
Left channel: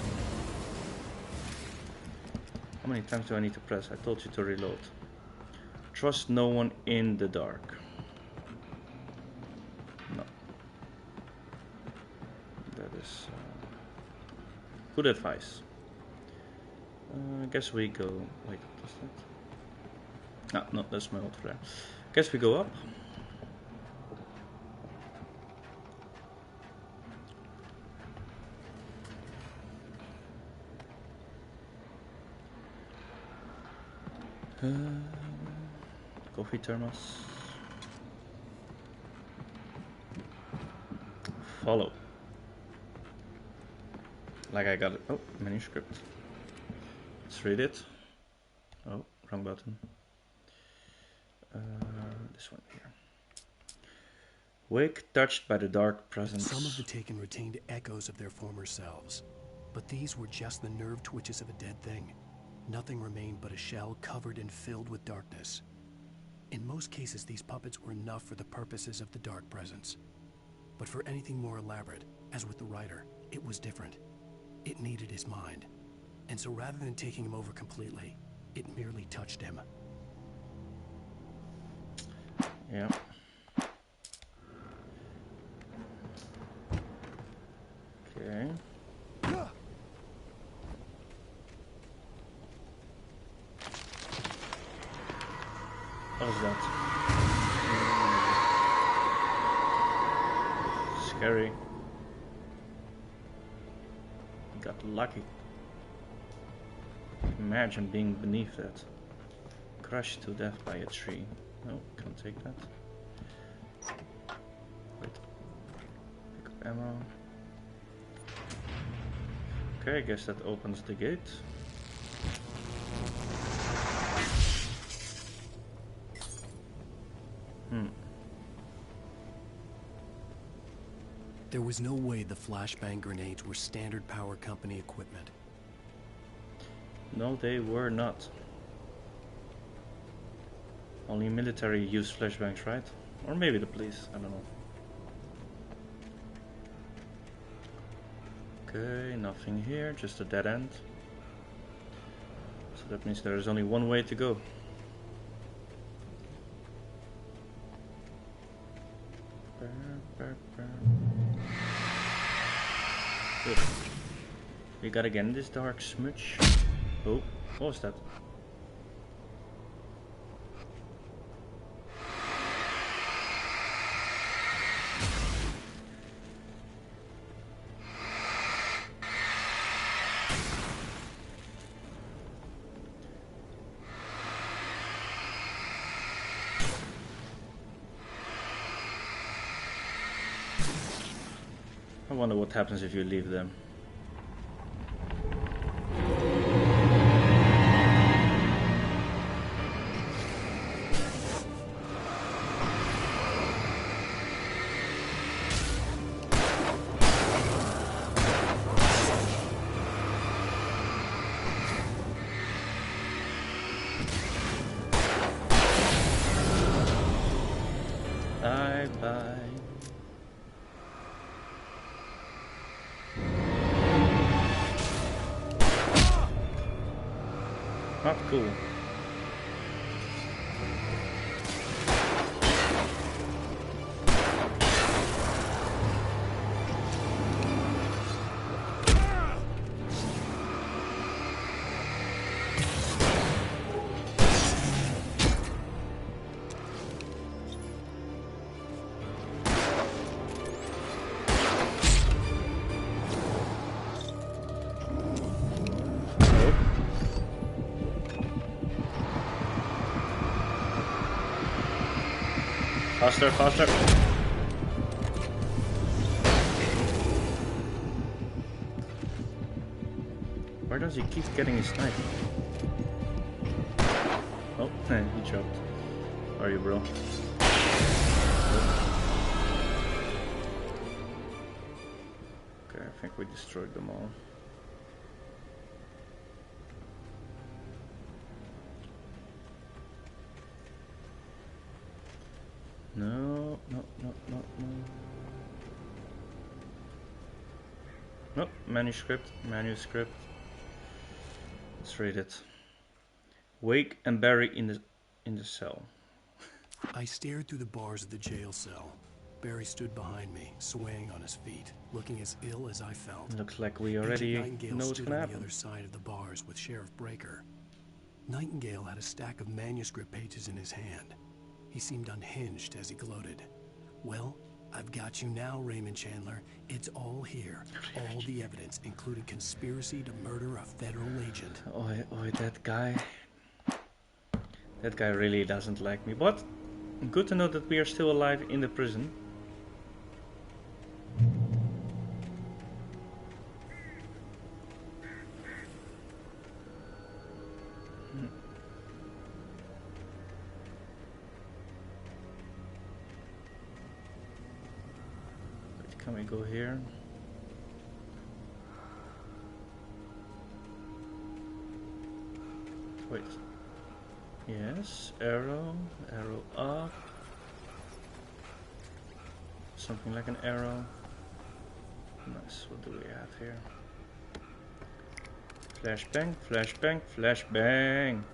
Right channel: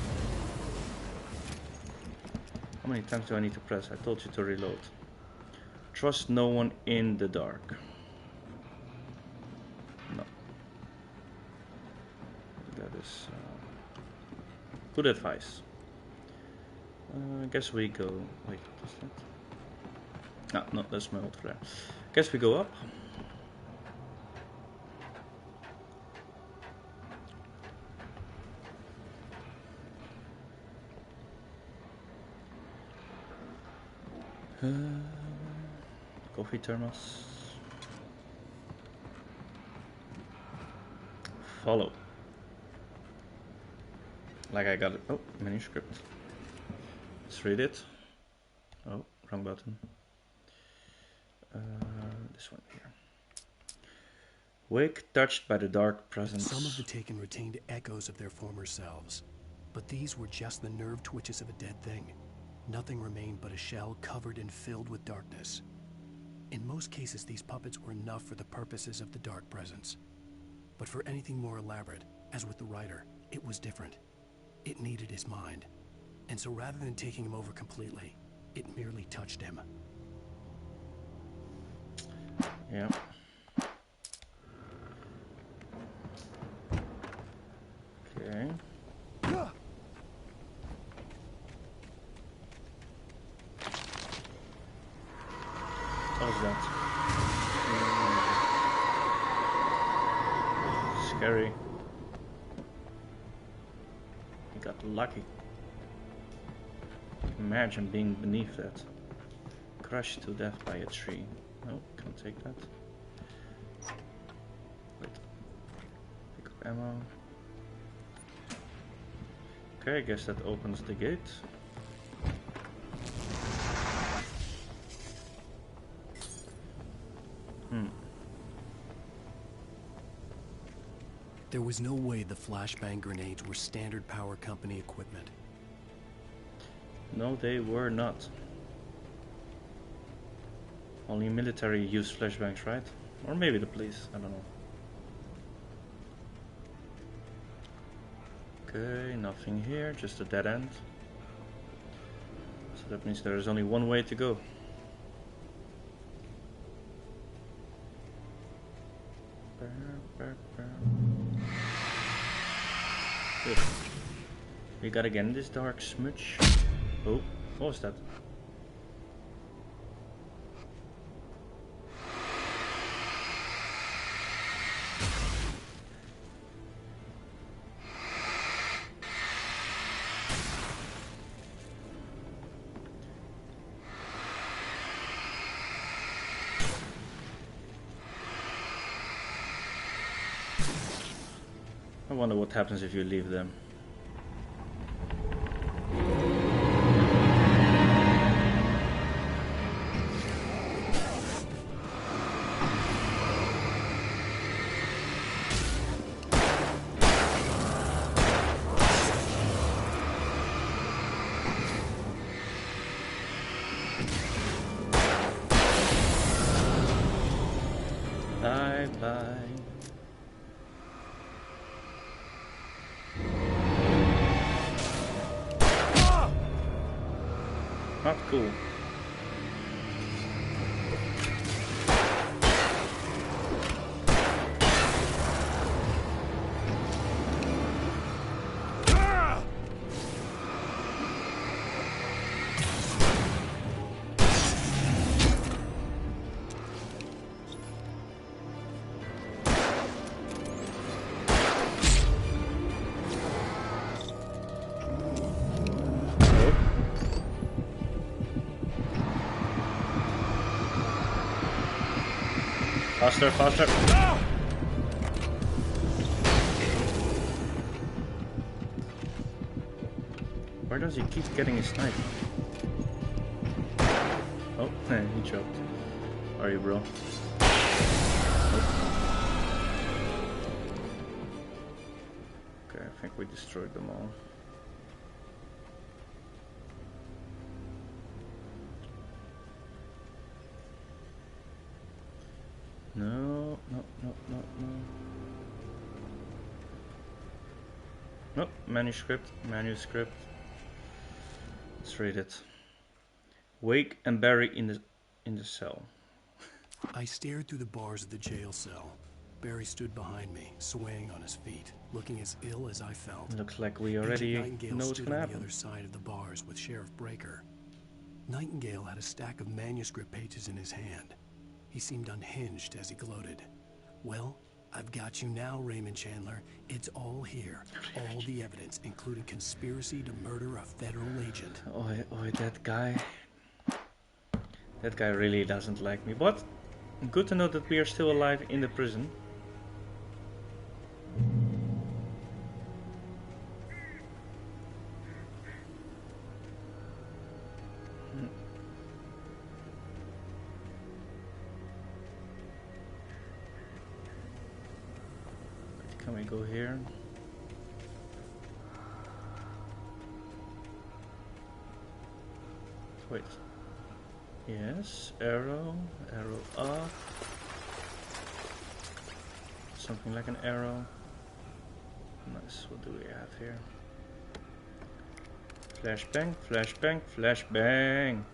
How many times do I need to press? I told you to reload. Trust no one in the dark. Good advice. I guess we go... Wait, what was that? Ah, no, that's my old flare. Guess we go up. Coffee thermos. Follow. Like I got it. Oh, manuscript. Let's read it. Oh, wrong button. This one here. Wake touched by the dark presence. Some of the taken retained echoes of their former selves, but these were just the nerve twitches of a dead thing. Nothing remained but a shell covered and filled with darkness. In most cases, these puppets were enough for the purposes of the dark presence. But for anything more elaborate, as with the writer, it was different. It needed his mind. And so rather than taking him over completely, it merely touched him. Yeah. Okay. What is that? Scary. You got lucky. Imagine being beneath that. Crushed to death by a tree. No, can't take that. Wait. Pick up ammo. Okay, I guess that opens the gate. There was no way the flashbang grenades were standard power company equipment. No, they were not. Only military use flashbangs, right? Or maybe the police, I don't know. Okay, nothing here, just a dead end. So that means there is only one way to go. Good. We got again this dark smudge. Oh, what was that? I wonder what happens if you leave them. Bye bye. Not cool. Faster, faster. Where does he keep getting his snipe? Oh, he dropped. How are you, bro? Nope. Okay, I think we destroyed them all. No, no, no, no, no. Nope, manuscript. Let's read it. Wake and bury in the cell. I stared through the bars of the jail cell. Barry stood behind me, swaying on his feet, looking as ill as I felt. Looks like we Agent already Nightingale know what's stood gonna on the happen. other side of the bars with Sheriff Breaker. Nightingale had a stack of manuscript pages in his hand. He seemed unhinged as he gloated. Well, I've got you now, Raymond Chandler. It's all here. All the evidence, including conspiracy to murder a federal agent. Oh, that guy. That guy really doesn't like me. But good to know that we are still alive in the prison. Can we go here? Wait. Yes, arrow up. Something like an arrow. Nice, what do we have here? Flashbang, flashbang, flashbang.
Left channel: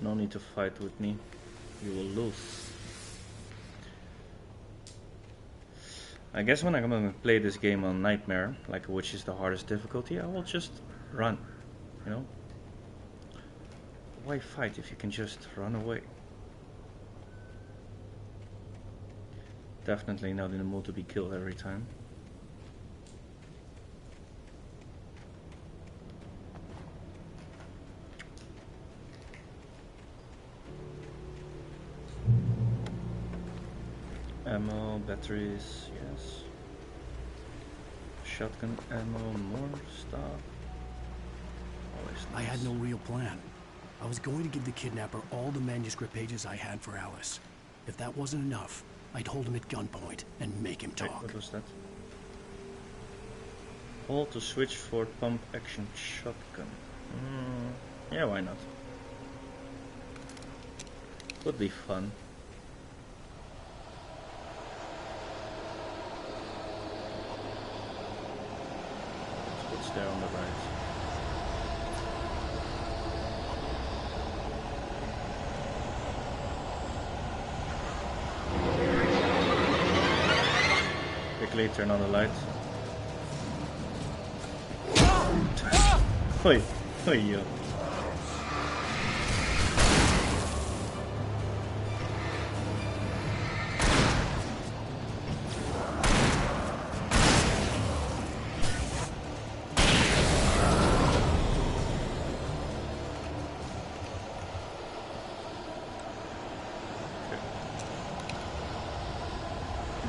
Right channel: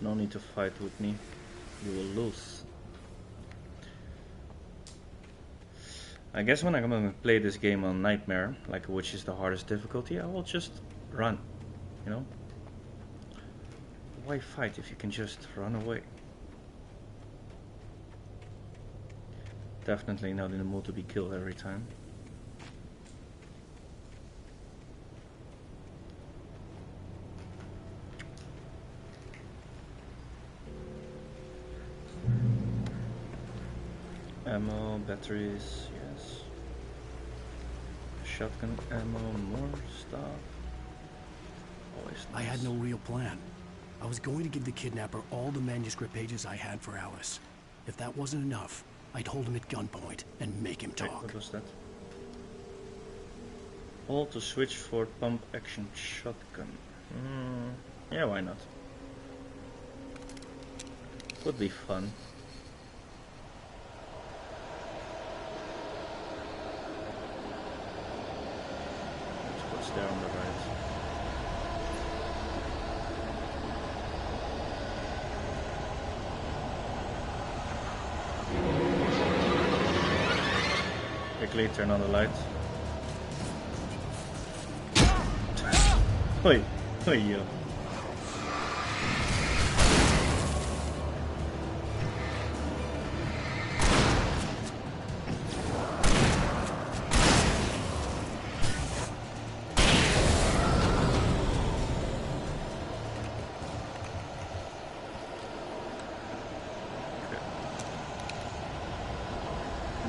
No need to fight with me. You will lose. I guess when I'm gonna play this game on Nightmare, like which is the hardest difficulty, I will just run, you know? Why fight if you can just run away? Definitely not in the mood to be killed every time. Ammo, batteries, yes. Shotgun ammo, more stuff. Always nice. I had no real plan. I was going to give the kidnapper all the manuscript pages I had for Alice. If that wasn't enough, I'd hold him at gunpoint and make him talk. Wait, what was that? Hold to switch for pump action shotgun. Yeah, why not? Would be fun. What's there on the right? Quickly turn on the lights. Oi, oi, yo.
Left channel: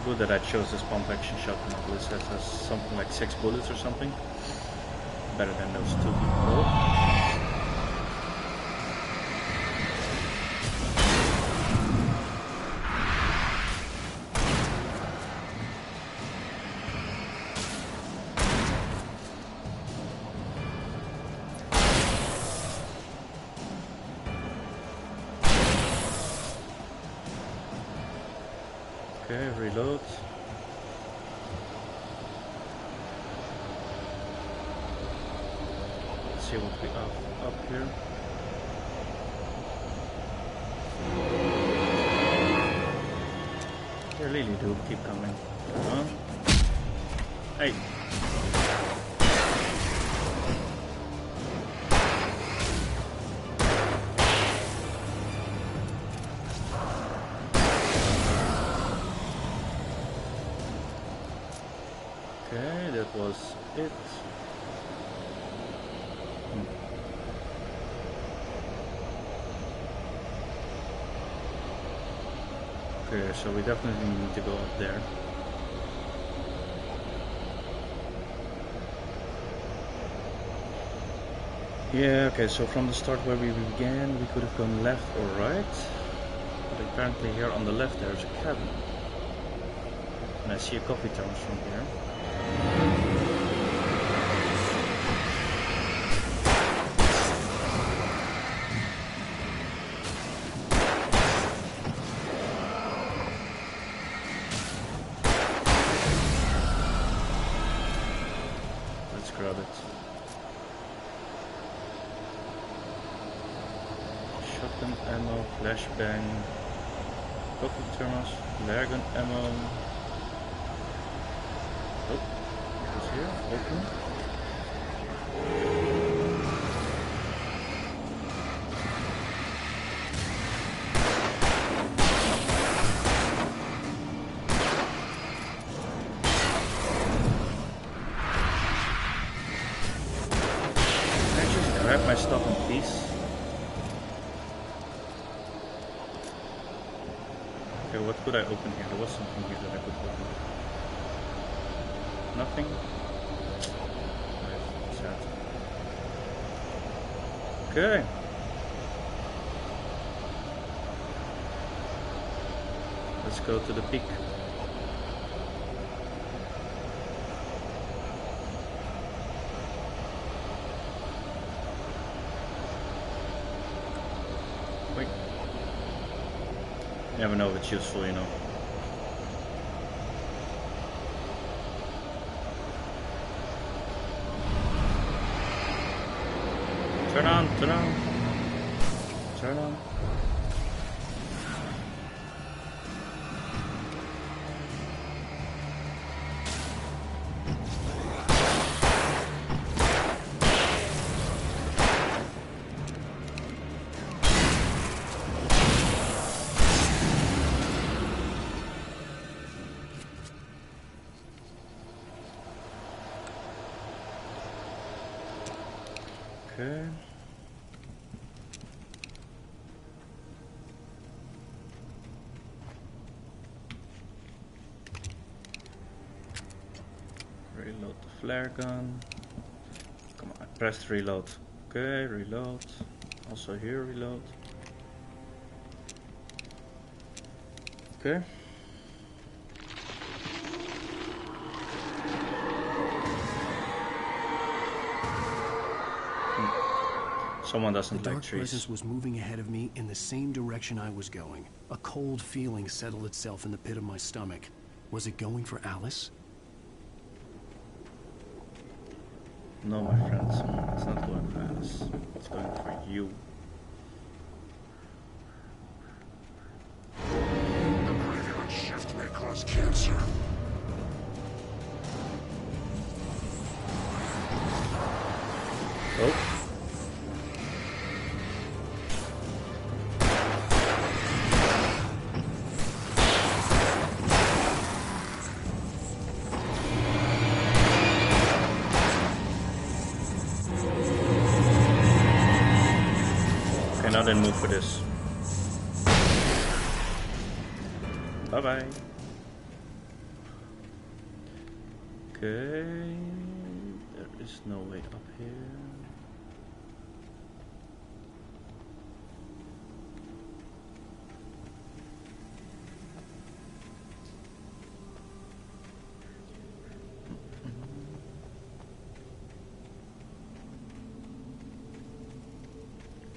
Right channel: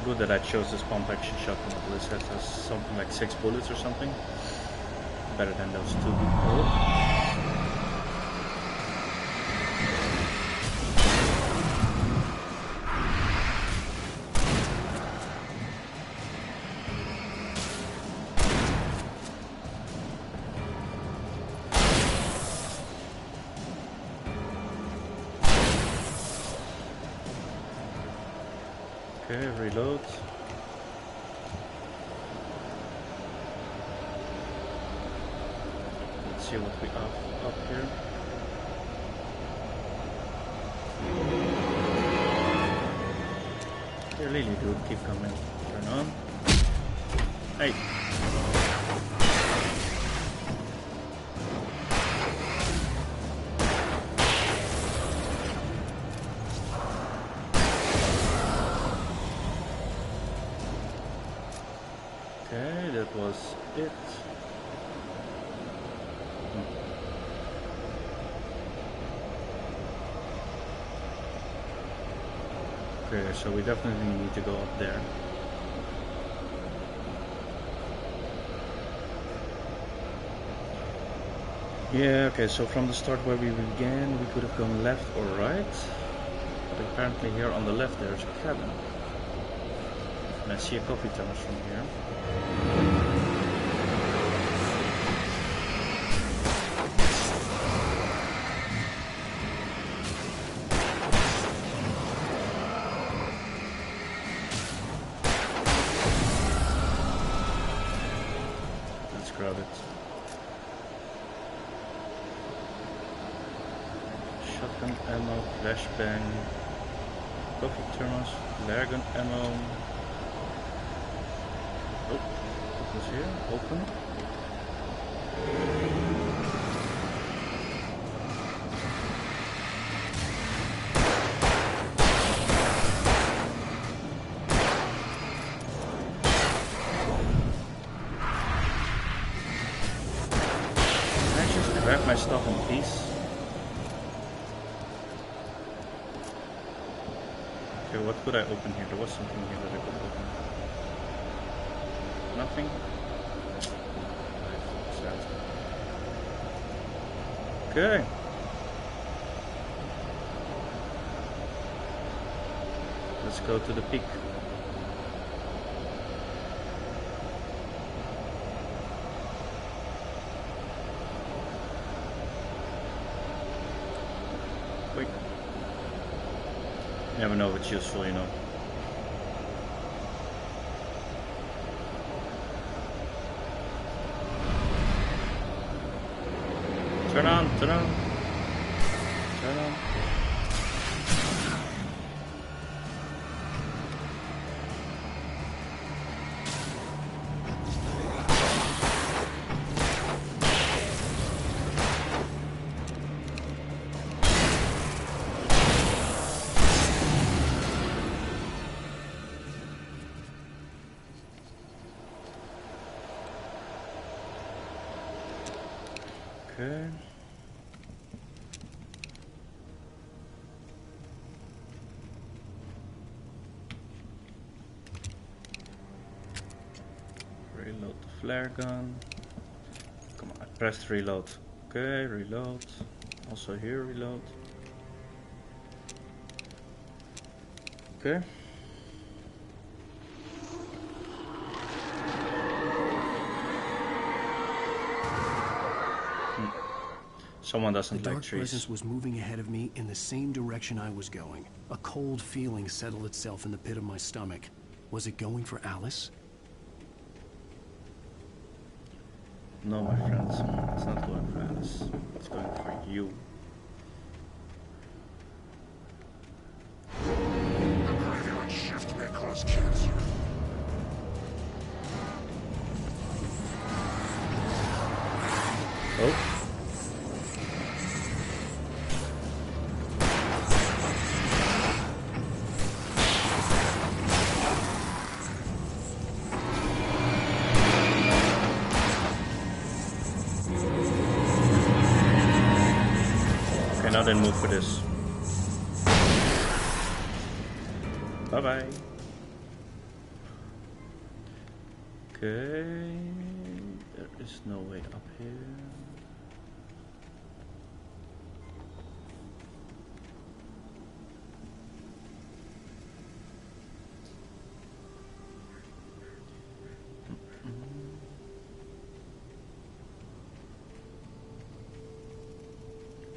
Good that I chose this pump action shotgun. At least it has something like 6 bullets or something. Better than those 2. Oh. Okay, reload. Let's see what we have up here. Here, Lily, dude, keep coming. Turn on. Hey. Okay, that was it. Okay, so we definitely need to go up there. Yeah, okay, so from the start where we began, we could have gone left or right. But apparently here on the left there's a cabin. And I see a coffee thermos from here. let's grab it. Shotgun ammo, flashbang, coffee thermos, flare gun ammo. Oh, what was here? Open. Can I just grab my stuff in peace? Okay, what could I open here? There was something here that I could open. Nothing? Life, sad. Okay. Let's go to the peak. Wait. Never know if it's useful, you know. Turn on, turn on. Turn on. Okay. Reload the flare gun. Come on, I pressed reload. Okay, reload. Also here, reload. Okay. Someone doesn't like like trees. The dark trees. presence was moving ahead of me in the same direction I was going. A cold feeling settled itself in the pit of my stomach. Was it going for Alice? No, my friends. It's not going for Alice. It's going for you. The graveyard shift may cause cancer. Oh. Okay, now then move for this. Bye bye. Okay, there is no way up here.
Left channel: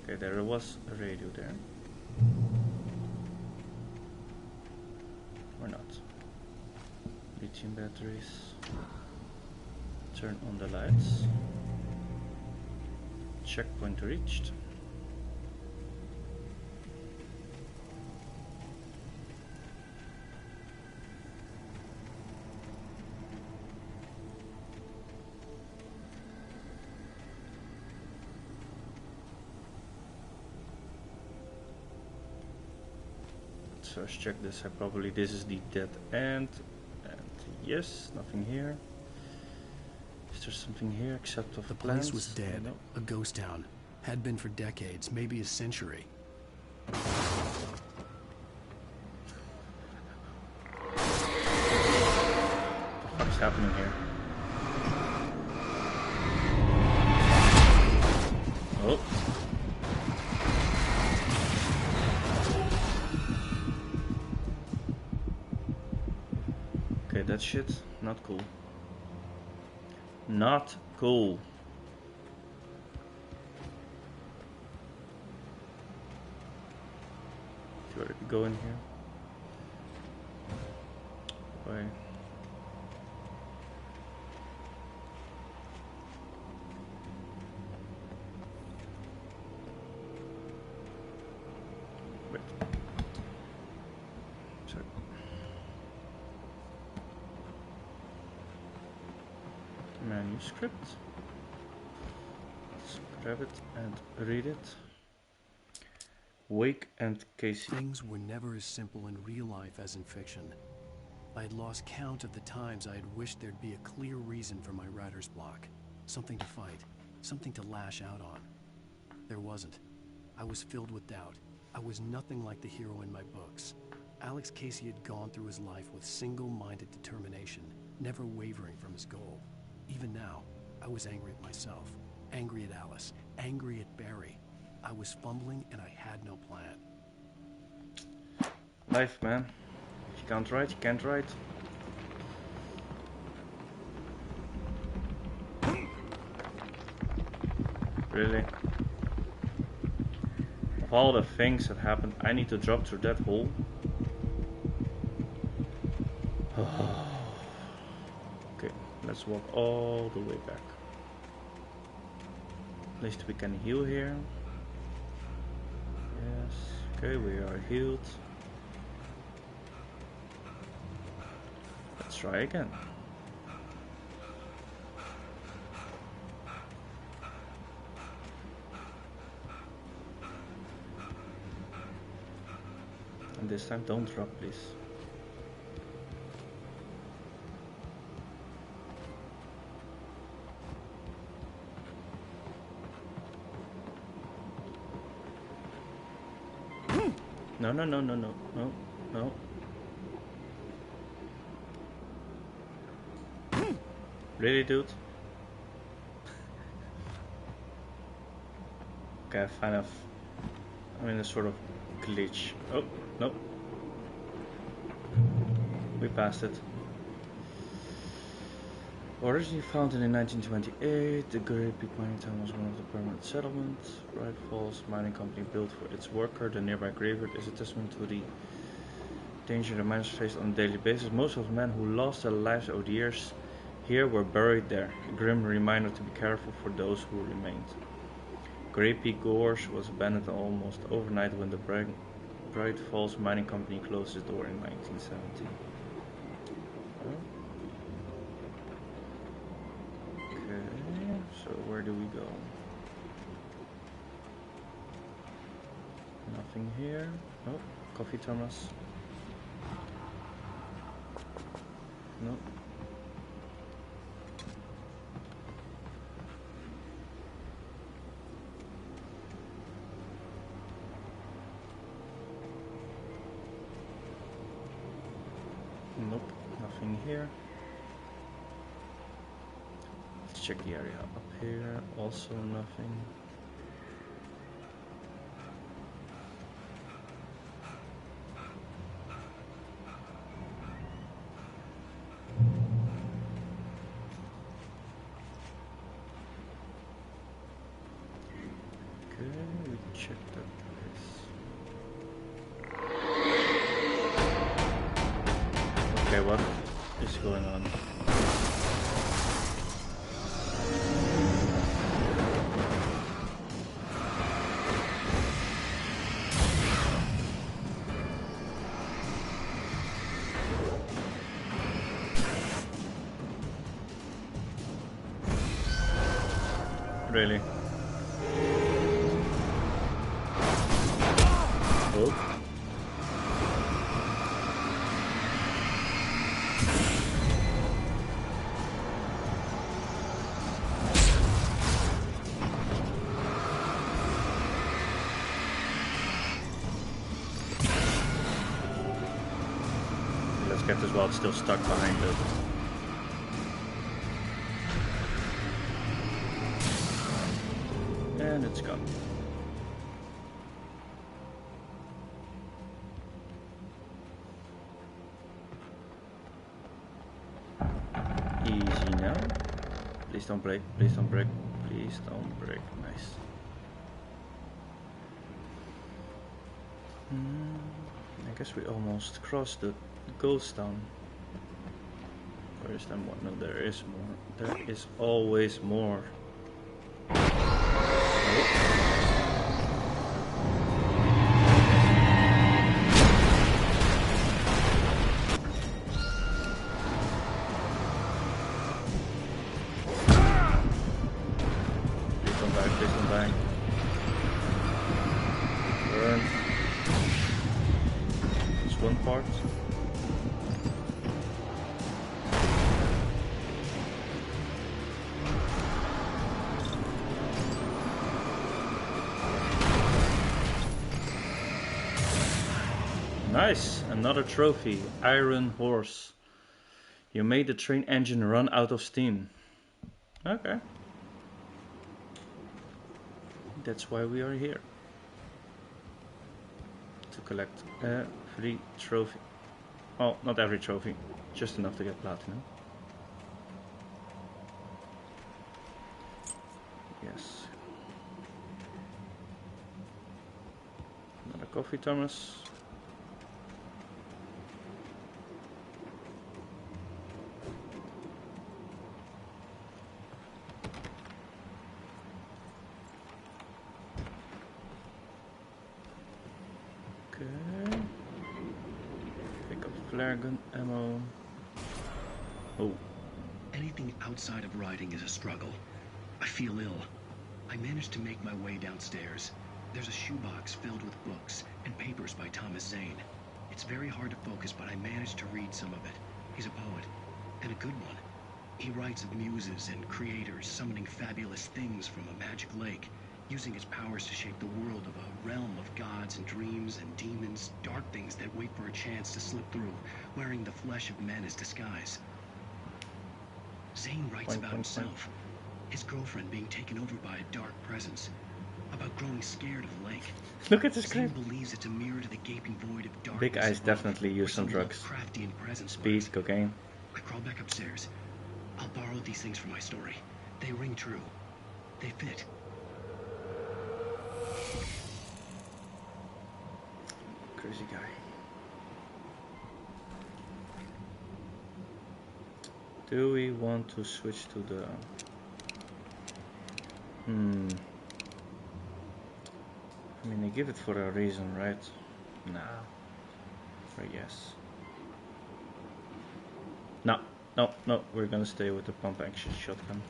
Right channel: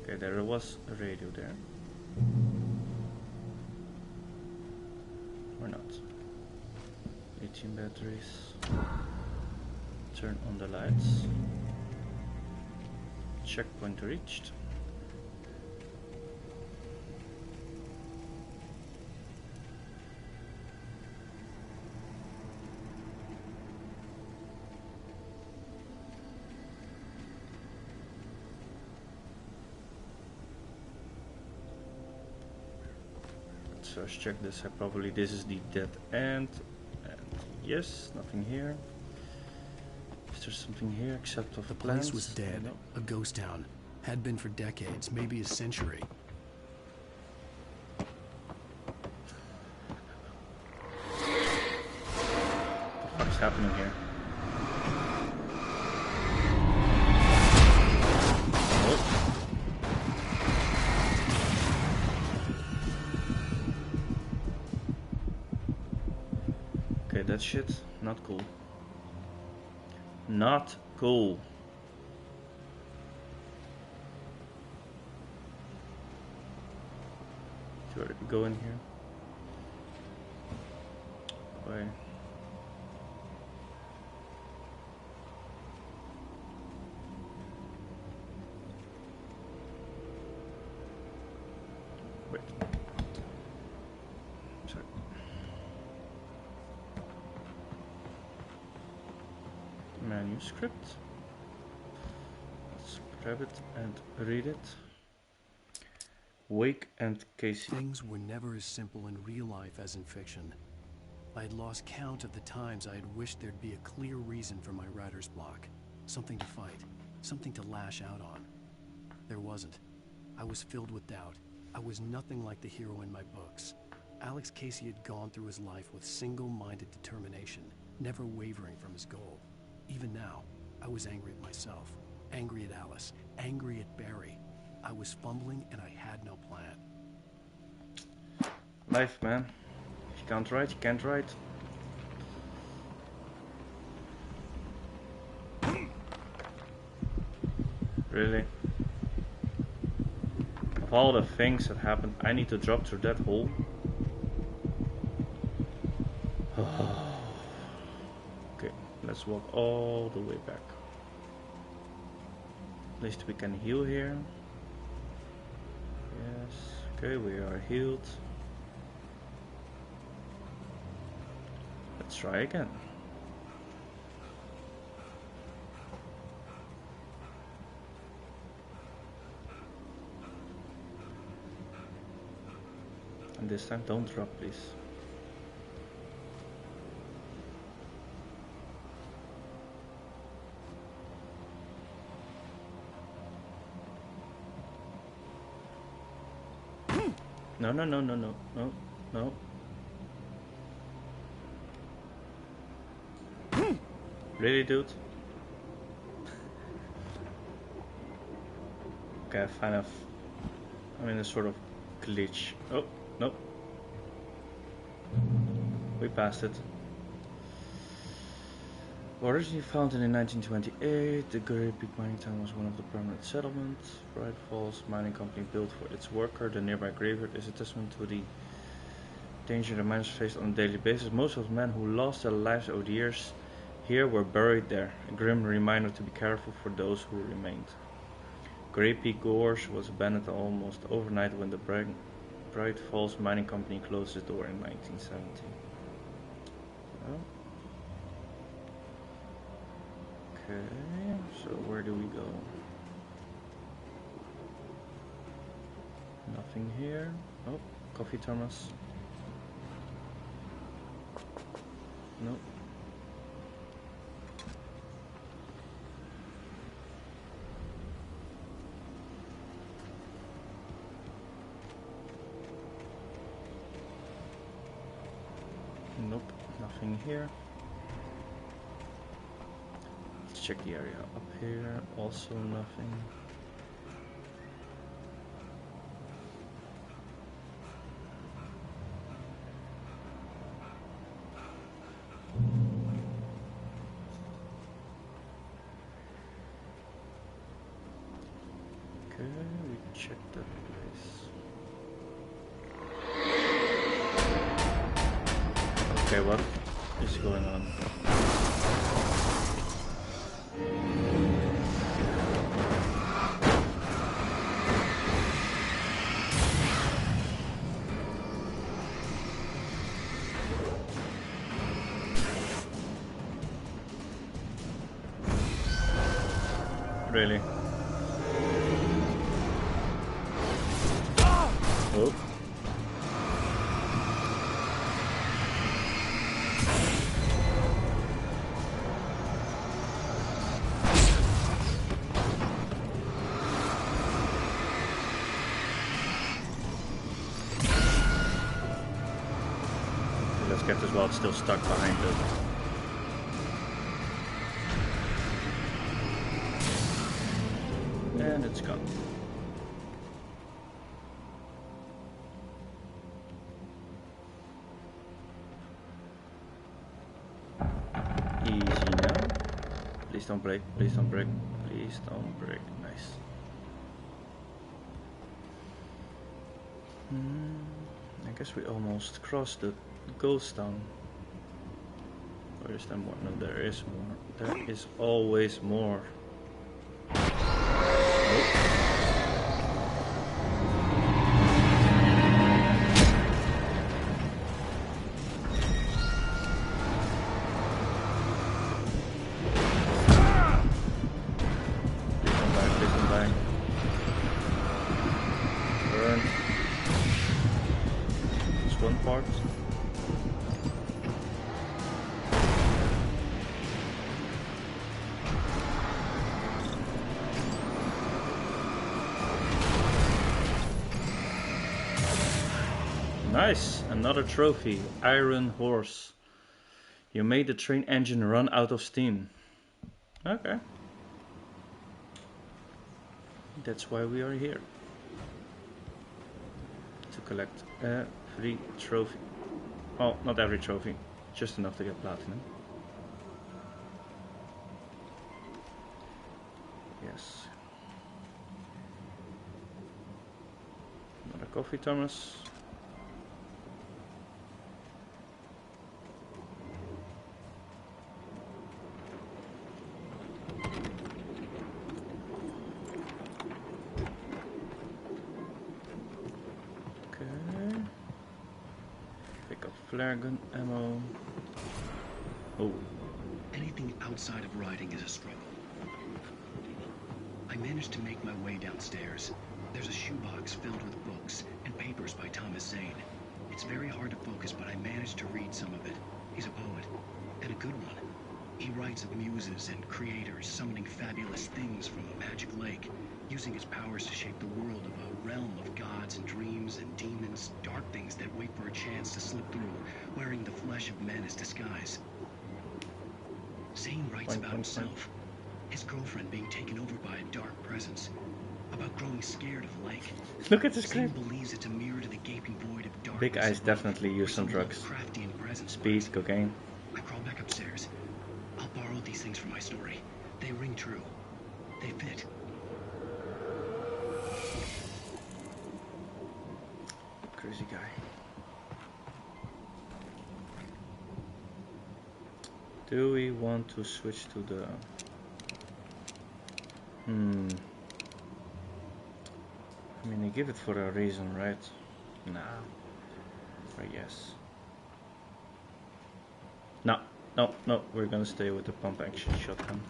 Okay, there was a radio there. Or not. Lithium batteries. Turn on the lights. Checkpoint reached. Let's check this. Probably this is the dead end. And yes, nothing here. Is there something here except of the plants? place was dead. No. A ghost town. Had been for decades, maybe a century. What the fuck's happening here? Oh. Okay, that shit, not cool. Not cool. Do you already go in here? Why? manuscript. Let's grab it and read it. Wake and Casey. Things were never as simple in real life as in fiction. I had lost count of the times I had wished there'd be a clear reason for my writer's block. Something to fight, something to lash out on. There wasn't. I was filled with doubt. I was nothing like the hero in my books. Alex Casey had gone through his life with single-minded determination, never wavering from his goal. Even now, I was angry at myself, angry at Alice, angry at Barry. I was fumbling and I had no plan. Life, man. If you can't write, you can't write. Really? Of all the things that happened, I need to drop through that hole? Okay, let's walk all the way back. At least we can heal here. Yes, okay, we are healed. Let's try again. And this time don't drop, please. No, no, no, no, no, no, no. Really, dude? Okay, I'm in a sort of glitch. Oh, no. We passed it. Originally founded in 1928, the Great Peak mining town was one of the permanent settlements. Bright Falls Mining Company built for its worker. The nearby graveyard is a testament to the danger the miners faced on a daily basis. Most of the men who lost their lives over the years here were buried there, a grim reminder to be careful for those who remained. Great Peak Gorge was abandoned almost overnight when the Bright Falls Mining Company closed its door in 1970. Oh. Okay, so where do we go? Nothing here. Oh, coffee thermos. Nope. Nope, nothing here. Let's check the area up here. Also nothing. Okay, we checked that place. Okay, what is going on? Really? Oh. Let's get this while it's still stuck behind it. And it's gone. Easy now. Please don't break, please don't break, please don't break. Nice. I guess we almost crossed the ghost town. Or is there more? No, there is more. There is always more. die. Burn. That's one part. Nice! Another trophy. Iron Horse. You made the train engine run out of steam. Okay. That's why we are here. To collect every trophy. Well, not every trophy. Just enough to get platinum. Yes. Another coffee thermos. Flare gun ammo. Oh. Anything outside of writing is a struggle. I feel ill. I managed to make my way downstairs. There's a shoebox filled with books and papers by Thomas Zane. It's very hard to focus, but I managed to read some of it. He's a poet, and a good one. He writes of muses and creators summoning fabulous things from a magic lake, using his powers to shape the world of a realm of gods and dreams and demons, dark things that wait for a chance to slip through, wearing the flesh of men as disguise. Zane writes about himself, his girlfriend being taken over by a dark presence, about growing scared of the lake. Look at this Zane script. believes it's a mirror to the gaping void of darkness. Big Eyes above, definitely use where some drugs. crafty and presence Speed, lurks. cocaine. I crawl back upstairs. I'll borrow these things for my story. They ring true. They fit. Crazy guy. Do we want to switch to the... I mean, they give it for a reason, right? Nah. Or yes. No, no, no. We're gonna stay with the pump action shotgun.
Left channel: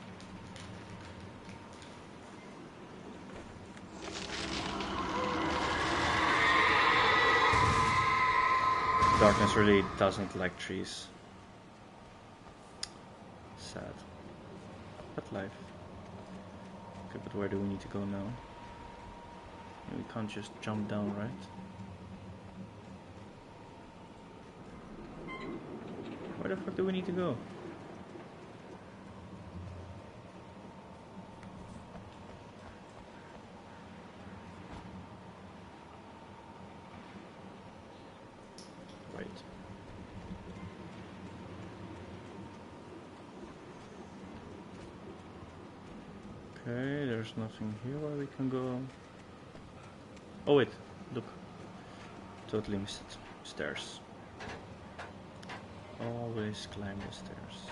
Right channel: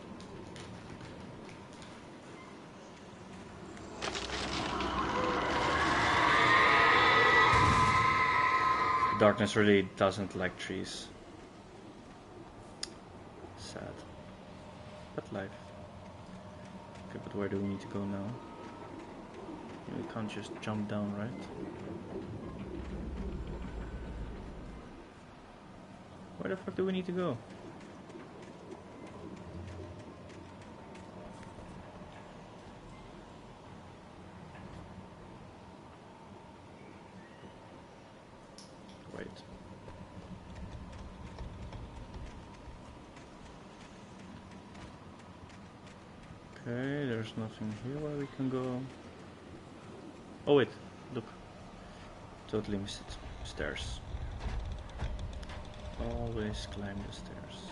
Darkness really doesn't like trees. Sad. But life. Okay, but where do we need to go now? Yeah, we can't just jump down, right? Where the fuck do we need to go? Wait. Okay, there's nothing here where we can go. Oh wait, look. Totally missed it. Stairs. Always climb the stairs.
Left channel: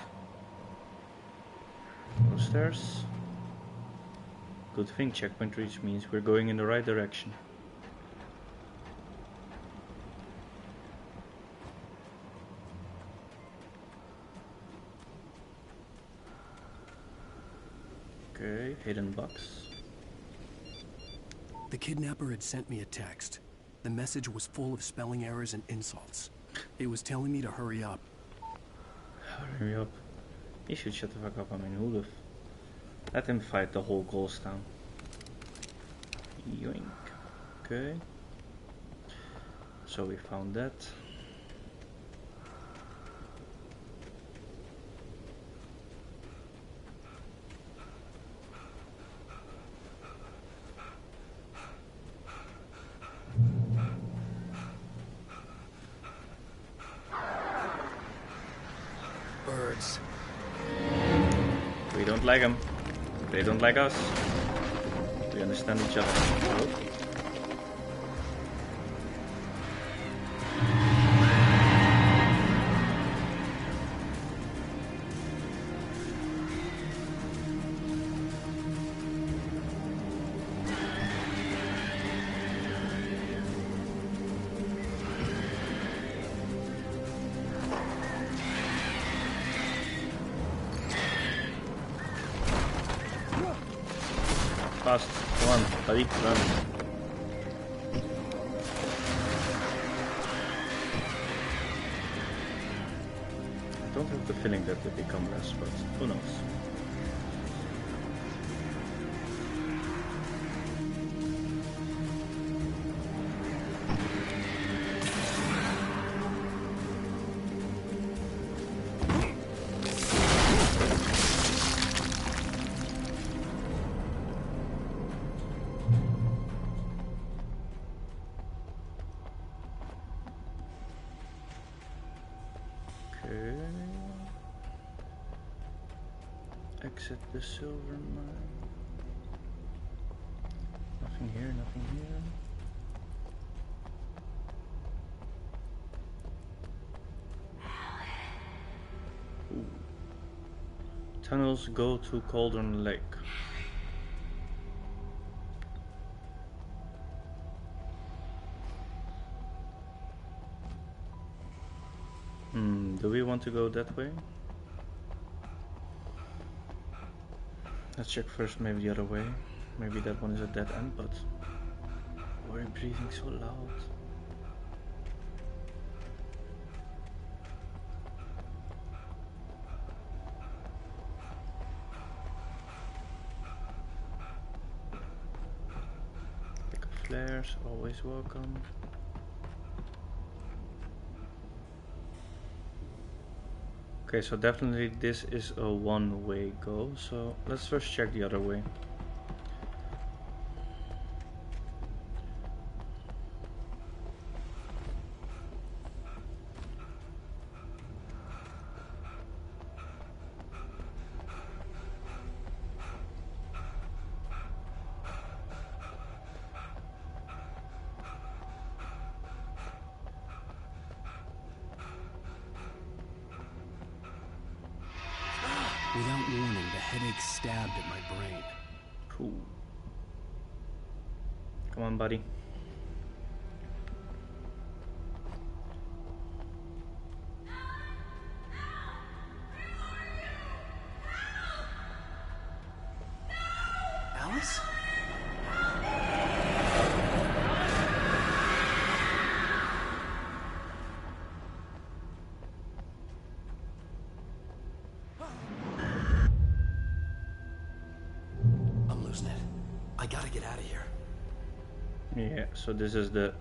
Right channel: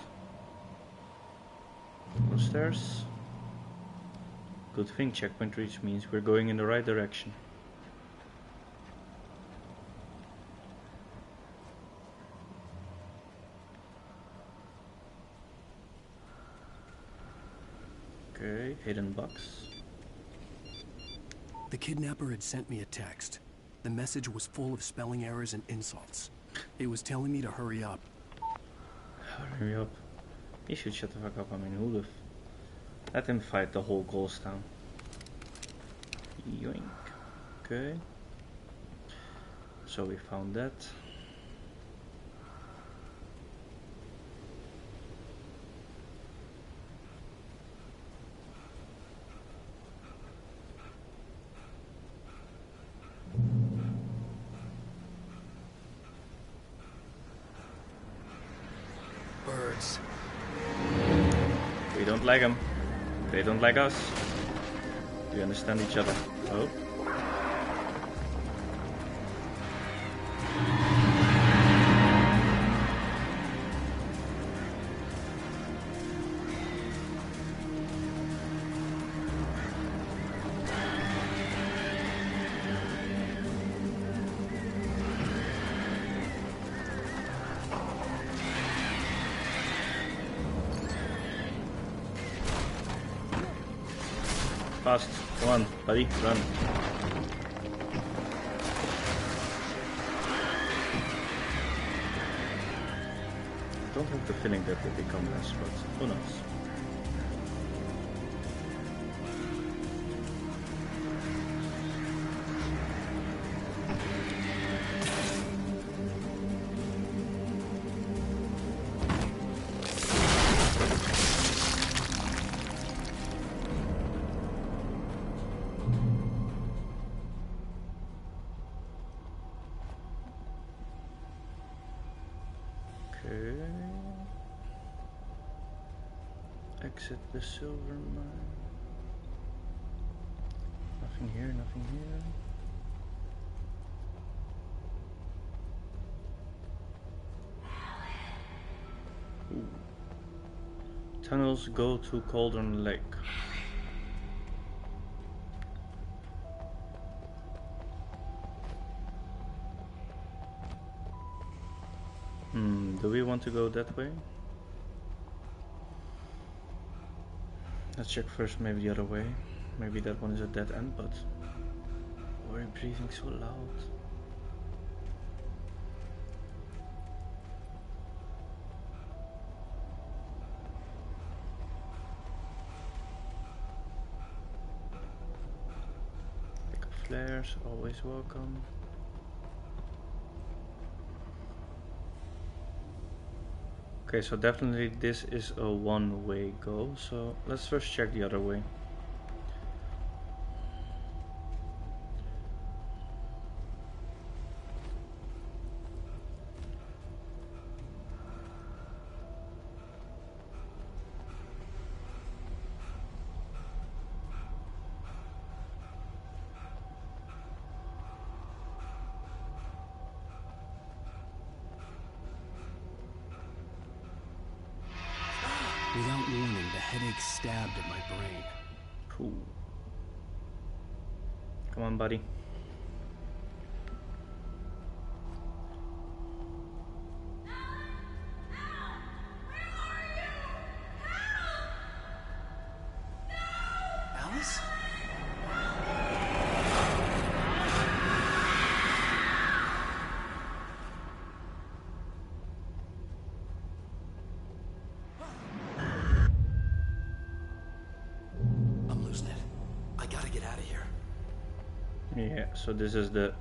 More stairs. Good thing checkpoint reach means we're going in the right direction. Okay, hidden box. The kidnapper had sent me a text. The message was full of spelling errors and insults. It was telling me to hurry up. Hurry up. He should shut the fuck up. I mean, who the let him fight the whole ghost town. Yoink. Okay. So we found that. Birds. We don't like them. They don't like us. We understand each other. Oh. Fast. Come on, buddy, run. I don't have the feeling that they become less, but who knows. Exit the silver mine. Nothing here, nothing here. Ooh. Tunnels go to Cauldron Lake. Do we want to go that way? Let's check first, maybe the other way. Maybe that one is a dead end, but why are you breathing so loud? Pick up flares, always welcome. Okay, so definitely this is a one-way go, so let's first check the other way. Without warning, the headache stabbed at my brain. Cool. Come on, buddy. Alice? Yeah, so this is the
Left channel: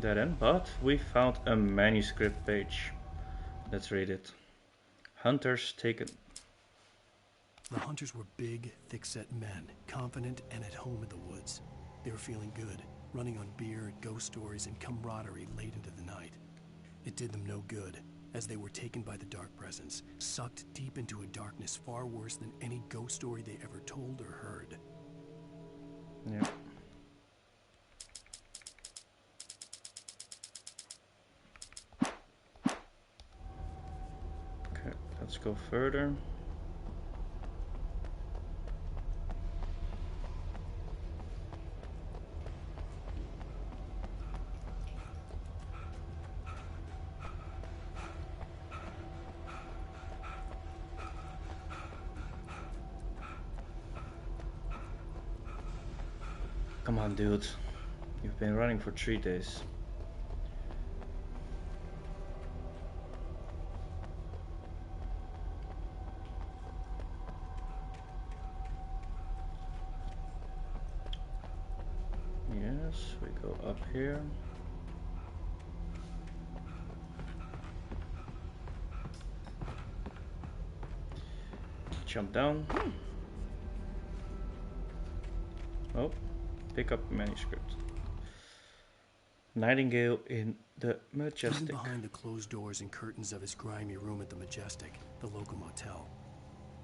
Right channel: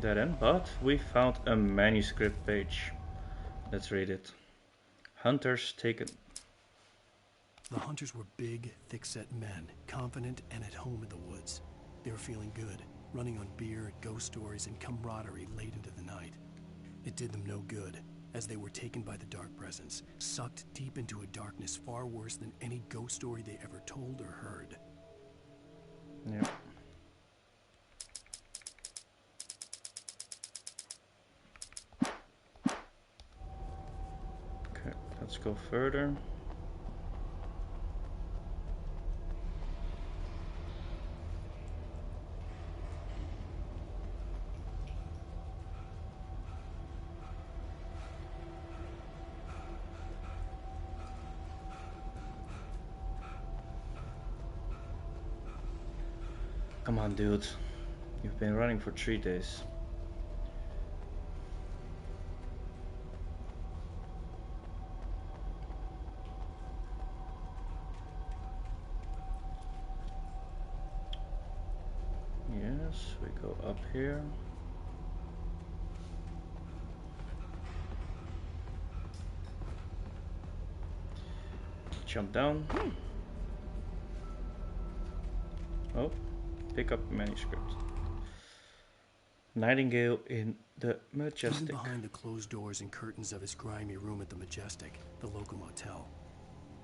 dead end, but we found a manuscript page. Let's read it. Hunters taken. The hunters were big, thick-set men, confident and at home in the woods. They were feeling good, running on beer, ghost stories, and camaraderie late into the night. It did them no good, as they were taken by the dark presence, sucked deep into a darkness far worse than any ghost story they ever told or heard. Yeah. Okay, let's go further. Come on, dude. You've been running for 3 days. Yes, we go up here. Jump down. Oh. Pick up manuscript. Nightingale in the Majestic. Even behind the closed doors and curtains of his grimy room at the Majestic, the local motel,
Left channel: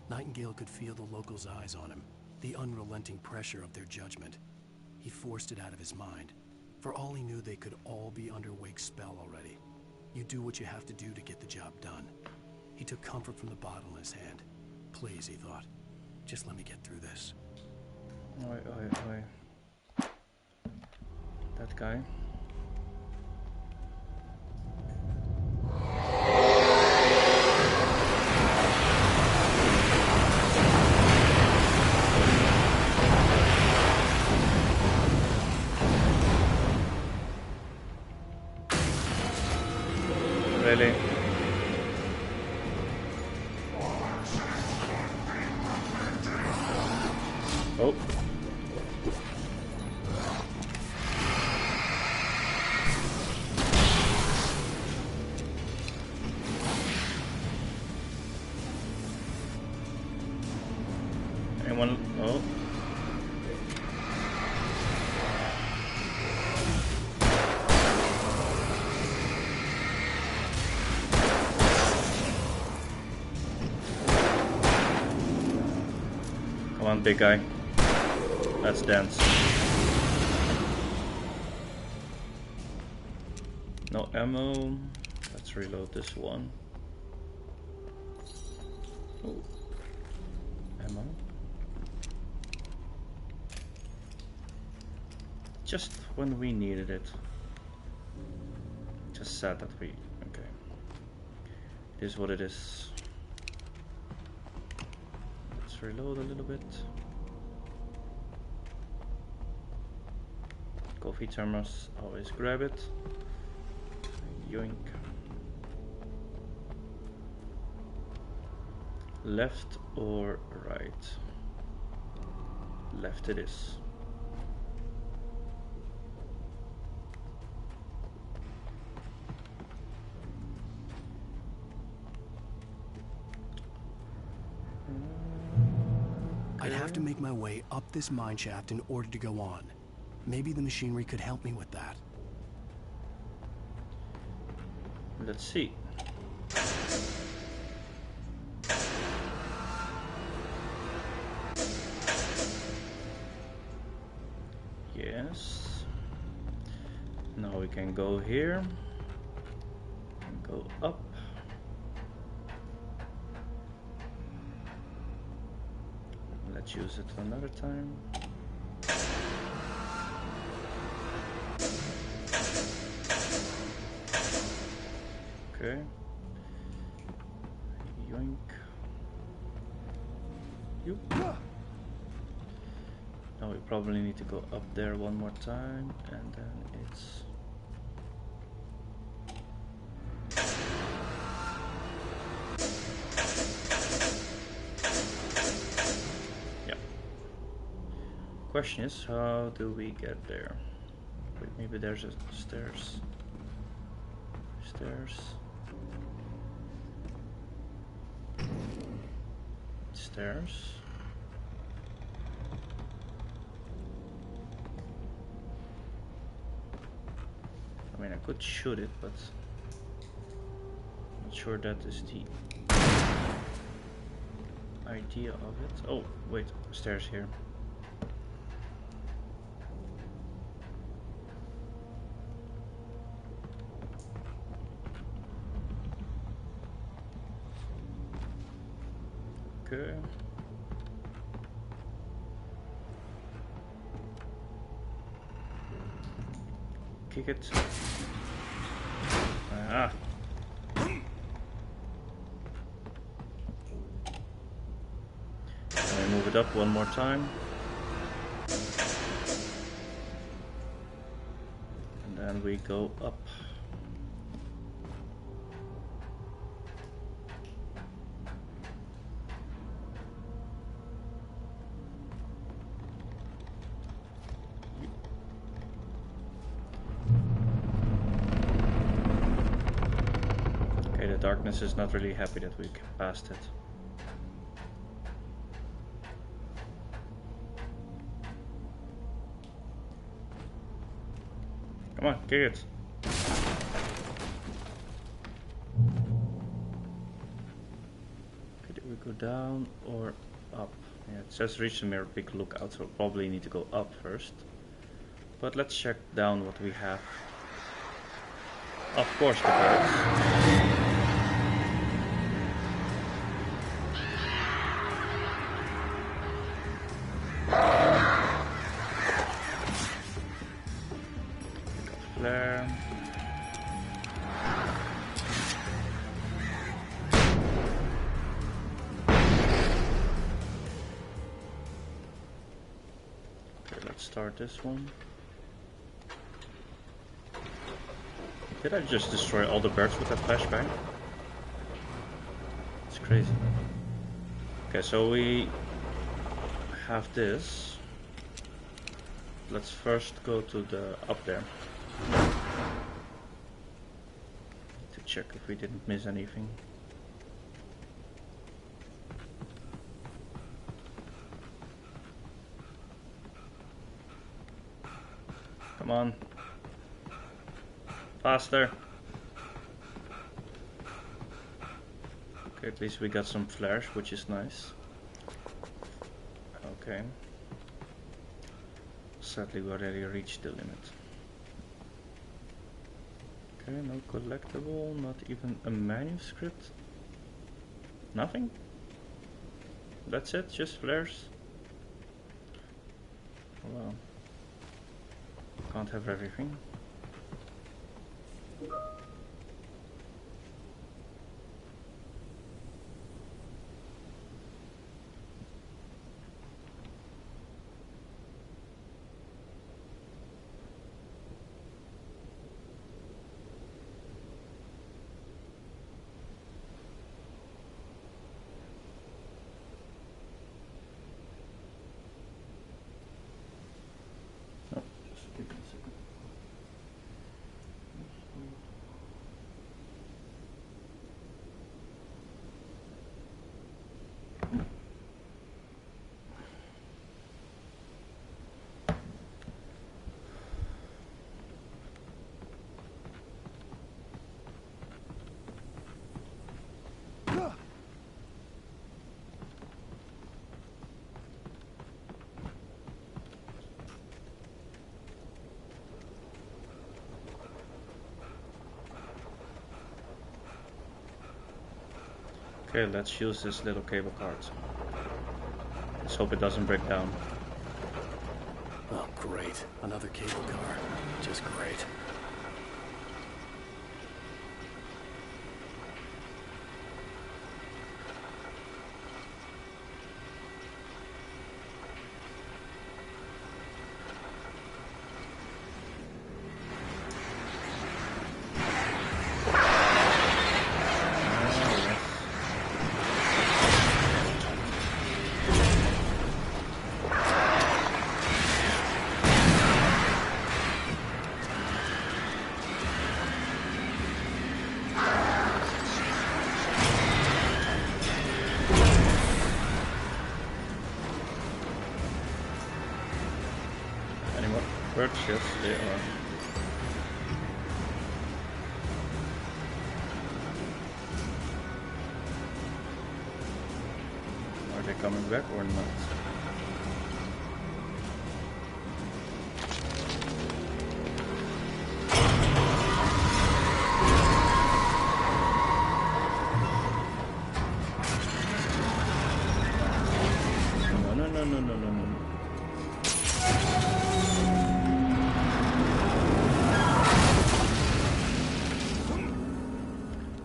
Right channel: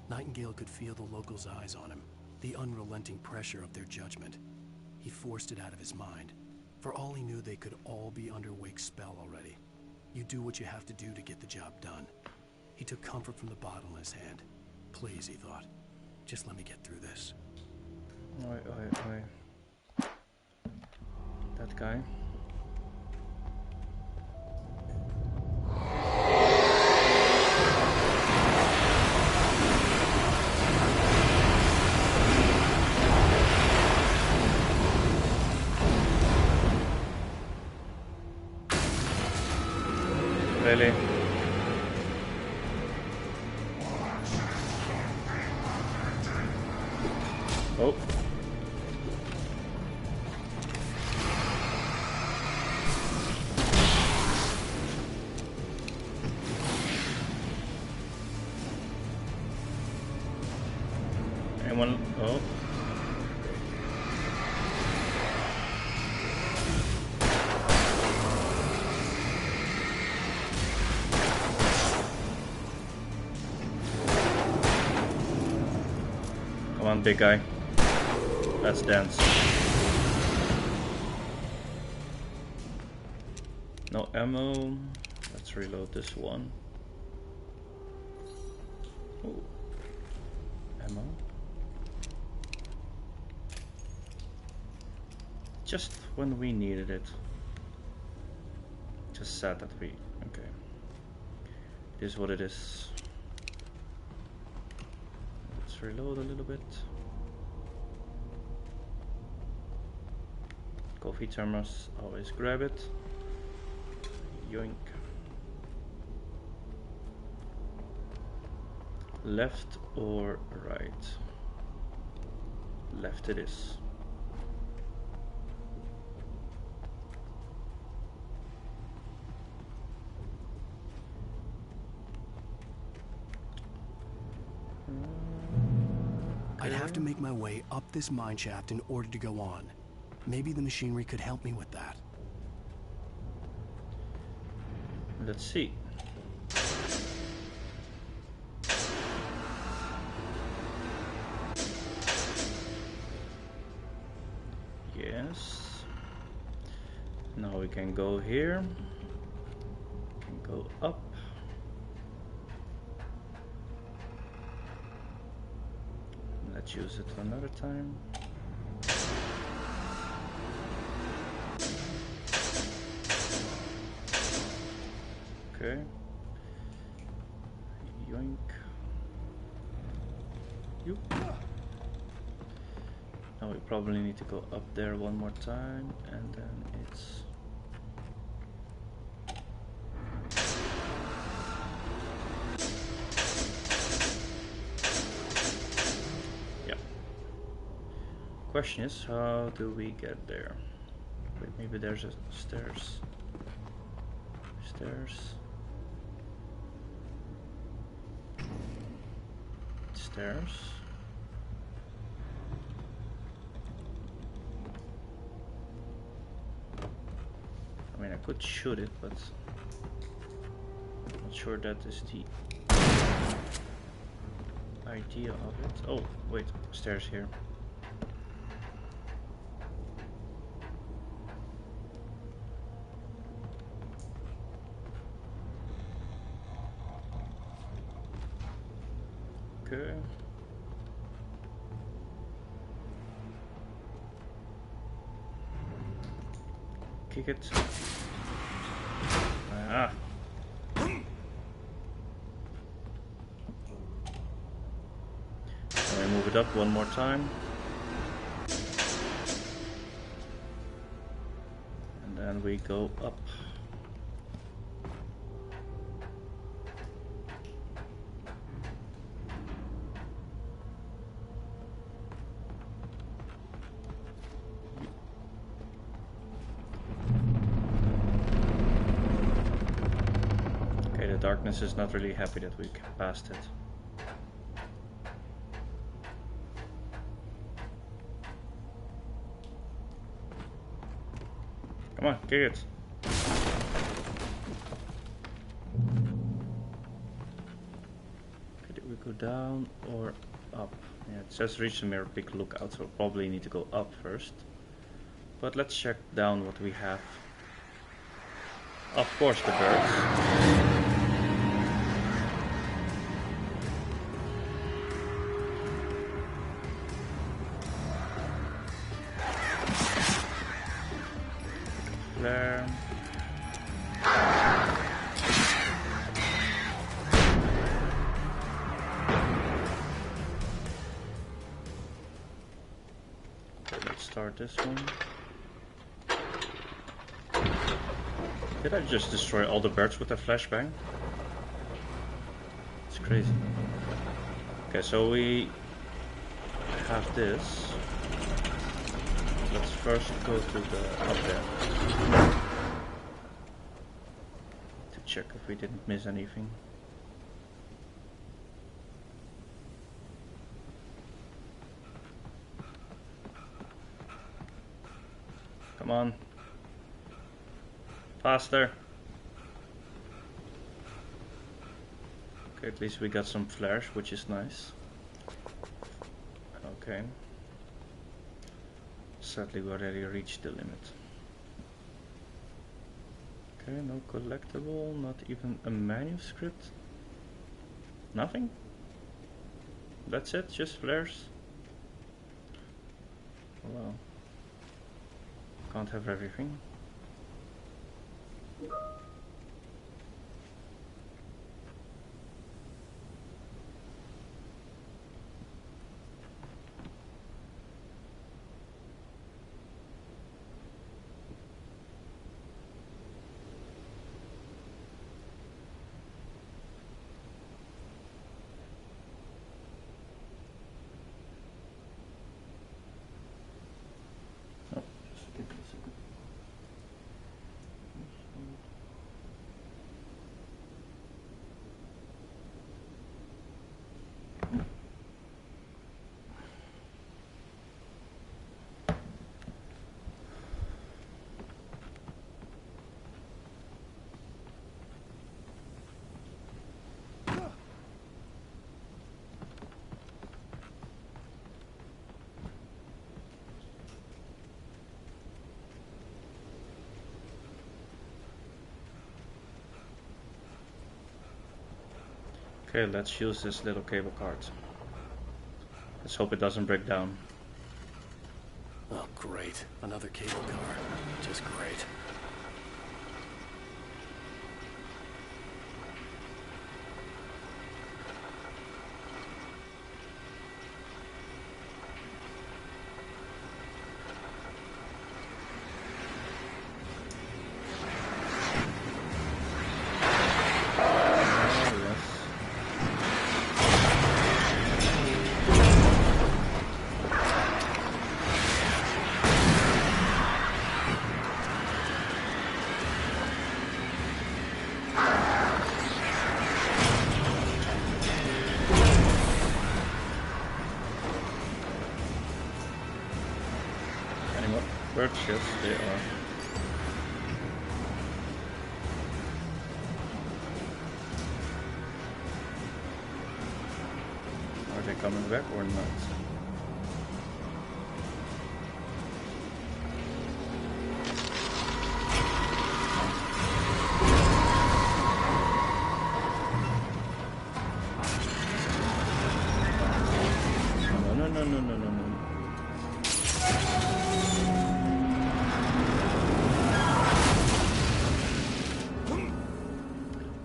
Nightingale could feel the locals' eyes on him, the unrelenting pressure of their judgment. He forced it out of his mind. For all he knew, they could all be under Wake's spell already. You do what you have to do to get the job done. He took comfort from the bottle in his hand. Please, he thought, just let me get through this. Oi. That guy. Really? Oh. Anyone? Oh. Come on, big guy. Let's dance. No ammo. Let's reload this one. Ooh. Ammo. Just when we needed it. Just sad that we... Okay. It is what it is. Let's reload a little bit. Coffee thermos, always grab it. Yoink. Left or right? Left it is. I'd have to make my way up this mine shaft in order to go on. Maybe the machinery could help me with that. Let's see. Yes. Now we can go here. We can go up. Let's use it another time. Okay. Yoink. You. Now we probably need to go up there one more time, and then it's... Yeah. Question is, how do we get there? Wait, maybe there's a stairs. Stairs. Stairs. I mean, I could shoot it, but I'm not sure that is the idea of it. Oh, wait, stairs here. Okay. Kick it. Ah. And we move it up one more time. And then we go up. Darkness is not really happy that we passed it. Come on, kick it. Okay, did we go down or up? Yeah, it says reach the mirror peak lookout, so we'll probably need to go up first. But let's check down what we have. Of course, the birds. Flare. Okay, let's start this one. Did I just destroy all the birds with that flashbang? It's crazy. Okay, so we have this. Let's first go to the up there to check if we didn't miss anything. Come on. Faster. Okay, at least we got some flares, which is nice. Okay. Sadly, we already reached the limit. Okay, no collectible, not even a manuscript. Nothing? That's it, just flares? Well, can't have everything. Oh, just give me a second. Okay, let's use this little cable card. Let's hope it doesn't break down. Oh, great. Another cable car. Just great. Birds, yes, they are. Are they coming back or not? No.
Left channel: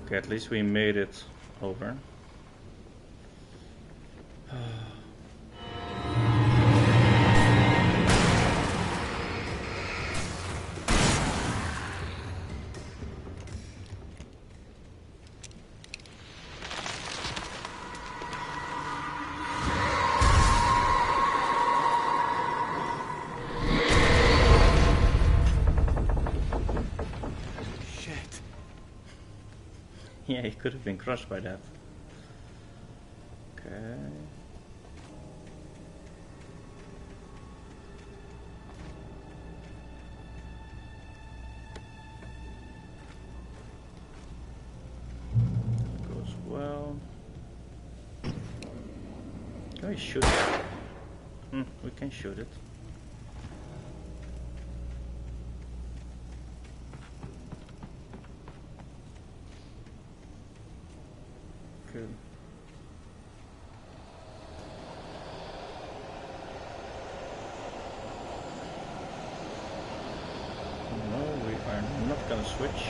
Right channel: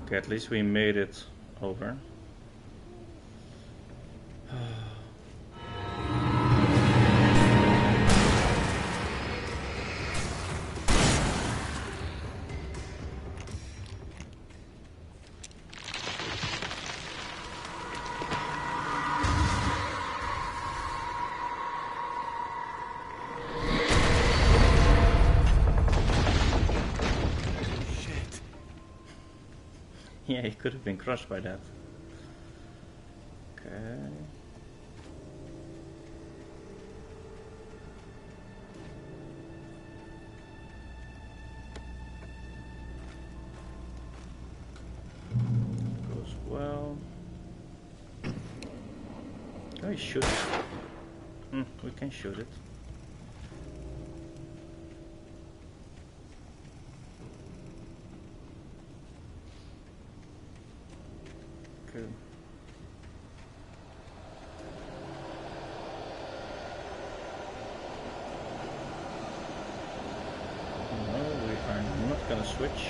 Okay, at least we made it over. Yeah, he could have been crushed by that. Okay. Goes well. Can we shoot it? We can shoot it. Good. No, we are not gonna switch.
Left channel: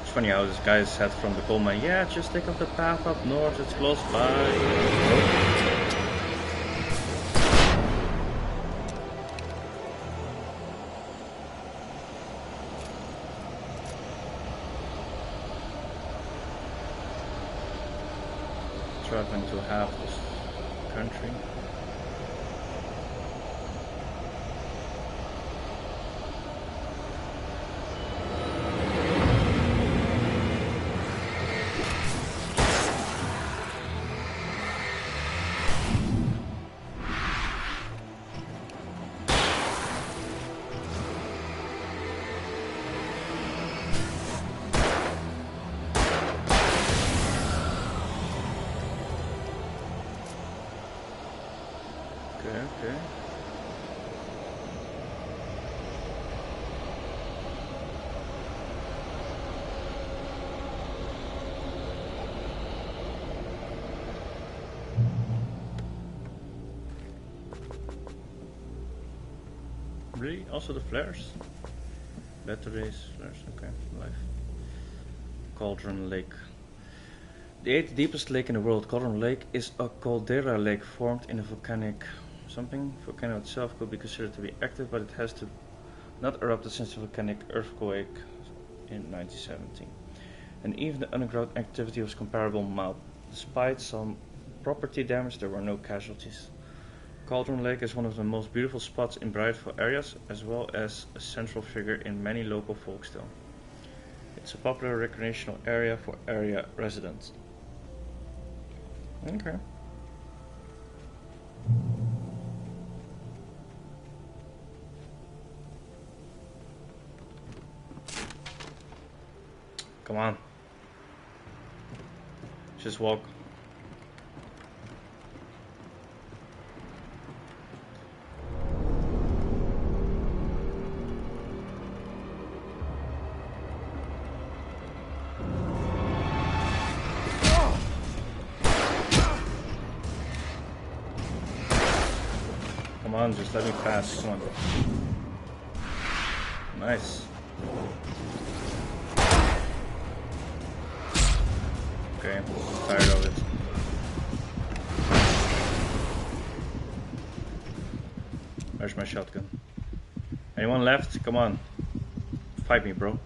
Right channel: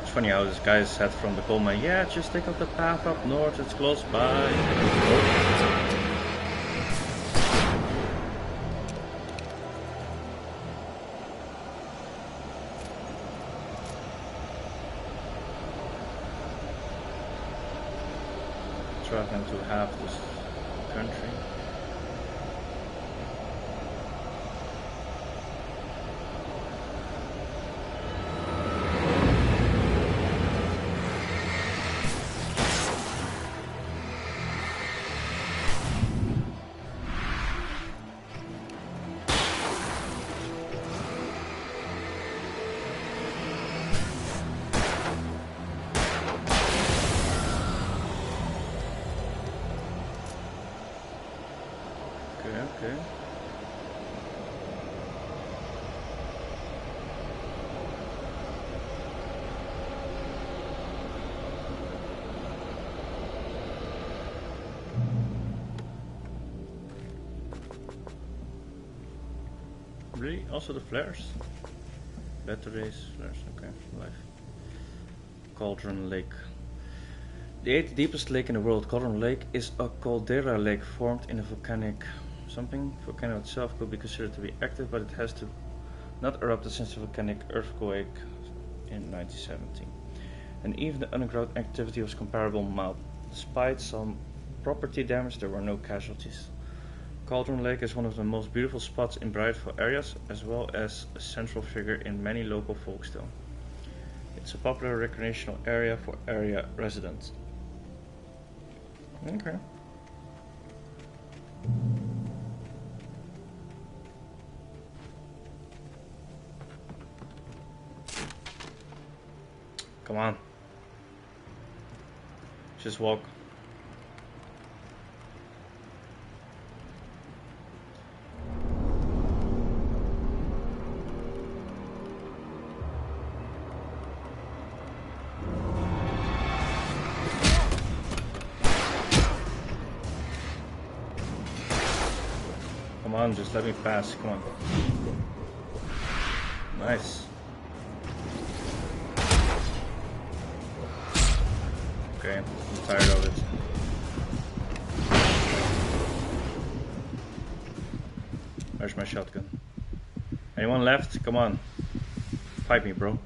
It's funny how this guy said from the coal mine, yeah, just take up the path up north, it's close by. Oh. traveling to half this country. Okay. Really? Also the flares? Batteries, flares, okay, life. Cauldron Lake. The 8th deepest lake in the world, Cauldron Lake, is a caldera lake formed in a volcanic something. Volcano itself could be considered to be active, but it has to not erupted since the volcanic earthquake in 1917. And even the underground activity was comparable mild. Despite some property damage, there were no casualties. Cauldron Lake is one of the most beautiful spots in Brideful areas, as well as a central figure in many local folktale. It's a popular recreational area for area residents. Okay. Come on. Just walk. Come on, just let me pass. Come on. Nice. Okay, I'm tired of it. Where's my shotgun? Anyone left? Come on. Fight me, bro.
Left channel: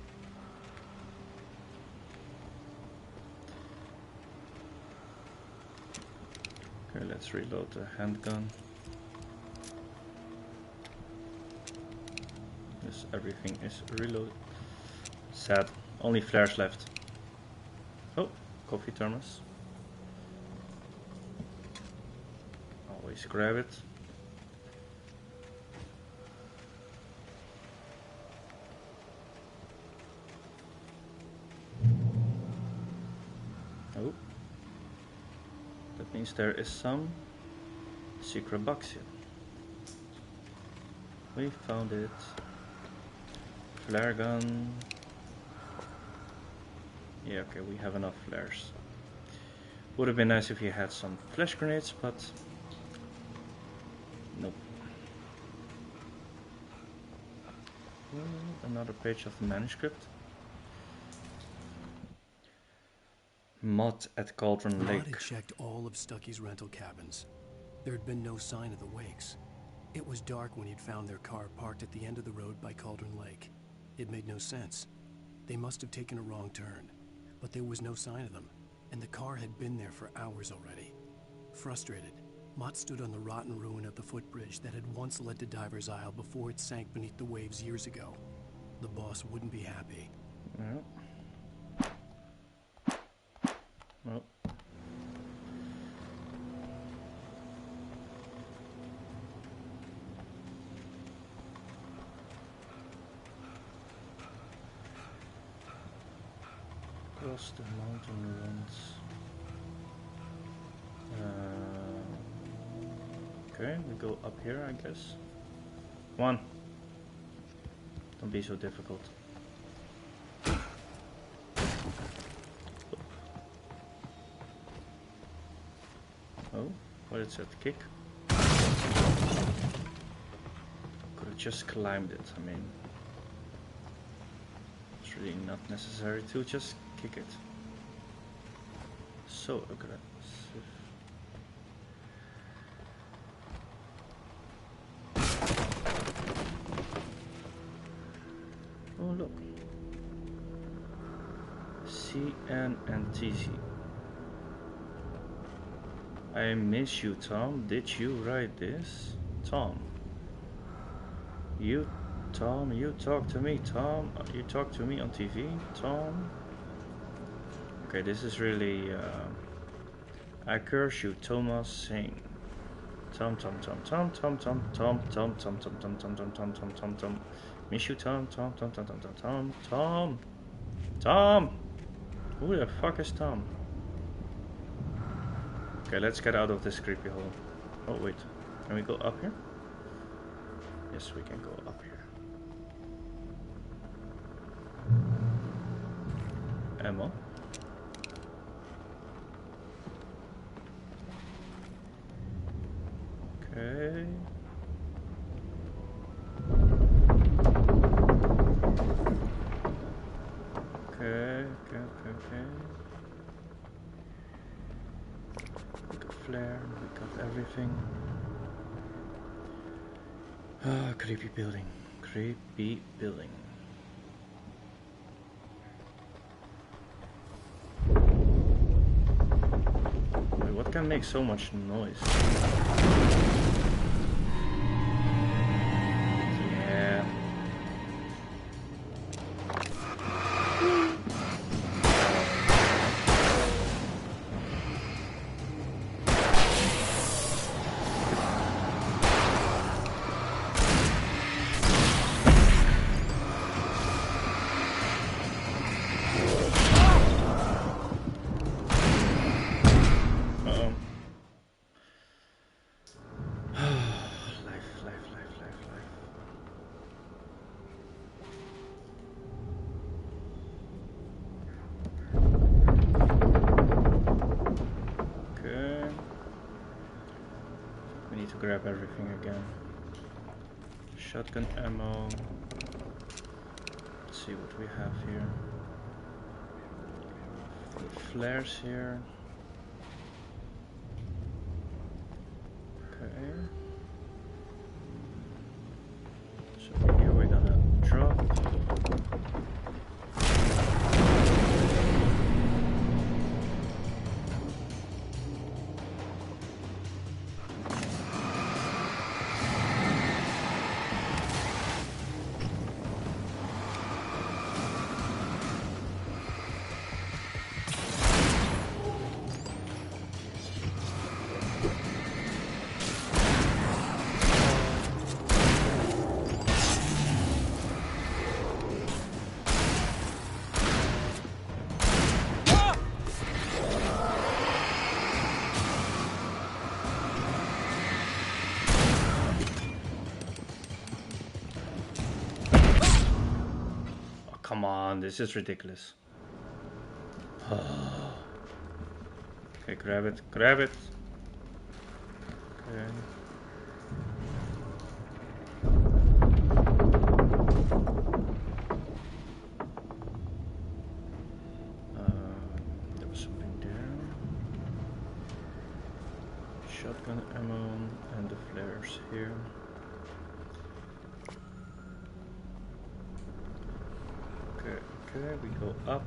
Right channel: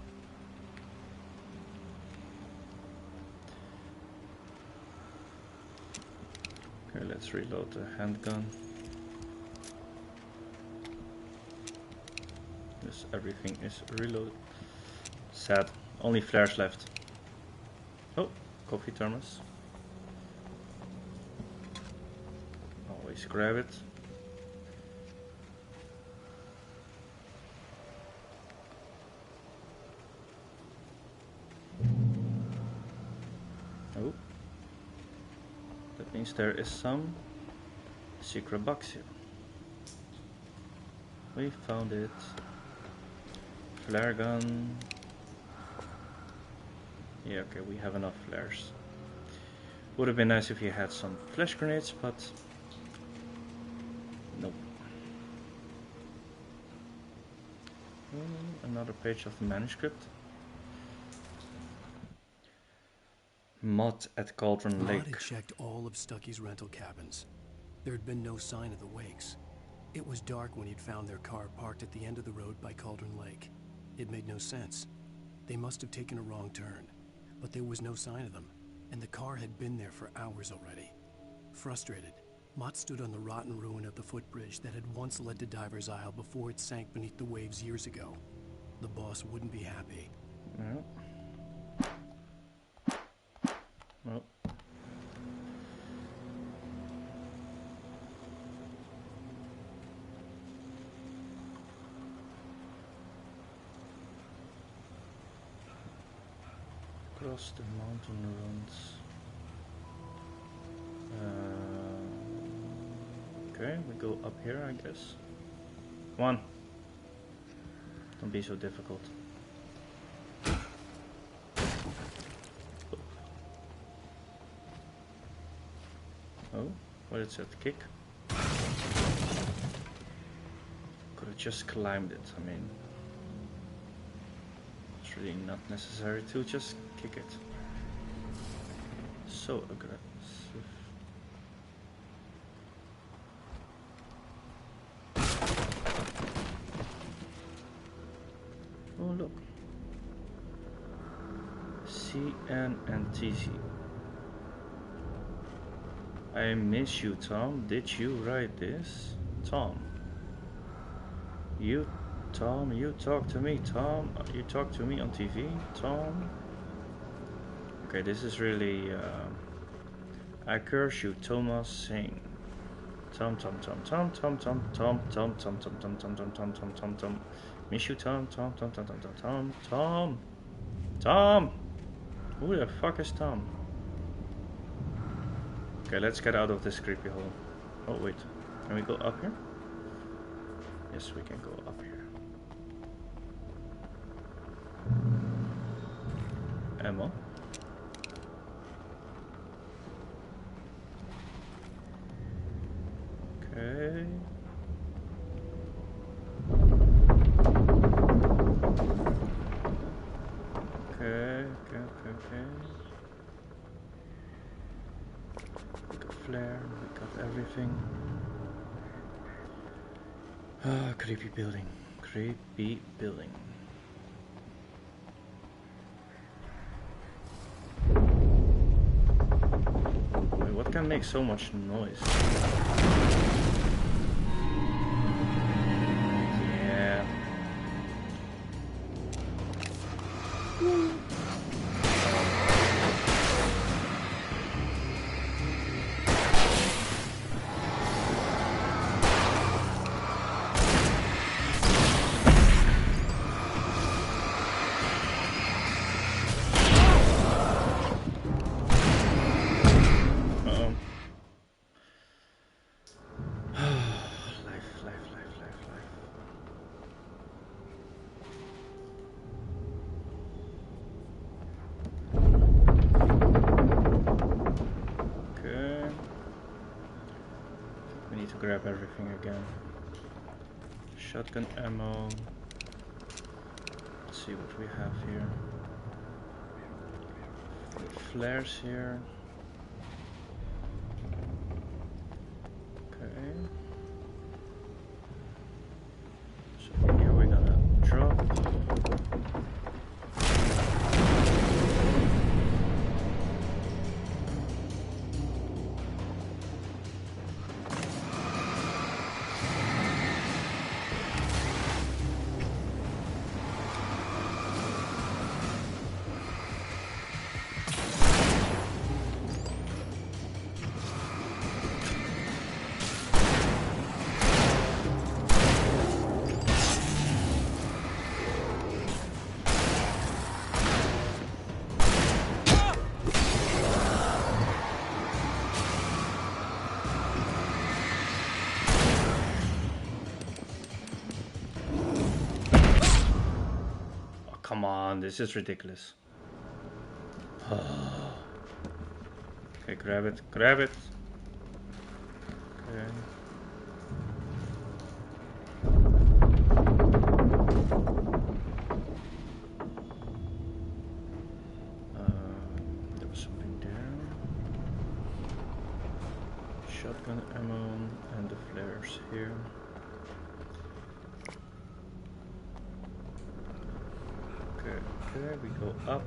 Okay, let's reload the handgun. Yes, everything is reloaded. Sad. Only flares left. Oh, coffee thermos. Always grab it. Oh. That means there is some secret box here. We found it. Flare gun. Yeah, okay, we have enough flares. Would have been nice if you had some flash grenades, but nope. Oh, another page of the manuscript. Mod at Cauldron Lake. Maud had checked all of Stucky's rental cabins. There had been no sign of the wakes. It was dark when he'd found their car parked at the end of the road by Cauldron Lake. It made no sense. They must have taken a wrong turn, but there was no sign of them, and the car had been there for hours already. Frustrated, Mott stood on the rotten ruin of the footbridge that had once led to Diver's Isle before it sank beneath the waves years ago. The boss wouldn't be happy. Well. Well. Across the mountain runs. Okay, we go up here, I guess. Come on. Don't be so difficult. Oh, what is that? Kick? Could have just climbed it, I mean. It's really not necessary to just kick it. So aggressive. Oh look. CN and TC. I miss you, Tom. Did you write this? Tom. Tom, you talk to me, Tom. You talk to me on TV, Tom. Okay, this is really... I curse you, Thomas Singh. Tom. Miss you, Tom. Tom! Who the fuck is Tom? Okay, let's get out of this creepy hole. Oh, wait. Can we go up here? Yes, we can go up here. Ammo. Okay. Okay. We got flare, we got everything. Ah, creepy building. Creepy building. Wait, what can make so much noise? Yeah. Grab everything again. Shotgun ammo. Let's see what we have here. Flares here. Okay. So here we're gonna drop. Come on, this is ridiculous. Okay, grab it. Okay. There was something there. Shotgun ammo and the flares here. Okay, we go up.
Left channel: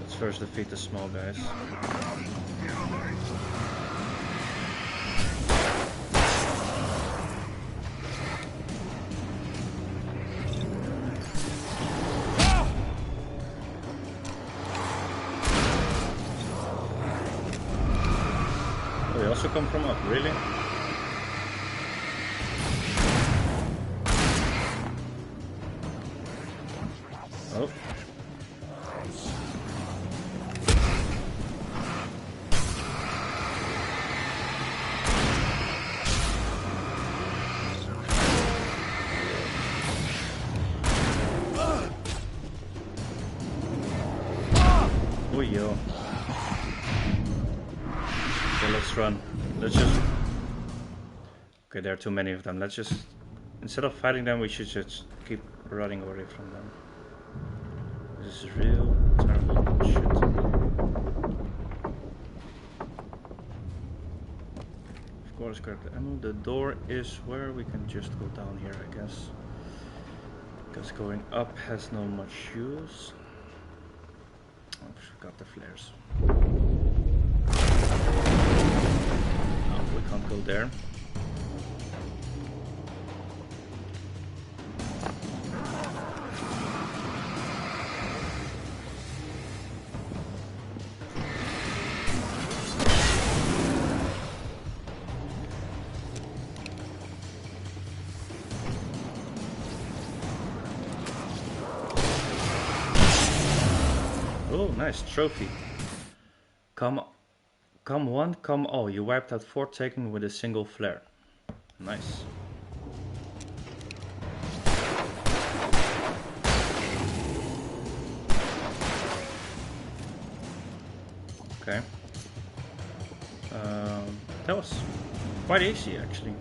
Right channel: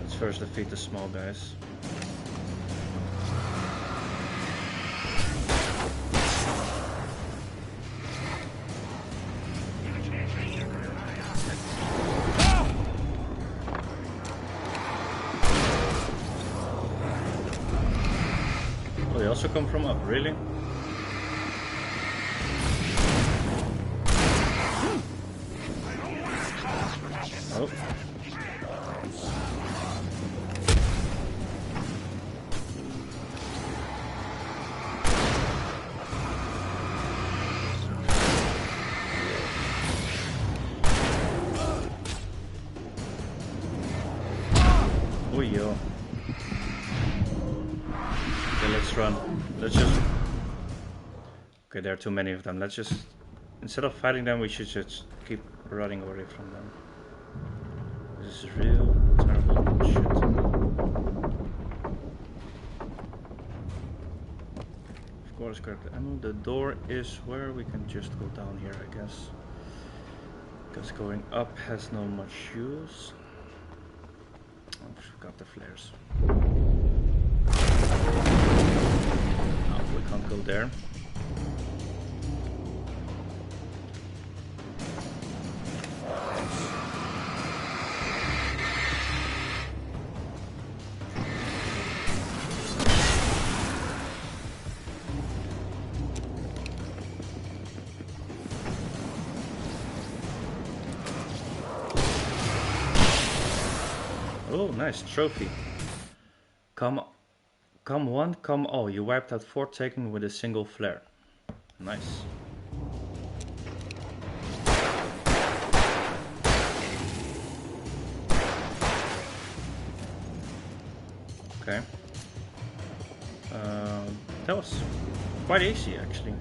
Let's first defeat the small guys. They also come from up, really? Oh. Oh, yo. Okay, let's run. Let's just... Okay, there are too many of them. Let's just... Instead of fighting them, we should just keep running away from them. This is real terrible shit. Of course, grab the ammo. The door is where we can just go down here, I guess. Because going up has no much use. Oh, I forgot the flares. Oh, we can't go there. Oh, nice trophy. Come one, come all. You wiped out 4 Taken with a single flare. Nice. Okay. That was quite easy, actually.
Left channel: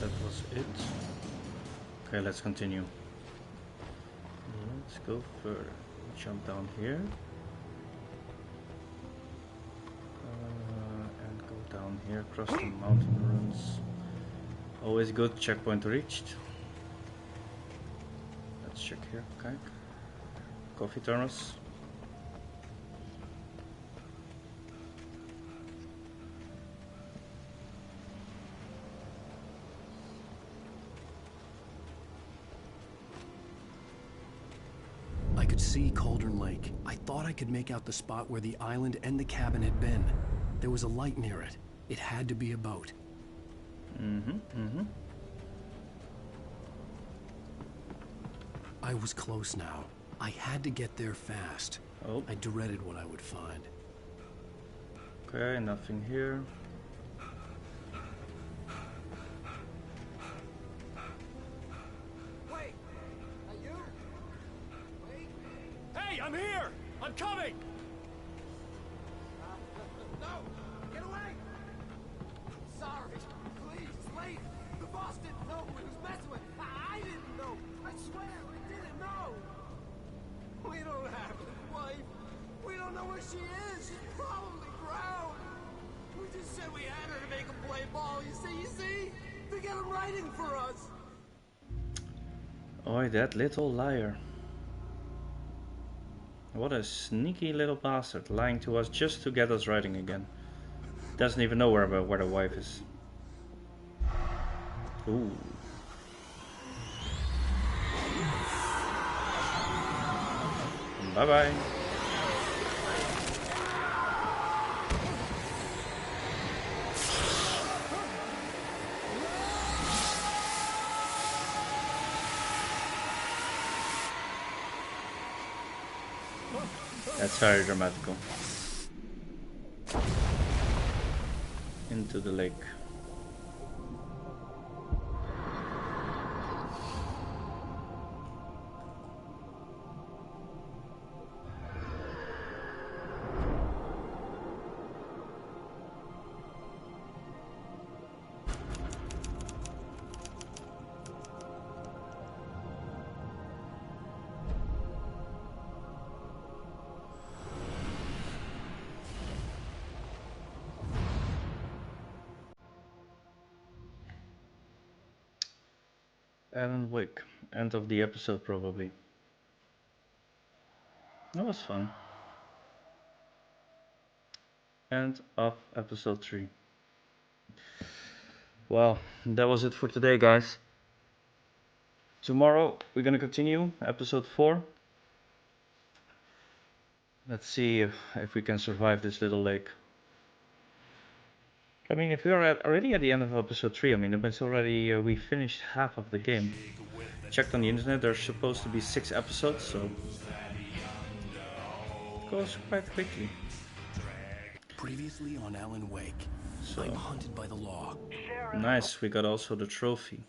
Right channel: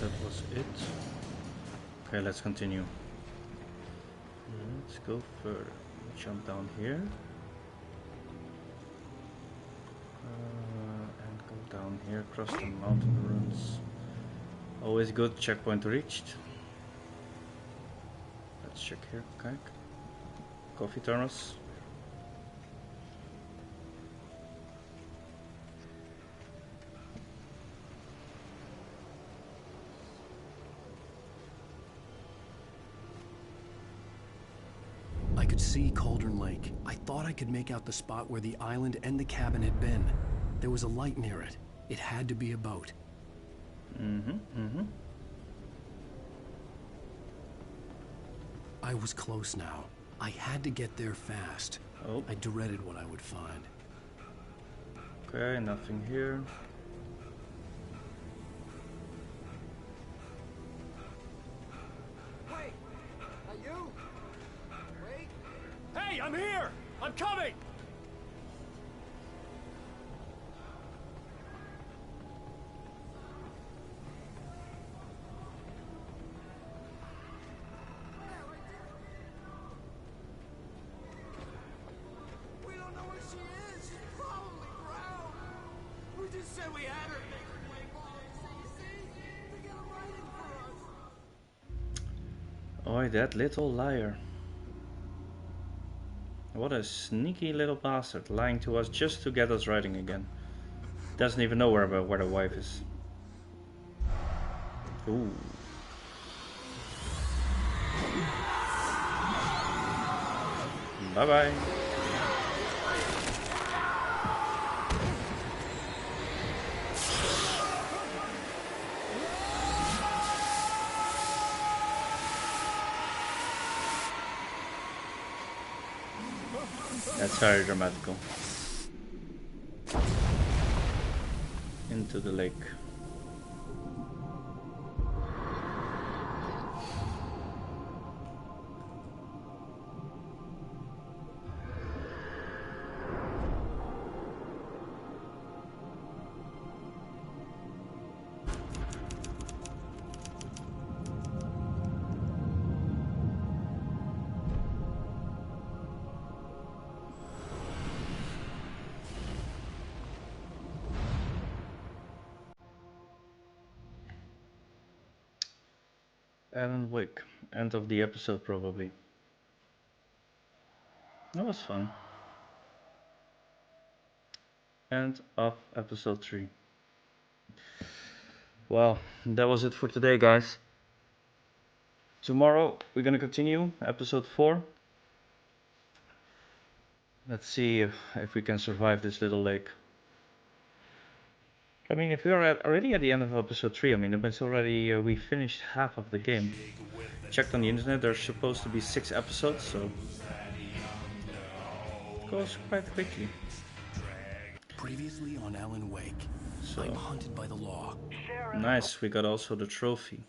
That was it. Okay, let's continue. Let's go further. Jump down here. And go down here across the mountain ruins. Always good. Checkpoint reached. Let's check here. Okay. Coffee thermos. I could see Cauldron Lake. I thought I could make out the spot where the island and the cabin had been. There was a light near it. It had to be a boat. I was close now. I had to get there fast. Oh. I dreaded what I would find. Okay, nothing here. Wait! Are you? Wait! Hey, I'm here! I'm coming! No! Get away! Sorry. Please, wait! The boss didn't know who he was messing with. I didn't know. I swear, I didn't know. We don't have a wife. We don't know where she is. She's probably drowned. We just said we had her to make a play ball. You see? They got him writing for us. Oh, that little liar. What a sneaky little bastard, lying to us just to get us writing again. Doesn't even know where the wife is. Ooh. Bye bye. That's very dramatical. Into the lake. Alan Wake. End of the episode, probably. That was fun. End of episode 3. Well, that was it for today, guys. Tomorrow we're gonna continue episode 4. Let's see if we can survive this little lake. I mean, if we are already at the end of episode 3, I mean, it's already, we finished half of the game. Checked on the internet, there's supposed to be 6 episodes, so it goes quite quickly. Previously on Alan Wake, So, I'm hunted by the law. Nice, we got also the trophy.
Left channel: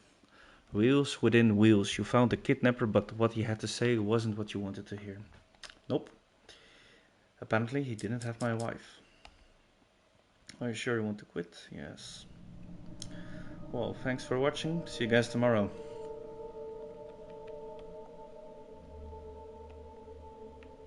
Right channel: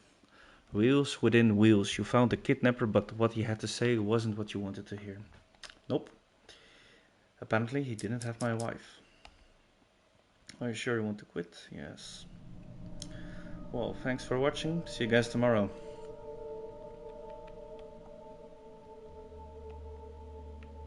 Wheels within wheels. You found the kidnapper, but what he had to say wasn't what you wanted to hear. Nope. Apparently he didn't have my wife. Are you sure you want to quit? Yes. Well, thanks for watching. See you guys tomorrow.